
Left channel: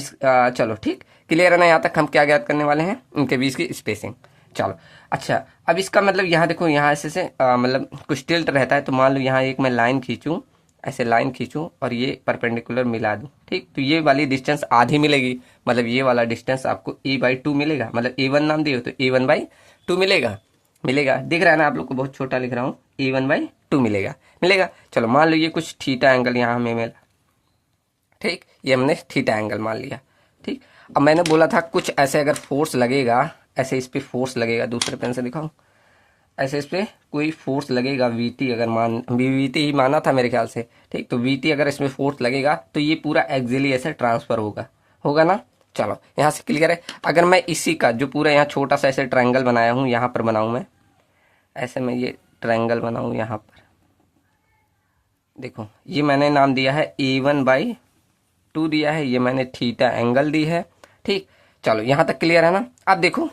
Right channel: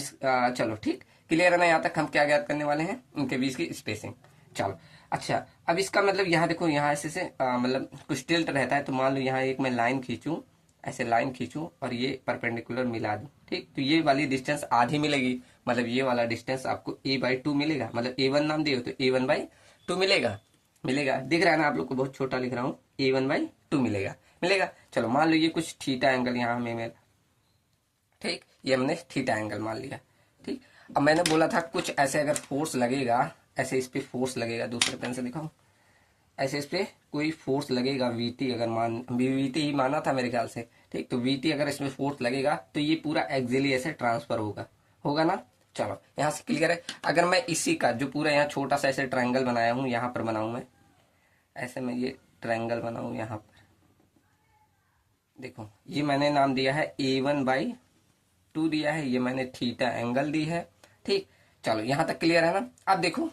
चलो ठीक, क्लियर है ना। यहाँ तक हम क्या ज्ञात करने वाले हैं, इनके बीच की स्पेसिंग। चलो अच्छा, अब इसका मतलब यहाँ देखो, यहाँ ऐसे से मतलब कुछ टिल्ट रहता है। तो मान लो यहाँ एक मैं लाइन खींचूं, ऐसे लाइन खींचूं और ये परपेंडिकुलर मिला दूं। ठीक, तो ये वाली डिस्टेंस आधी मिलेगी, मतलब ये वाला डिस्टेंस आपको A/2 मिलेगा। मतलब A1 नाम दिए हो तो A1/2 मिलेगा। मिलेगा, दिख रहा है ना आप लोग को, बहुत छोटा लिख रहा हूँ, A1/2 मिलेगा। मिलेगा, चलो मान लो ये कुछ थीटा एंगल यहाँ हमें मिला। ठीक, ये हमने थीटा एंगल मान लिया। ठीक, अब मैंने बोला था कुछ ऐसे अगर फोर्स लगेगा, ऐसे इस पर फोर्स लगेगा, दूसरे पेन से दिखाऊं, ऐसे इस पे कोई फोर्स लगेगा VT, अगर मान VT ही माना था मेरे ख्याल से। ठीक, तो VT अगर इसमें फोर्स लगेगा तो ये पूरा एक्सियली ऐसे ट्रांसफर होगा, होगा ना। चलो यहाँ से क्लियर है। अगर मैं इसी का जो पूरा यहाँ छोटा सा ऐसे ट्रायंगल बनाया हूँ, यहाँ पर बनाऊँ मैं, ऐसे मैं ये ट्रायंगल बनाऊँ यहाँ पर, देखो ये मैंने नाम दिया है A1/2 दिया है, ये मैंने थीटा एंगल दी है। ठीक, चलो यहाँ तक क्लियर है ना। अब देखो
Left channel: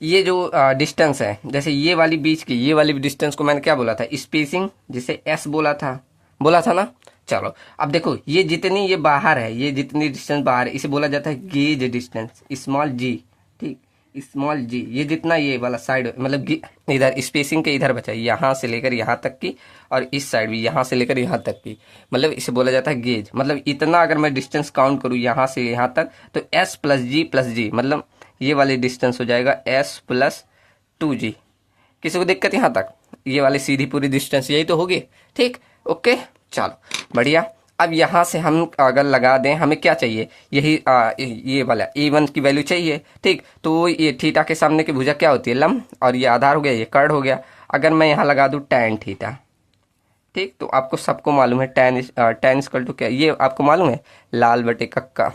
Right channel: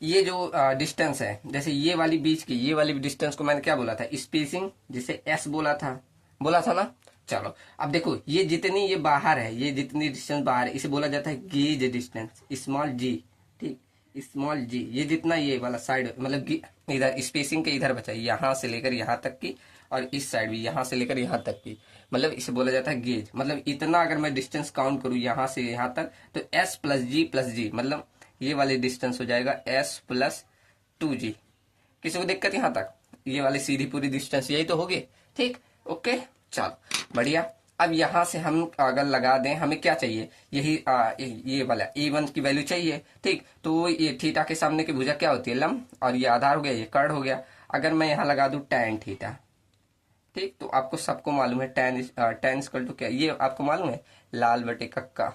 ये जो डिस्टेंस है, जैसे ये वाली बीच की ये वाली डिस्टेंस को मैंने क्या बोला था, स्पेसिंग, जिसे S बोला था ना। चलो अब देखो ये जितनी ये बाहर है, ये जितनी डिस्टेंस बाहर है, इसे बोला जाता है गेज डिस्टेंस, स्मॉल g। ठीक, स्मॉल g, ये जितना ये वाला साइड मतलब इधर स्पेसिंग के इधर बचा, यहाँ से लेकर यहाँ तक की, और इस साइड भी यहाँ से लेकर यहाँ तक की, मतलब इसे बोला जाता है गेज। मतलब इतना अगर मैं डिस्टेंस काउंट करूँ यहाँ से यहाँ तक, तो S प्लस G मतलब ये वाली डिस्टेंस हो जाएगा S+2G। किसी को दिक्कत यहाँ तक, ये वाली सीधी पूरी डिस्टेंस यही तो होगी। ठीक, ओके, चलो बढ़िया। अब यहाँ से हम अगर लगा दें, हमें क्या चाहिए, यही ये वाला A1 की वैल्यू चाहिए। ठीक, तो ये थीटा के सामने की भुजा क्या होती है, लंब, और ये आधार हो गया, ये कर्ड हो गया। अगर मैं यहाँ लगा दूँ tan थीटा, ठीक, तो आपको सबको मालूम है tan इक्वल टू क्या, ये आपको मालूम है लाल बटे कक्का।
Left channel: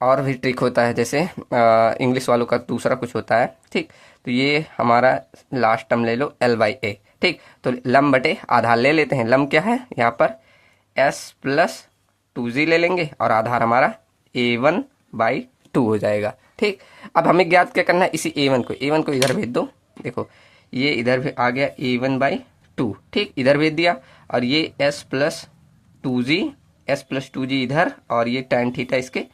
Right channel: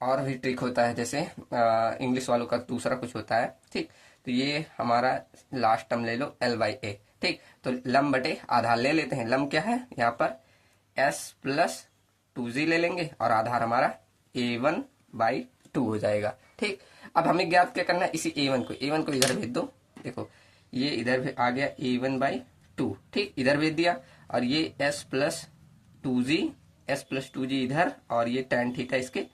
और भी ट्रिक होता है, जैसे इंग्लिश वालों का दूसरा कुछ होता है। ठीक, तो ये हमारा लास्ट टर्म ले लो L/A। ठीक, तो लंब बटे आधार ले लेते हैं। लंब क्या है यहाँ पर S+2G ले लेंगे, और आधार हमारा A1/2 हो जाएगा। ठीक, अब हमें ज्ञात क्या करना है, इसी A1 को इधर भेज दो। देखो ये इधर भी आ गया A1/2। ठीक, इधर भेज दिया, और ये S+2G इधर, और ये tan थीटा इसके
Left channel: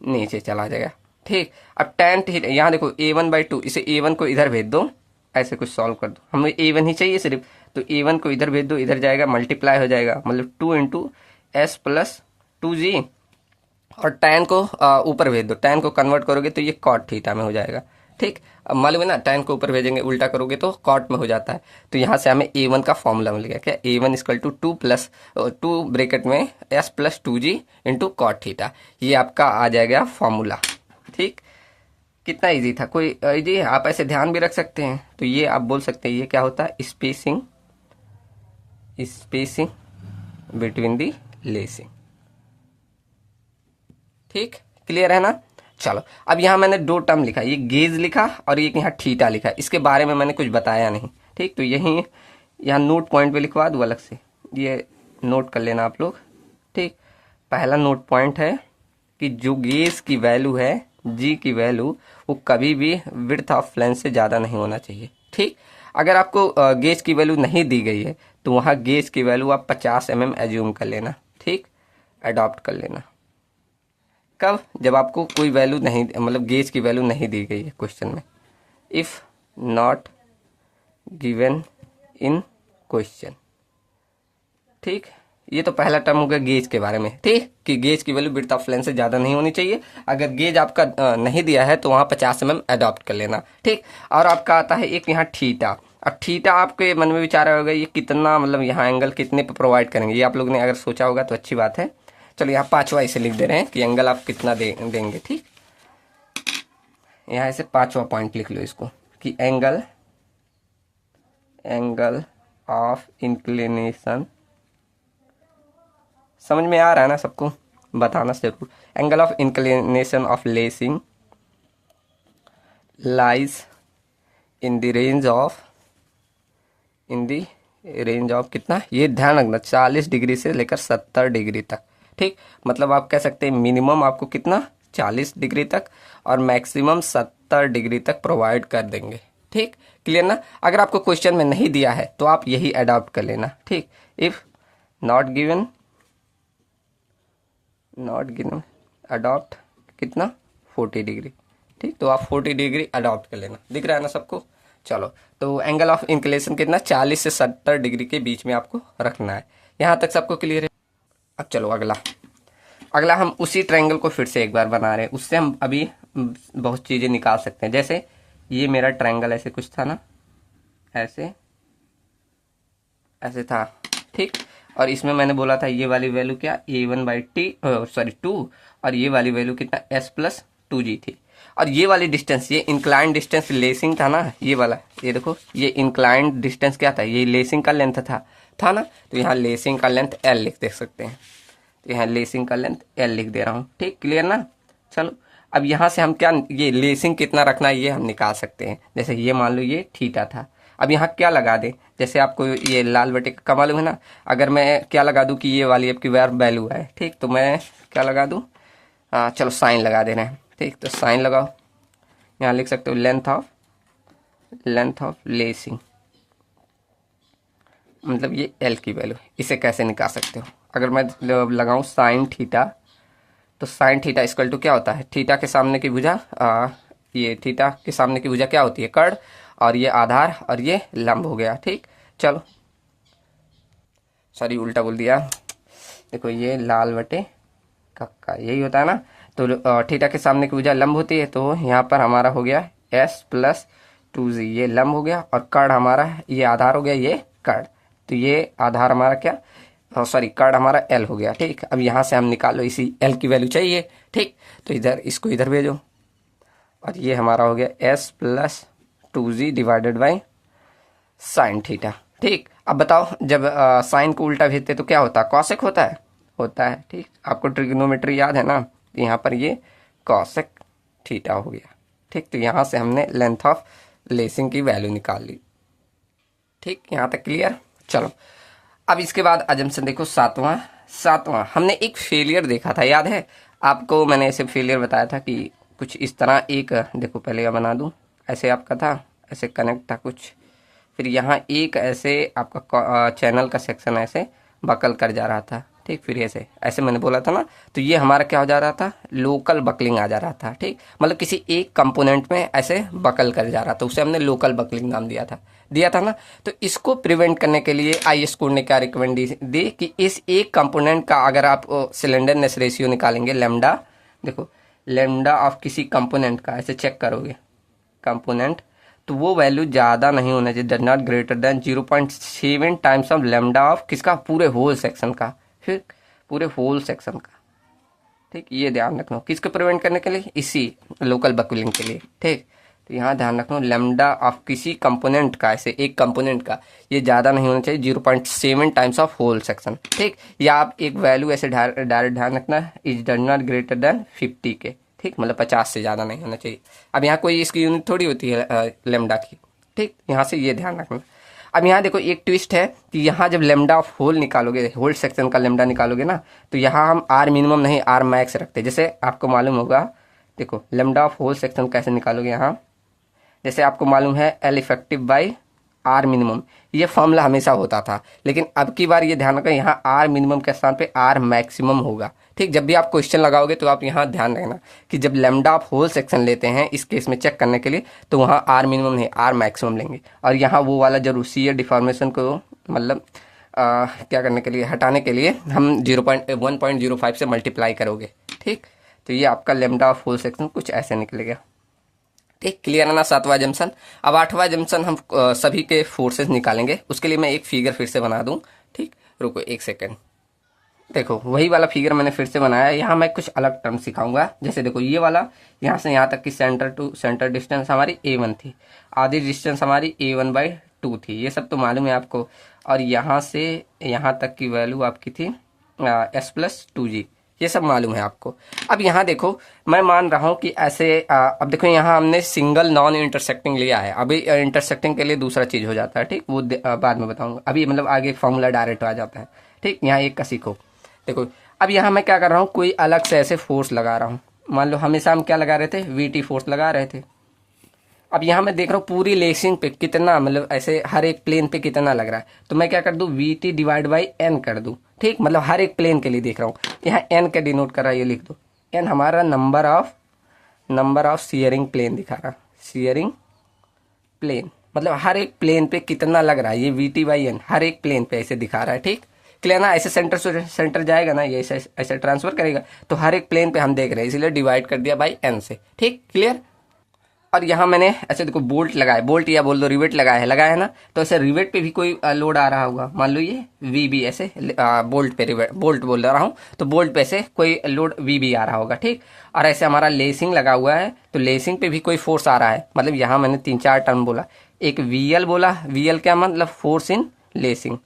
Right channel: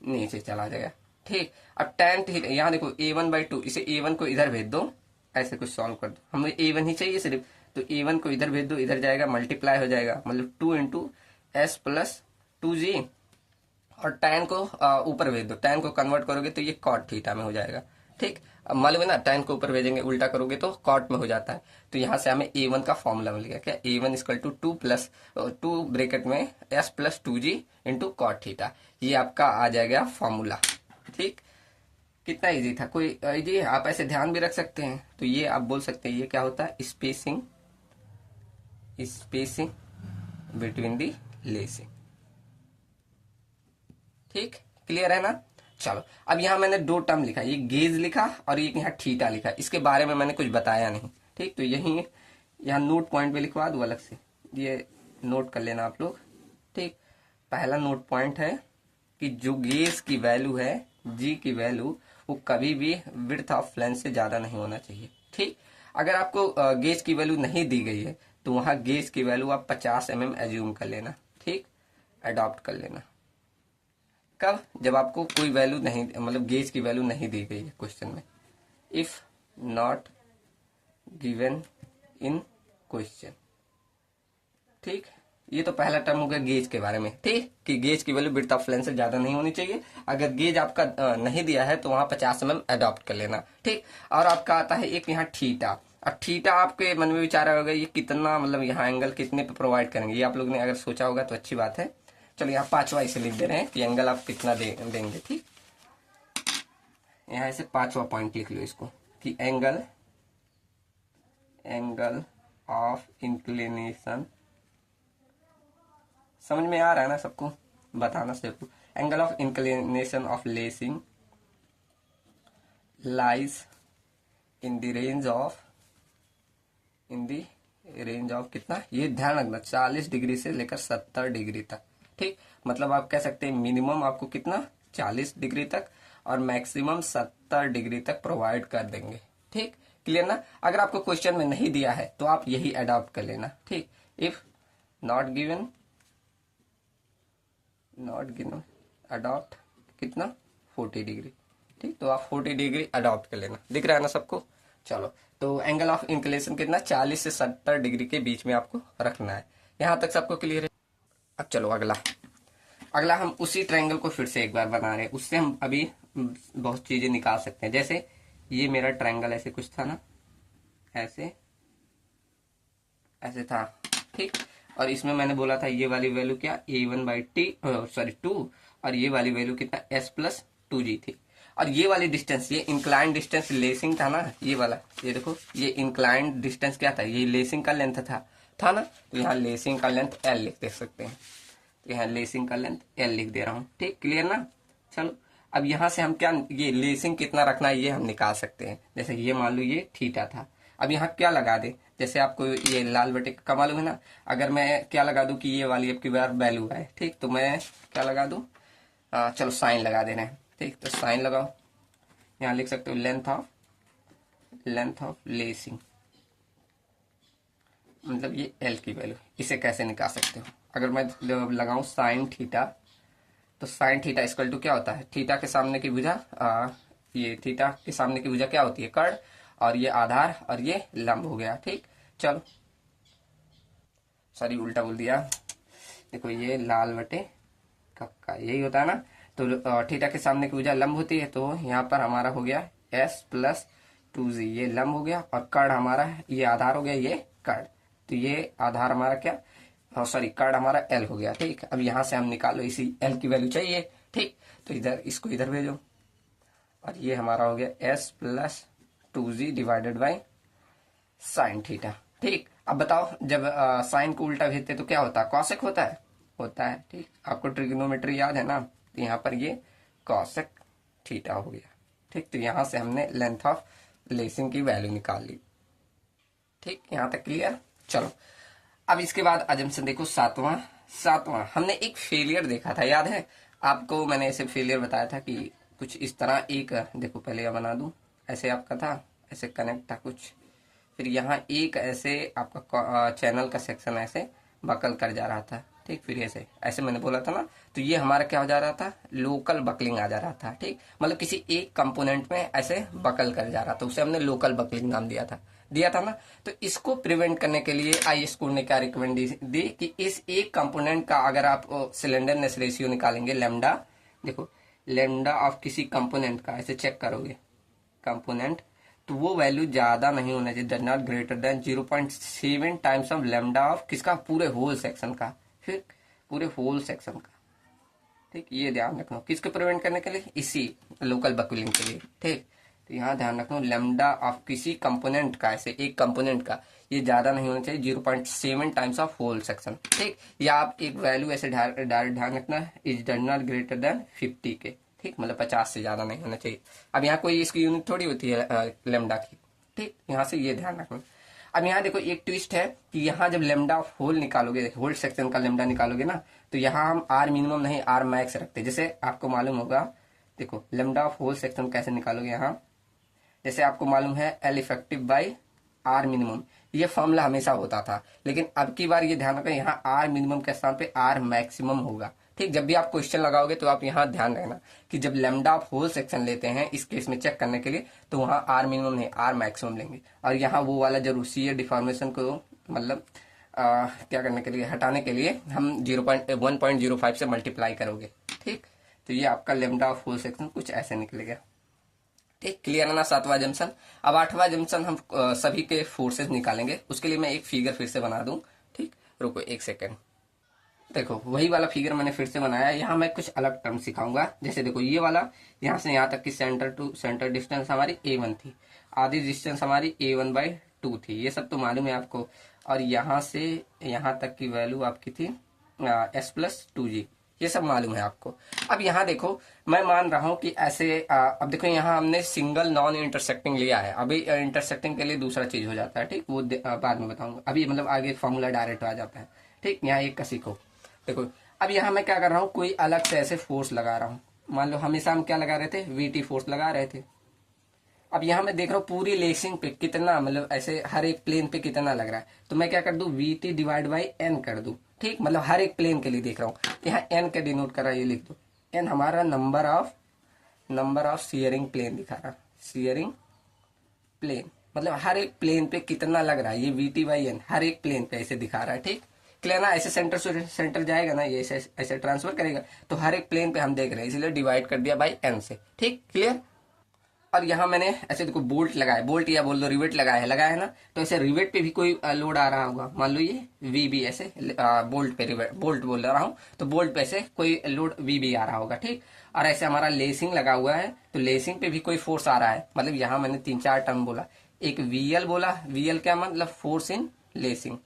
नीचे चला जाएगा। ठीक, अब tan थीटा यहाँ देखो A1/2, इसे A1 को इधर भेज दो, ऐसे कुछ सॉल्व कर दो। हमें A1 ही चाहिए सिर्फ, तो A1 को इधर भेज दो, इधर जाएगा मल्टीप्लाई हो जाएगा, मतलब 2 इंटू S+2G, और tan को ऊपर भेज दो। tan को कन्वर्ट करोगे तो ये cot थीटा में हो जाएगा। ठीक, अब मालूम है ना, tan को ऊपर भेजेंगे उल्टा करोगे तो cot में हो जाता है। तो यहाँ से हमें a1 का फॉर्मूला मिल गया, क्या a1 इक्वल टू 2 ब्रैकेट में s plus 2g into cot theta. ये आपका आ जाएगा फॉर्मूला। ठीक, कितना इजी था, कोई इजी, आप ऐसे ध्यान भी रख सकते हैं। तो ये आप बोल सकते हैं ये क्या होता है, स्पेसिंग बिटवीन दी लेसिंग। ठीक, क्लियर है ना। चलो, अब यहाँ मैंने दो टर्म लिखा, ये गेज लिखा और एक यहाँ थीटा लिखा, इसके बारे में मैंने कुछ बताया नहीं। ठीक, तो यही यहाँ नोट पॉइंट पे लिखवा दूँ अलग से, ये नोट कर लेना आप लोग। ठीक, पहला नोट पॉइंट है कि जो गेज की वैल्यू है, जी की वैल्यू, वो कभी भी विड्थ ऑफ फ्लैंज से ज़्यादा नहीं होना चाहिए। ठीक, अगर आपको गेज की वैल्यू नहीं दी गई है तो वहाँ गेज की वैल्यू आप 50 mm एज्यूम कर लेना। ठीक, अडॉप्ट कर लेना। कब, जब आपको कोई वैल्यू नहीं, मतलब गेज की वैल्यू नहीं दी गई है क्वेश्चन में। If not given in question. ठीक, ये तो पहला टर्म हो गया गेज के बारे में। ठीक, कि गेज की वैल्यू विड्थ ऑफ फ्लैंज से ज्यादा नहीं होनी चाहिए। अगर गेज आपका नहीं दिया है तो वहां 50 mm अडॉप्ट कर लेना। ठीक, और आपका आता है एक यहाँ थीटा। अब थीटा आपके मन में विचार होगा ये कितना, मतलब यहाँ एंगल कितने पे प्रोवाइड करेंगे, ये आप लोग ने अगर सोचा होगा तो अच्छी बात है। चलो यहाँ पांचवा इसे लिख दे रहे हैं कि एंगल आप कितना देंगे। ठीक, यहाँ से पांचवा पॉइंट लिख लो इसको कि एंगल ऑफ इंक्लिनेशन। समझ में आ रहा है ना सबको, बताना जरूर। Angle of inclination of lacing lies in the range of कितना, ये ध्यान रखना, 40 डिग्री से लेकर 70 डिग्री तक। ठीक, मतलब आप कह सकते हैं मिनिमम आपको कितना, 40 डिग्री तक और मैक्सिमम 70 डिग्री तक प्रोवाइड कर देंगे। ठीक, क्लियर ना। अगर आपको क्वेश्चन में नहीं दिया है तो आप यही अडॉप्ट कर लेना। ठीक, इफ नॉट गिवन अडॉप्ट कितना, 40 डिग्री। ठीक, तो आप 40 डिग्री अडॉप्ट कर लेना। दिख रहा है ना सबको। चलो, तो एंगल ऑफ इंक्लिनेशन कितना, 40 से 70 डिग्री के बीच में आपको रखना है। यहाँ तक सबको क्लियर है। अब चलो अगला हम उसी ट्रायंगल को फिर से एक बार बना रहे हैं। उससे हम अभी बहुत चीजें निकाल सकते हैं। जैसे ये मेरा ट्रायंगल ऐसे कुछ था ना, ऐसे था। ठीक, और इसमें मैंने बोला था ये वाली वैल्यू क्या, a1/2 और ये वाली वैल्यू कितना, s प्लस 2g थी। और ये वाली डिस्टेंस, ये इंक्लाइंड डिस्टेंस लेसिंग था ना, ये वाला, ये देखो, ये इंक्लाइंड डिस्टेंस क्या था, ये लेसिंग का लेंथ था ना। तो यहाँ लेसिंग का लेंथ l लिख दे सकते हैं। तो यहाँ लेसिंग का लेंथ l लिख दे रहा हूँ। ठीक, क्लियर ना। चलो, अब यहाँ से हम क्या, ये लेसिंग कितना रखना है ये हम निकाल सकते हैं। जैसे ये मान लो ये थीटा था, अब यहाँ क्या लगा दे, जैसे आपको ये लाल बटे का मालूम है ना, अगर मैं क्या लगा दूं कि ये वाली आपकी वैल्यू है। ठीक, तो मैं क्या लगा दूं, चलो साइन लगा दे रहे हैं। ठीक, तो साइन लगाओ, यहाँ लिख सकते हो लेंथ ऑफ लेसिंग, मतलब ये एल की वैल्यू। इसे कैसे निकाल सकते हो, अगर मैं लगाऊं साइन थीटा, तो साइन थीटा इक्वल टू क्या होता है, थीटा के सामने की भुजा, ये थीटा के सामने की भुजा क्या होती है, कर्ण, और ये आधार और ये लंब हो गया। ठीक, चलो सॉरी उल्टा बोल दिया। देखो ये लाल बटे कक्का यही होता है ना। तो थीटा के सामने की भुजा लंब होती है, तो यहाँ पर हमारा हो गया s प्लस 2g, ये लंब हो गया, और कर्ण हमारा ये आधार हो गया, ये कर्ण। तो ये आधार हमारा क्या, सॉरी कर्ण हमारा l हो गया। ठीक, अब यहाँ से हम निकालो, इसी l की वैल्यू चाहिए। ठीक, तो इधर इसको इधर भेजो, और ये हमारा हो गया s plus 2g divided by sine theta. ठीक, अब बताओ जब साइन को उल्टा भेजते तो क्या होता है, कॉसेक होता है। ठीक, आपको ट्रिग्नोमेट्री याद है ना, तो यहाँ पर ये कॉसेक थीटा हो गया। ठीक, तो यहाँ से हमने लेंथ ऑफ लेसिंग की वैल्यू निकाल ली। ठीक, यहाँ तक क्लियर। चलो, अब इसके बाद अजम्पशन देखो, सातवां हमने एक फेलियर देखा था, याद है आपको, मैंने ऐसे फेलियर बताया था कि कुछ इस तरह एक, देखो पहले यह बना दूं, ऐसे आपका था, ऐसे कनेक्ट था कुछ, फिर यहाँ एक ऐसे आपका चैनल का सेक्शन ऐसे बकल कर जा रहा था। ठीक, फिर ऐसे मैंने बोला था ना, तो ये हमारा क्या हो जा रहा था, लोकल बकलिंग आ जा रहा था। ठीक, मतलब किसी एक कंपोनेंट में ऐसे बकल कर जा रहा था, उसे हमने लोकल बकलिंग नाम दिया था ना। तो इसको प्रिवेंट करने के लिए आई स्कूल ने क्या रिकमेंड दी कि इस एक कंपोनेंट का अगर आप सिलेंडरनेस रेशियो निकालेंगे, लेमडा, देखो लेमडा ऑफ किसी कंपोनेंट का ऐसे चेक करोगे, कंपोनेंट, तो वो वैल्यू ज़्यादा नहीं होना चाहिए, does not greater then 0.7 times of lambda of किसका, पूरे होल सेक्शन का, फिर पूरे होल सेक्शन का। ठीक, ये ध्यान रखना किसको प्रिवेंट करने के लिए, इसी लोकल बकलिंग के लिए। ठीक, तो यहाँ ध्यान रखना लेमडा ऑफ किसी कंपोनेंट का, ऐसे एक कंपोनेंट का, ये ज़्यादा नहीं होना चाहिए 0.7 टाइम्स ऑफ होल सेक्शन। ठीक, या आप एक वैल्यू ऐसे डायरेक्ट ध्यान रखना, is does not greater then 50 के। ठीक, मतलब 50 से ज़्यादा नहीं होना चाहिए। अब यहाँ कोई इसकी यूनिट थोड़ी होती है लेमडा की। ठीक, यहाँ से ये ध्यान रखना। अब यहाँ देखो एक ट्विस्ट है कि यहाँ जब लेमडा ऑफ होल निकालोगे, होल सेक्शन का लेमडा निकालोगे ना, तो यहाँ हम आर मिनिमम नहीं आर मैक्स रखते। जैसे आपको मालूम होगा, देखो लेमडा ऑफ होल सेक्शन कैसे निकालोगे, यहाँ जैसे आपको मालूम है L effective by r minimum, ये फॉर्मूला हमेशा होता था, लेकिन अब की बार ये ध्यान रखना यहाँ आर मिनिमम के स्थान पे आर मैक्सिमम होगा। ठीक, जब भी आप क्वेश्चन लगाओगे तो आप यहाँ ध्यान रखना कि जब लेमडा आप होल सेक्शन लेते हैं इस केस में चेक करने के लिए, तो वहाँ आर मिनिमम नहीं आर मैक्सिमम लेंगे, और यहाँ वो वाला जरूर सी डिफॉर्मेशन को मतलब क्या करने के लिए, हटाने के लिए हम 1.05 से मल्टीप्लाई करोगे। ठीक, तो ये आपका लेमडा ऑफ होल सेक्शन कुछ ऐसे निकलेगा। ठीक, क्लियर है ना सातवां जंक्शन। अब आठवां जंक्शन हम सभी के फोर्सेस निकालेंगे, उसके लिए मैं एक फिगर फिर से बना दूं। ठीक, रुको एक सेकेंड, देखो वही वाला फिगर मैंने फिर से बनाया। यहाँ मैं कुछ अलग टर्म सिखाऊंगा। जैसे देखो ये वाला, यहाँ से यहाँ तक की सेंटर टू सेंटर डिस्टेंस हमारी A1 थी, आधी डिस्टेंस हमारी A1/2 थी, ये सब तो मालूम है आपको। और यहाँ से यहाँ तक की वैल्यू आपकी थी S+2G, ये सब मालूम है आपको। अब यहाँ देखो मैं मान रहा हूँ कि ऐसे अब देखो यहाँ हमने सिंगल नॉन इंटरसेक्टिंग लिया है, अभी इंटरसेक्टिंग के लिए दूसरा चीज हो जाता है। ठीक, वो बाद में बताऊंगा, अभी मतलब आगे फॉर्मूला डायरेक्ट आ जाता है। ठीक, यहाँ एक का सीखो। देखो अब यहाँ मैं क्या कर रहा हूँ, कोई अलग से ऐसे फोर्स लगा रहा हूँ। मान लो हमेशा हम क्या लगा रहे थे, VT फोर्स लगा रहे थे। अब यहाँ मैं देख रहा हूँ पूरी लेसिंग पे कितना, मतलब ऐसे हर एक प्लेन पे कितना लग रहा है, तो मैं क्या कर दूं, VT डिवाइड बाई N कर दूं। ठीक, मतलब हर एक प्लेन के लिए देख रहा हूँ, यहाँ N का डिनोट कर रहा है, ये लिख दो। N हमारा नंबर ऑफ सीयरिंग प्लेन दिखा रहा, सीयरिंग प्लेन, मतलब हर एक प्लेन पे कितना लग रहा है, ये VT/N हर एक प्लेन पे ऐसे दिखा रहा है। ठीक, क्लियर ना, ऐसे सेंटर से सेंटर जाएगा ना, ये ऐसे ऐसे ट्रांसफर करेगा, तो हर एक प्लेन पे हम देख रहे हैं, इसलिए डिवाइड कर दिया बाई N से। ठीक, क्लियर। और यहाँ मैंने ऐसे देखो बोल्ट लगाया, बोल्ट या बोल दो रिवेट लगाया है ना, तो ऐसे रिवेट पे भी कोई लोड आ रहा होगा। मान लो ये VB ऐसे बोल्ट पे, रिवेट बोल्ट बोल रहा हूँ, तो बोल्ट पे से कोई लोड VB आ रहा होगा। ठीक, और ऐसे हमारा लेसिंग लगा हुआ है, तो लेसिंग पे भी कोई फोर्स आ रहा है। मतलब यहाँ मैंने 3-4 टर्म बोला, एक VL बोला, VL क्या मतलब force in lacing,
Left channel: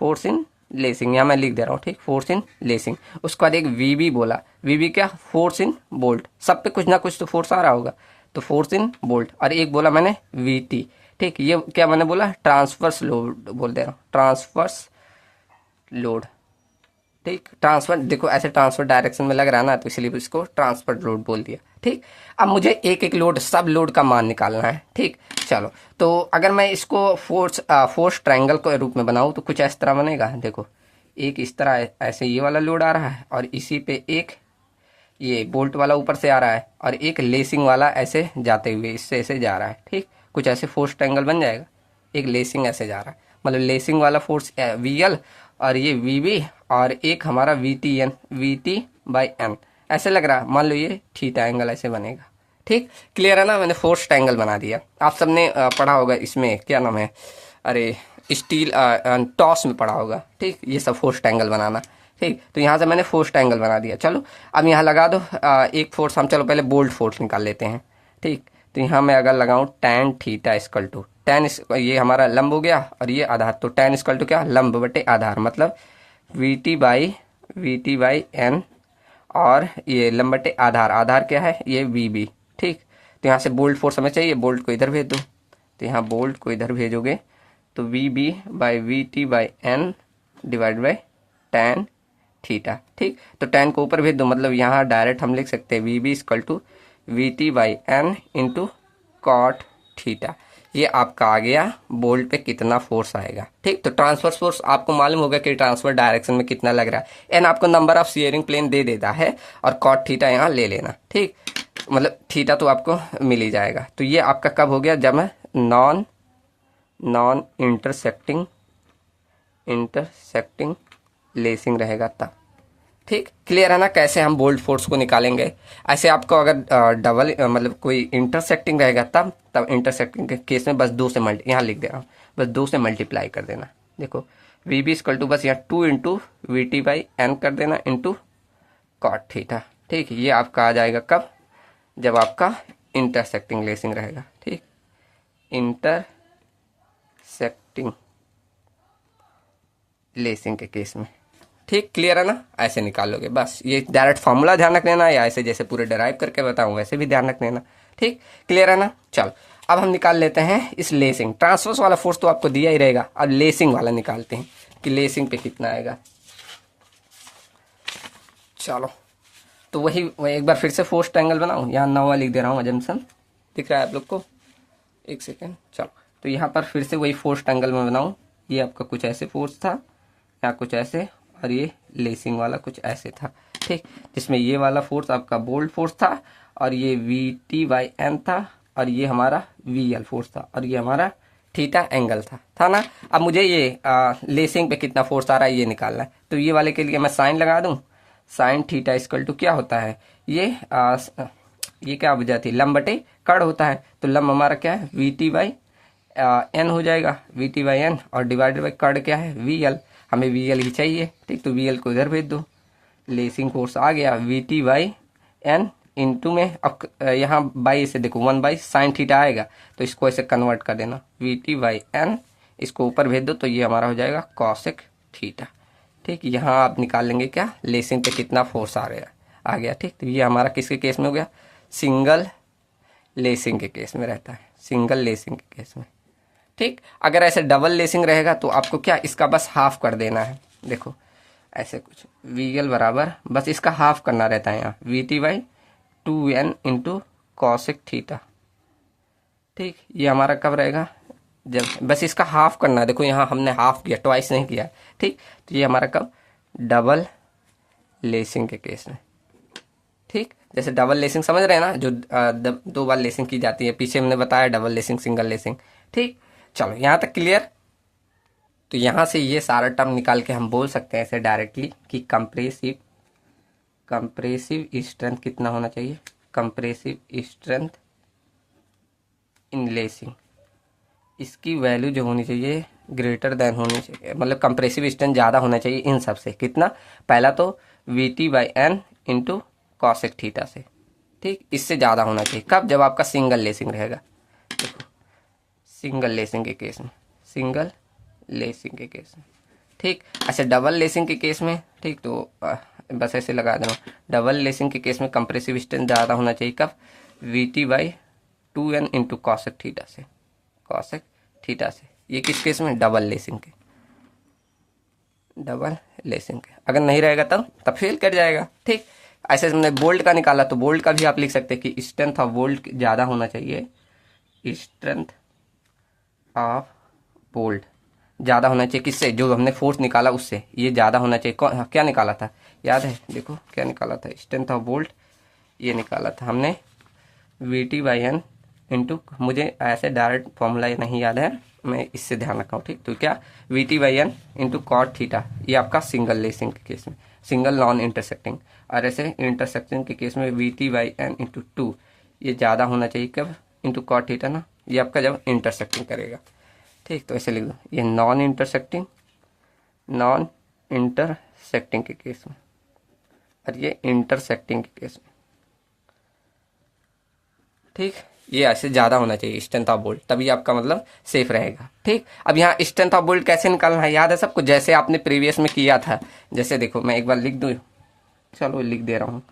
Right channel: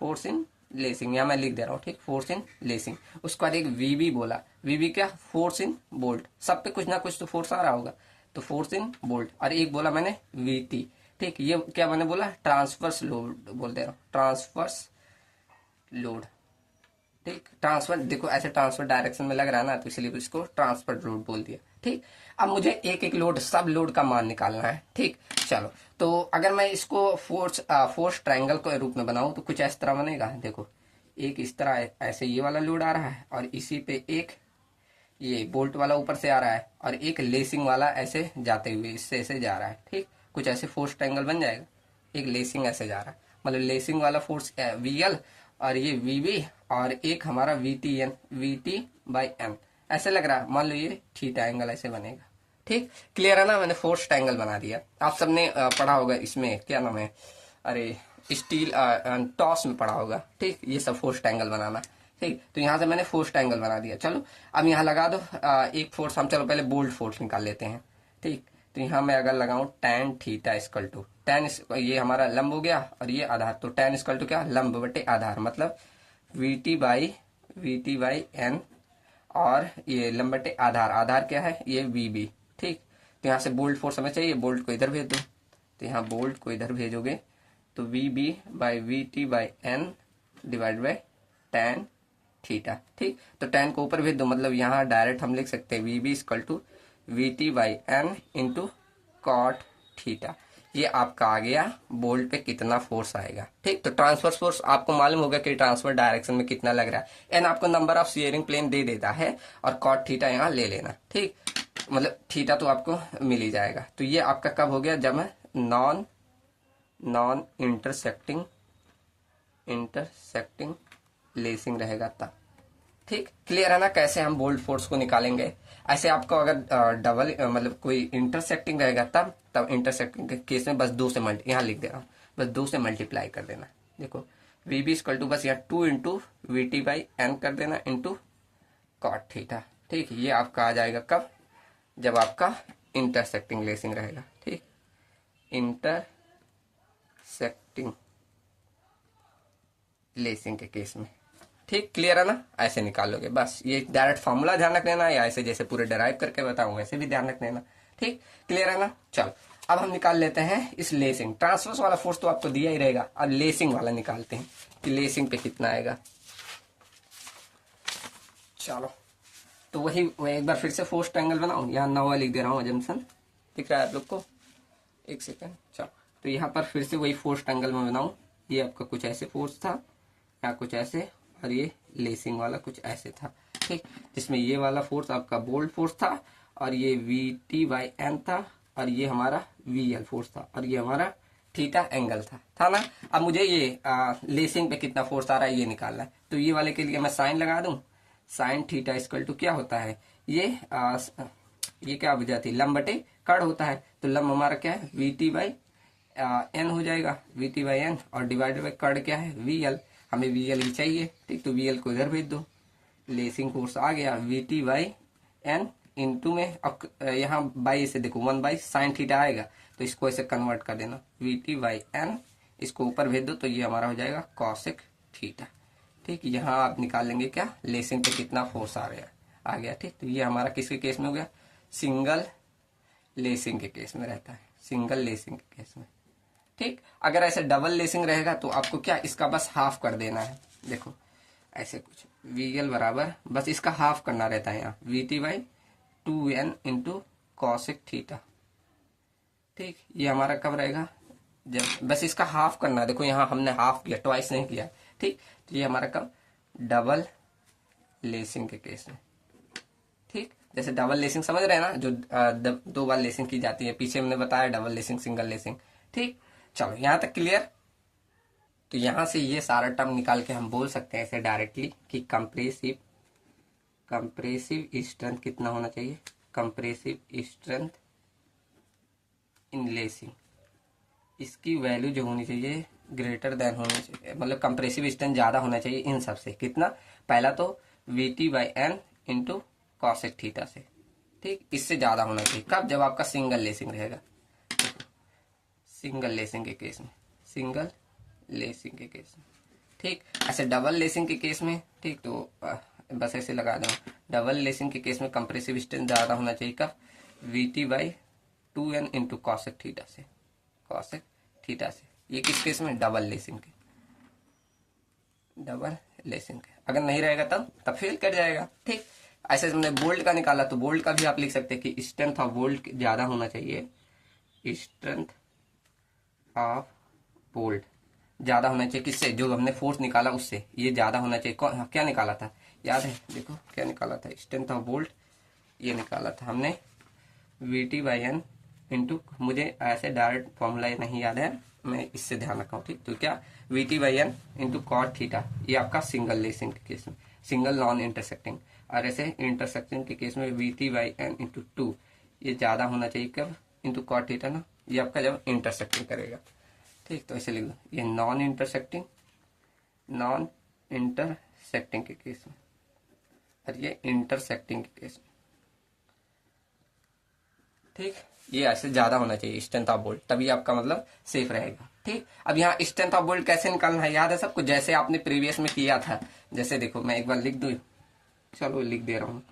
force in lacing, यहाँ मैं लिख दे रहा हूँ। ठीक, फोर्स इन लेसिंग। उसके बाद एक VB बोला, VB क्या, फोर्स इन बोल्ट, सब पे कुछ ना कुछ तो फोर्स आ रहा होगा, तो फोर्स इन बोल्ट। और एक बोला मैंने VT। ठीक, ये क्या मैंने बोला, ट्रांसवर्स लोड बोल दे रहा हूँ, ट्रांसवर्स लोड। ठीक, ट्रांसफर देखो ऐसे ट्रांसफर डायरेक्शन में लग रहा है ना, तो इसलिए इसको ट्रांसफर लोड बोल दिया। ठीक, अब मुझे एक एक लोड, सब लोड का मान निकालना है। ठीक, चलो, तो अगर मैं इसको फोर्स ट्रायंगल के रूप में बनाऊं तो कुछ इस तरह बनेगा। देखो एक इस तरह ऐसे ये वाला लोड आ रहा है, और इसी पे एक ये बोल्ट वाला ऊपर से आ रहा है, और एक लेसिंग वाला ऐसे जाते हुए इससे ऐसे जा रहा है। ठीक, कुछ ऐसे फोर्स ट्रायंगल बन जाएगा। एक लेसिंग ऐसे जा रहा है, मतलब लेसिंग वाला फोर्स VL, और ये VB, और एक हमारा VT/N ऐसे लग रहा है। मान लो ये थीटा एंगल ऐसे बनेगा। ठीक, क्लियर है ना, मैंने फोर्स ट्रायंगल बना दिया। आप सबने पढ़ा होगा इसमें, क्या नाम है, अरे स्टील टॉस में पढ़ा होगा। ठीक, ये सब फोर्स ट्रायंगल बनाना। ठीक, तो यहाँ से मैंने फोर्स ट्रायंगल बना दिया। चलो अब यहाँ लगा दो एक फोर्स, हम चलो पहले बोल्ट फोर्स निकाल लेते हैं। ठीक, तो यहाँ मैं अगर लगाऊं tan थीटा इक्वल टू ये हमारा लंब हो गया, और ये आधार, तो tan इक्वल टू क्या, लंब बटे आधार, मतलब VT/N, और ये लंब बटे आधार, आधार क्या है, ये VB। ठीक, तो यहाँ से बोल्ट फोर्स हमें चाहिए, बोल्ट को इधर भेज दो, तो यहाँ बोल्ट को इधर भेजोगे तो VB/VT/N divide by tan theta. ठीक, तो tan को ऊपर भेज दो, मतलब यहाँ डायरेक्ट हम लिख सकते हैं VB equal to VT/N into cot theta. ये आपका आ गया बोल्ट पे कितना फोर्स आएगा। ठीक, तो ट्रांसफर फोर्स आपको मालूम होगा कि ट्रांसफर डायरेक्शन में कितना लग रहा है। एन आपको नंबर ऑफ सीयरिंग प्लेन दे देता है, और कॉट थीटा यहाँ ले लेना। ठीक, मतलब थीटा तो आपको मिल ही जाएगा। तो ये आपका कब हो गया, जब मैं नॉन इंटरसेक्टिंग लेसिंग रहेगा तब। ठीक, क्लियर है ना कैसे हम बोल्ट फोर्स को निकालेंगे। ऐसे आपको अगर डबल मतलब कोई इंटरसेक्टिंग रहेगा तब इंटरसेक्टिंग के केस में बस 2 से मल्टी यहाँ लिख दे रहा हूँ, बस 2 से मल्टीप्लाई कर देना। देखो वी बी इक्वल टू बस यहाँ 2 into V T by N कर देना इंटू कॉट थीटा। ठीक, ये आपका आ जाएगा कब, जब आपका इंटरसेक्टिंग लेसिंग रहेगा। ठीक, इंटरसेक्टिंग लेसिंग के केस में। ठीक, क्लियर है ना, ऐसे निकालोगे बस। ये डायरेक्ट फॉर्मूला ध्यान रख लेना, या ऐसे जैसे पूरे डराइव करके बताऊं वैसे भी ध्यान रख लेना। ठीक, क्लियर है ना। चलो अब हम निकाल लेते हैं इस लेसिंग, ट्रांसवर्स वाला फोर्स तो आपको दिया ही रहेगा, अब लेसिंग वाला निकालते हैं कि लेसिंग पे कितना आएगा। चलो तो वही एक बार फिर से फोर्स ट्रायंगल बनाऊं, यहाँ नवा लिख दे रहा हूँ, अजम्पशन दिख रहा है आप लोग को, एक सेकेंड। चलो तो यहाँ पर फिर से वही फोर्स ट्रायंगल में बनाऊं, ये आपका कुछ ऐसे फोर्स था, या कुछ ऐसे, और ये लेसिंग वाला कुछ ऐसे था। ठीक, जिसमें ये वाला फोर्स आपका बोल्ट फोर्स था, और ये वी टी बाई एन था, और ये हमारा वी एल फोर्स था, और ये हमारा थीटा एंगल था ना। अब मुझे ये लेसिंग पे कितना फोर्स आ रहा है ये निकालना है, तो ये वाले के लिए मैं साइन लगा दूं, साइन थीटा इक्वल टू क्या होता है, ये क्या वजह थी, लंब बटे कड़ होता है, तो लंब हमारा क्या है वी टी बाई एन हो जाएगा, वी टी बाई एन, और डिवाइडेड बाई कड़ क्या है वी एल, हमें वी एल ही चाहिए। ठीक, तो वी एल को इधर भेज दो, लेसिंग फोर्स आ गया V T by N into में, अब यहाँ बाई से देखो 1 बाई साइन थीटा आएगा, तो इसको ऐसे कन्वर्ट कर देना, वी टी बाई एन, इसको ऊपर भेज दो, तो ये हमारा हो जाएगा कॉसेक थीटा। ठीक, यहाँ आप निकाल लेंगे क्या, लेसिंग पे कितना फोर्स आ गया। ठीक, तो ये हमारा किसके केस में हो गया, सिंगल लेसिंग के केस में रहता है, सिंगल लेसिंग के केस में। ठीक, अगर ऐसे डबल लेसिंग रहेगा तो आपको क्या, इसका बस हाफ कर देना है। देखो ऐसे कुछ वी एल बराबर बस इसका हाफ करना रहता है, यहाँ we T by 2n into cosec theta. ठीक, ये हमारा कब रहेगा, जब बस इसका हाफ करना है। देखो यहाँ हमने हाफ किया, ट्वाइस नहीं किया। ठीक, तो ये हमारा कब, डबल लेसिंग के केस में। ठीक, जैसे डबल लेसिंग समझ रहे हैं ना, जो 2 बार लेसिंग की जाती है, पीछे हमने बताया डबल लेसिंग, सिंगल लेसिंग। ठीक, चलो यहाँ तक क्लियर। तो यहाँ से ये सारा टर्म निकाल के हम बोल सकते हैं ऐसे डायरेक्टली कि कंप्रेसिव स्ट्रेंथ कितना होना चाहिए, कंप्रेसिव स्ट्रेंथ इन लेसिंग, इसकी वैल्यू जो होनी चाहिए ग्रेटर देन होनी चाहिए, मतलब कंप्रेसिव स्ट्रेंथ ज़्यादा होना चाहिए इन सब से। कितना, पहला तो V T by N into cosec theta से। ठीक, इससे ज़्यादा होना चाहिए कब, जब आपका सिंगल लेसिंग रहेगा। सिंगल लेसिंग के केस में, सिंगल लेसिंग के केस में। ठीक, ऐसे डबल लेसिंग के केस में, ठीक, तो बस ऐसे लगा देना, डबल लेसिंग के केस में कंप्रेसिव स्ट्रेंथ ज़्यादा होना चाहिए कब, we T by 2n into cosec theta से, कॉसेक थीटा से। ये किस केस में, डबल लेसिंग के, डबल लेसिंग के। अगर नहीं रहेगा तब फेल कर जाएगा। ठीक, ऐसे हमने बोल्ट का निकाला, तो बोल्ट का भी आप लिख सकते हैं कि स्ट्रेंथ ऑफ बोल्ट ज़्यादा होना चाहिए, स्ट्रेंथ ऑफ बोल्ट ज़्यादा होना चाहिए किससे, जो हमने फोर्स निकाला उससे, ये ज़्यादा होना चाहिए। क्या निकाला था, याद है, देखो क्या निकाला था, स्ट्रेंथ ऑफ बोल्ट ये निकाला था हमने V T by N into, मुझे ऐसे डायरेक्ट फॉर्मूला नहीं याद है, मैं इससे ध्यान रखा हूँ। ठीक, तो क्या, V T by N into cot theta, ये आपका सिंगल लेसिंग के केस में, सिंगल नॉन इंटरसेक्टिंग। और ऐसे इंटरसेक्टिंग के केस में V T by N into 2, ये ज़्यादा होना चाहिए कब, इंटू कॉट थीटा ना, ये आपका जब इंटरसेक्टिंग करेगा। ठीक, तो ऐसे लिख दो, ये नॉन इंटरसेक्टिंग के केस में, और ये इंटरसेक्टिंग के केस में। ठीक, ये ऐसे ज़्यादा होना चाहिए स्ट्रेंथ ऑफ बोल्ट, तभी आपका मतलब सेफ रहेगा। ठीक, अब यहाँ स्ट्रेंथ ऑफ बोल्ट कैसे निकालना है, याद है सबको, जैसे आपने प्रीवियस में किया था। जैसे देखो मैं एक बार लिख दूँ, चलो लिख दे रहा हूँ,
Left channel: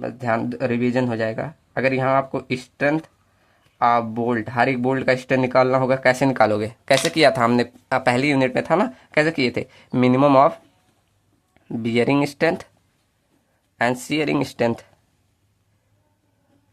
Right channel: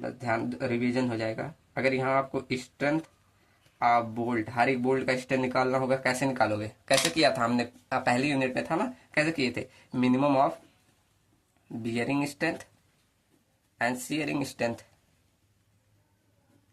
बस ध्यान, रिवीजन हो जाएगा। अगर यहाँ आपको स्ट्रेंथ ऑफ बोल्ट, हर एक बोल्ट का स्ट्रेंथ निकालना होगा, कैसे निकालोगे, कैसे किया था हमने, पहली यूनिट में था ना, कैसे किए थे, minimum of bearing strength and shearing strength,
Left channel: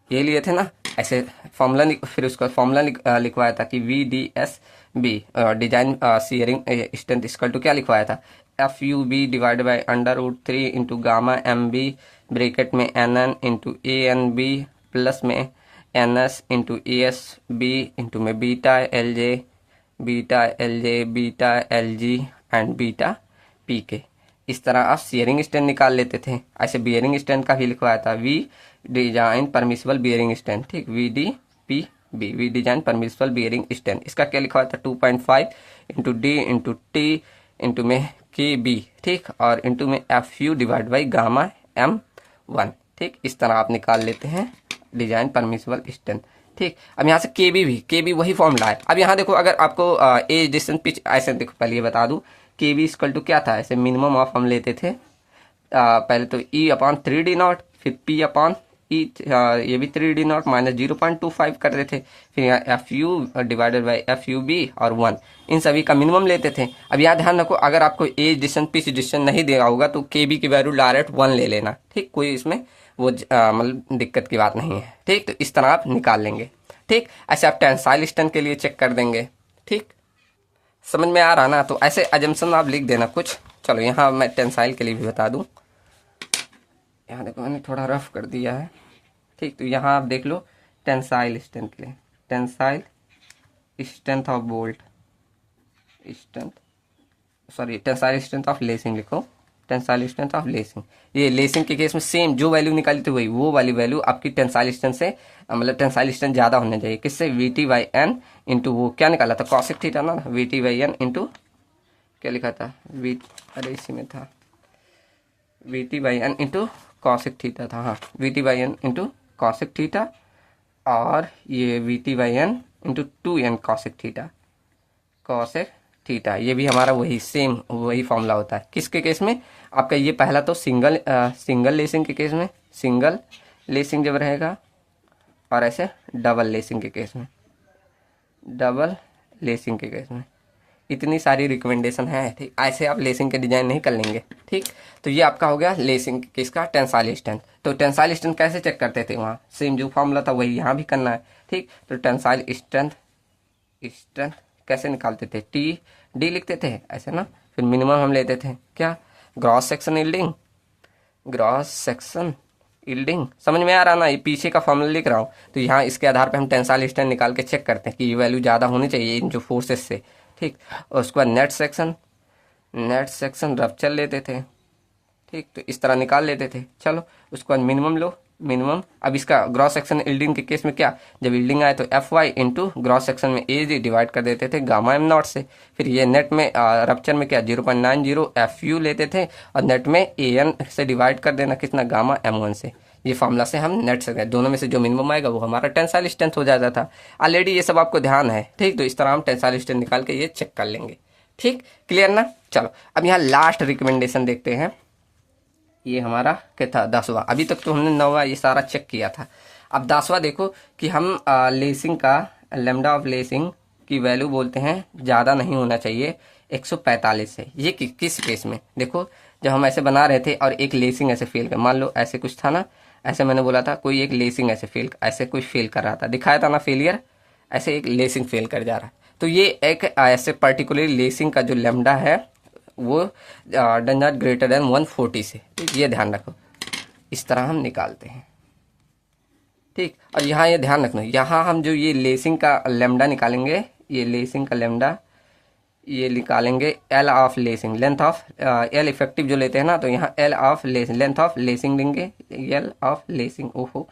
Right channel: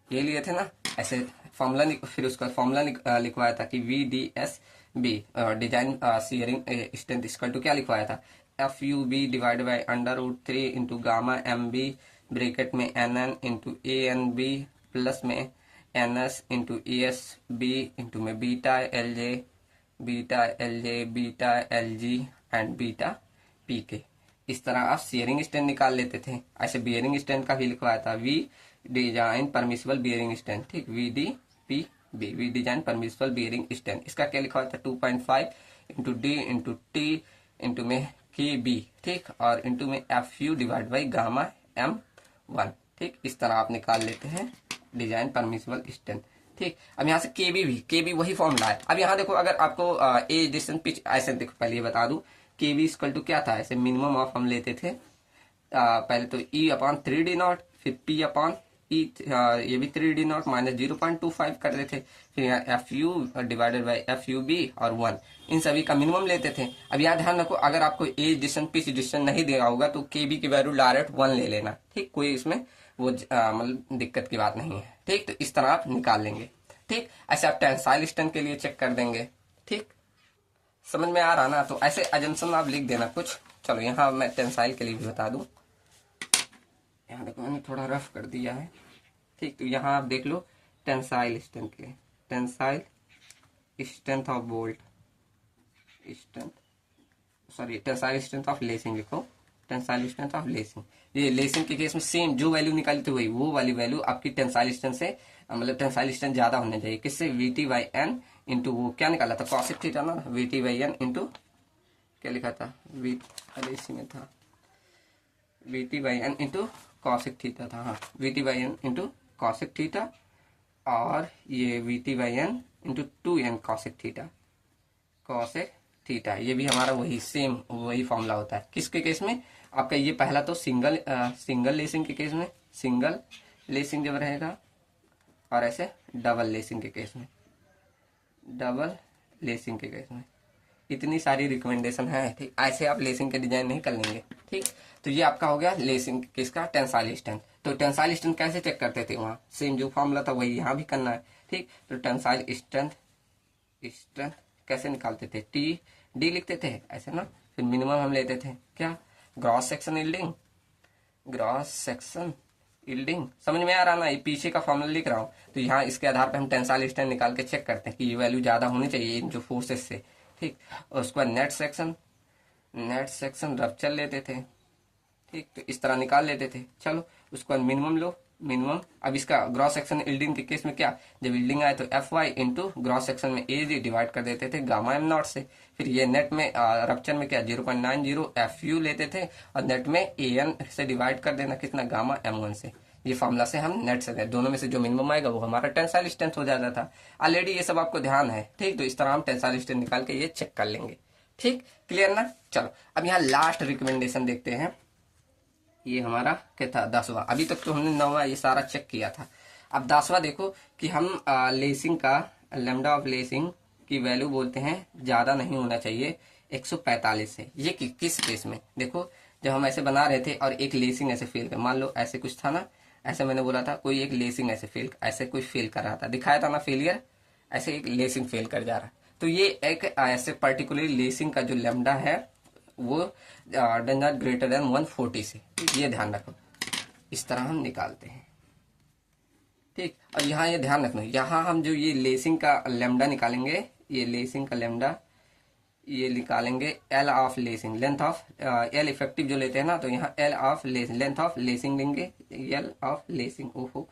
ये लिए थे ना। ऐसे फॉर्मूला, फिर उसका फॉर्मूला लिखवाया था कि V D S B, design shearing strength equal to क्या लिखवाया था, F U B divide by √3 into gamma M B, bracket में N N into A N B plus में N S into A S B into में beta L J beta L G and beta P K. इस तरह आप sharing strength निकाल लेते थे। ऐसे बियरिंग स्ट्रेंथ का भी लिखवाया था, V design permissible bearing strength, ठीक, V D P B, V design permissible bearing strength. इसका क्या लिखा हुआ था 2.5 into D into T into में के बी, ठीक, और इंटू में F U divide by gamma M 1, ठीक। इस तरह आप निकाल लेते हैं डिजाइन परमिसिबल स्ट्रेंथ, ठीक। अब यहाँ से के बी वही फॉर्मूला है। अब यहाँ देखो, अगर आपको एज डिस्टेंस पिच ऐसे देखो, पहले ये बता दूं के बी इक्वल टू क्या था, ऐसे मिनिमम ऑफ हम लेते थे पहले तो ई अपॉन 3d0, फिर पी अपॉन ई, ये भी 3d0 माइनस 0.25 कर रहे थे, फिर यहाँ F U divided by F U B और 1, इन सभी का मिनिमम लेते थे। अब यहाँ ध्यान रखो, अगर आपको एज डिस्टेंस पिच डिस्टेंस नहीं दिया होगा तो के बी की वैल्यू डायरेक्ट 1 ले लेना, ठीक, कोई इसमें वो मतलब दिक्कत की बात नहीं है, ठीक। तो इस तरह आप निकाल लेंगे, ठीक। ऐसे आप टेंसाइल स्ट्रेंथ के लिए चेक कर देंगे, ठीक। समझ में आ रहा ना? तो ऐसे अजम्पशन आप लिख देना कुछ। चलो यहाँ मैं टेंसाइल के लिए भी बता दूं, यहाँ देखो मैंने थोड़ा रफ कर दिया है, ठीक। तो यहाँ आप देख लो टेंसाइल स्ट्रेंथ के लिए, tensile strength of bolt strength, sorry tensile strength of lacing लिखो, टेंसाइल स्ट्रेंथ ऑफ लेसिंग। ये लेसिंग के केस में सेम जो वैल्यू निकाली थी वही वो वाली वैल्यू आपकी टेंसाइल स्ट्रेंथ से, मतलब टेंसाइल स्ट्रेंथ ज्यादा होना चाहिए, किससे, V T by N into वो क्या निकाला था, कॉसेक थीटा ना, V T by N into क्या लिखा था, वी, अरे इसी में था, V T by N into cosec theta था, हाँ, V T by N into cosec theta, और ये V T by N into 2n cosec theta, cosec theta, ये भी हमारा वही सेम वही फॉर्मूला होता है। किसके केस में, आपका ये पहला तो सिंगल लेसिंग के केस में, सिंगल लेसिंग जब रहेगा, और ऐसे डबल लेसिंग के केस में, डबल लेसिंग के केस में, इतनी सारी रिकमेंडेशन है, ठीक। ऐसे आप लेसिंग के डिजाइन नहीं कर लेंगे, ठीक। तो ये आपका हो गया लेसिंग किसका, टेंसाइल स्ट्रेंथ। तो टेंसाइल स्ट्रेंथ कैसे चेक करते थे, वहाँ सेम जो फॉर्मूला था वही यहाँ भी करना है, ठीक। तो टेंसाइल स्ट्रेंथ कैसे निकालते थे, टी डी लिखते थे ऐसे ना, फिर मिनिमम हम लेते थे क्या, gross section yielding, gross section yielding, समझ में आ रहा ना? ये पीछे का फॉर्मूला लिख रहा हूँ। तो यहाँ इसके आधार पे हम टेंसाइल स्ट्रेंथ निकाल के चेक करते हैं कि ये वैल्यू ज़्यादा होनी चाहिए इन जो फोर्सेस से, ठीक। और उसके बाद नेट सेक्शन रप्चर लेते थे, ठीक। तो इस तरह निकाल लेते थे। चलो उसके बाद मिनिमम लो, मिनिमम। अब इसका ग्रॉस सेक्शन यील्डिंग के केस में क्या, जब यील्डिंग आए तो F Y into gross section में ए जी डिवाइड कर देते थे गामा एम नॉट से। फिर ये नेट में रप्चर में क्या 0.90 एफ यू लेते थे, और नेट में ए एन से डिवाइड कर देना कितना, गामा एम 1 से। ये फॉर्मूला से हम नेट से गए, दोनों में से जो मिनिमम आएगा वो हमारा टेंसाइल स्ट्रेंथ हो जाता था। ऑलरेडी ये सब आपको ध्यान है, ठीक। तो इस तरह हम टेंसाइल स्ट्रेंथ निकाल के ये चेक कर लेंगे, ठीक, क्लियर ना? चलो अब यहाँ लास्ट रिकमेंडेशन देखते हैं। ये हमारा क्या था, 10वां। अभी तक तो हमने 9वां ये सारा चेक किया था। अब 10वां देखो कि हम लेसिंग का लेमडा ऑफ लेसिंग की वैल्यू बोलते हैं ज़्यादा नहीं होना चाहिए 145 से। ये किस केस में, देखो जब हम ऐसे बना रहे थे और एक लेसिंग ऐसे फेल कर, मान लो ऐसे कुछ था ना, ऐसे मैंने बोला था कोई एक लेसिंग ऐसे कुछ फेल कर रहा था, दिखाया था ना फेलियर, ऐसे एक लेसिंग फेल कर जा रहा है। तो ये एक ऐसे पर्टिकुलर लेसिंग का जो लेमडा है वो डज नॉट ग्रेटर देन 140 से, ये ध्यान रखो। इस तरह हम निकालते हैं, ठीक। और यहाँ ये ध्यान रखना, यहाँ हम जो ये लेसिंग का लेमडा निकालेंगे, ये लेसिंग का लेमडा ये निकालेंगे L of lacing, length of L effective जो लेते हैं ना, तो यहाँ L of lacing, length of lacing लेंगे, एल ऑफ लेसिंग, ओहो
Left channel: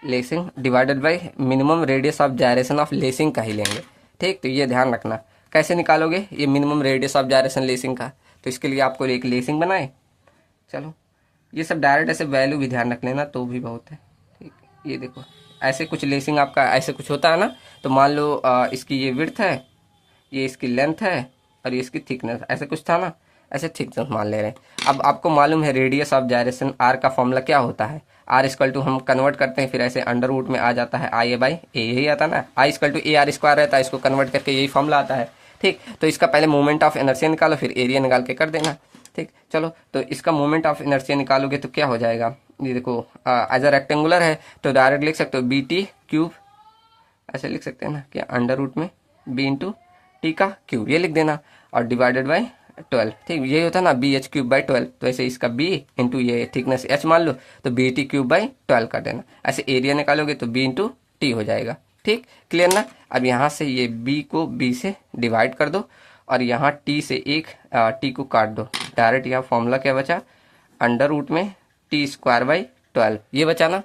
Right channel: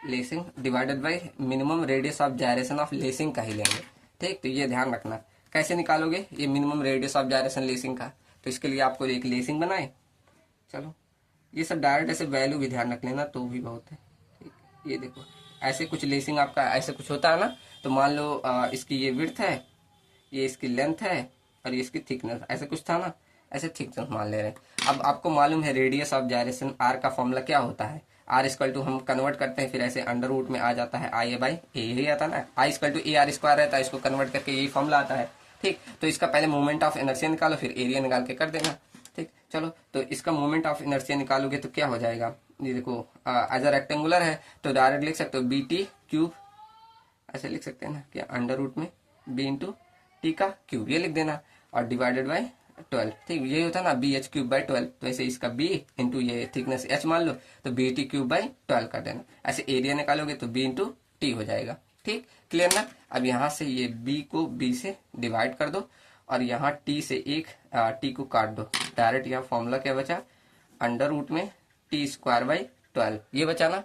lacing divided by minimum radius of gyration of lacing का ही लेंगे, ठीक। तो ये ध्यान रखना कैसे निकालोगे ये minimum radius of gyration lacing का। तो इसके लिए आपको एक लेसिंग बनाए, चलो ये सब डायरेक्ट ऐसे वैल्यू भी ध्यान रख लेना तो भी बहुत है, ठीक। ये देखो ऐसे कुछ लेसिंग आपका ऐसे कुछ होता है ना, तो मान लो इसकी ये विड्थ है, ये इसकी लेंथ है, और ये इसकी थिकनेस, ऐसे कुछ था ना, ऐसे थिकनेस मान ले रहे हैं। अब आपको मालूम है रेडियस ऑफ जायरेशन आर का फॉर्मूला क्या होता है, आर इक्वल टू हम कन्वर्ट करते हैं, फिर ऐसे अंडर रूट में आ जाता है आई ए बाई ए, यही आता है ना, I equal to A R square रहता है, इसको कन्वर्ट करके यही फॉर्मूला आता है, ठीक। तो इसका पहले मोमेंट ऑफ इनर्शिया निकालो, फिर एरिया निकाल के कर देना, ठीक। चलो तो इसका मोमेंट ऑफ इनर्शिया निकालोगे तो क्या हो जाएगा, ये देखो एज अ रेक्टेंगुलर है तो डायरेक्ट लिख सकते हो बी टी क्यूब, ऐसे लिख सकते हैं ना, क्या अंडर रूट में बी इंटू टी का क्यूब, ये लिख देना, और डिवाइडेड बाई 12, ठीक। यही होता है ना बी एच क्यूब बाई 12, तो ऐसे इसका बी इंटू ये थिकनेस एच मान लो तो बी टी क्यूब बाई 12 कर देना। ऐसे एरिया निकालोगे तो बी इंटू टी हो जाएगा, ठीक, क्लियर ना? अब यहाँ से ये बी को बी से डिवाइड कर दो, और यहाँ टी से एक टी को काट दो, डायरेक्ट यहाँ फॉर्मूला क्या बचा, अंडर रूट में t²/12 ये बचा ना।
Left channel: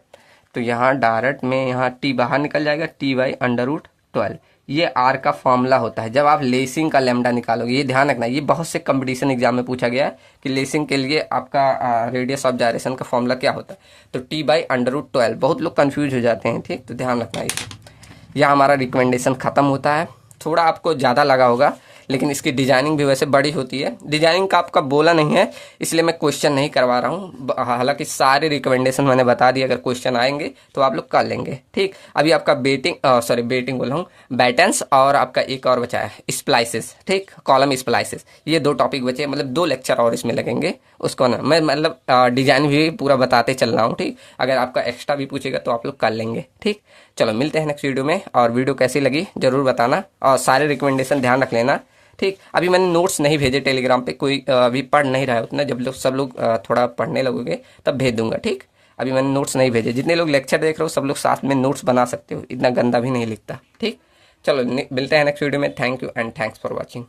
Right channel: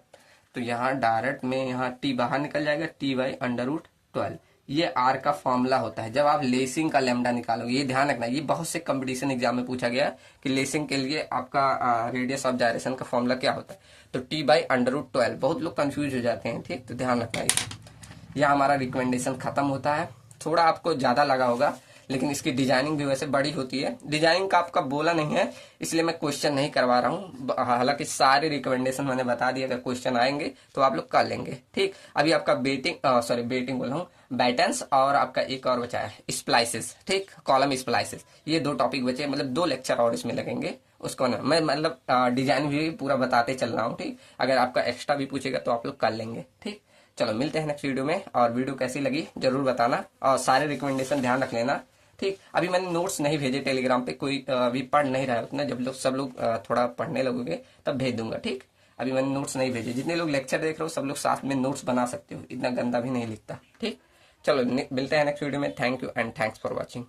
तो यहाँ डायरेक्ट में यहाँ टी बाहर निकल जाएगा, t/√12। ये आर का फॉर्मूला होता है जब आप लेसिंग का लेमडा निकालोगे। ये ध्यान रखना, ये बहुत से कंपटीशन एग्जाम में पूछा गया है कि लेसिंग के लिए आपका रेडियस ऑफ जायरेशन का फॉर्मूला क्या होता है। तो t/√12, बहुत लोग कंफ्यूज हो जाते हैं, ठीक। तो ध्यान रखना इसे। यह हमारा रिकमेंडेशन खत्म होता है। थोड़ा आपको ज़्यादा लगा होगा, लेकिन इसकी डिजाइनिंग भी वैसे बड़ी होती है। डिजाइनिंग का आपका बोला नहीं है, इसलिए मैं क्वेश्चन नहीं करवा रहा हूँ। हालांकि सारे रिकमेंडेशन मैंने बता दिए, अगर क्वेश्चन आएंगे तो आप लोग कर लेंगे, ठीक। अभी आपका बेटिंग बोल रहा हूँ, बैटेंस और आपका एक और बचा है स्प्लाइसेस, ठीक, कॉलम स्प्लाइसेस। ये 2 टॉपिक बचे, मतलब 2 लेक्चर और इसमें लगेंगे। उसको ना मैं मतलब डिजाइन भी पूरा बताते चल रहा हूँ, ठीक। अगर आपका एक्स्ट्रा भी पूछेगा तो आप लोग कर लेंगे, ठीक। चलो मिलते हैं नेक्स्ट वीडियो में, और वीडियो कैसी लगी जरूर बताना, और सारे रिकमेंडेशन ध्यान रख लेना, ठीक। अभी मैंने नोट्स नहीं भेजे टेलीग्राम पे, कोई अभी पढ़ नहीं रहा है उतना। जब लोग सब लोग थोड़ा पढ़ने लगोगे तब भेज दूंगा, ठीक। अभी मैंने नोट्स नहीं भेजे। जितने लोग लेक्चर देख रहे हो सब लोग साथ में नोट्स बना सकते हो, इतना गंदा भी नहीं लिखता, ठीक। चलो मिलते हैं नेक्स्ट वीडियो में। Thank you and thanks for watching.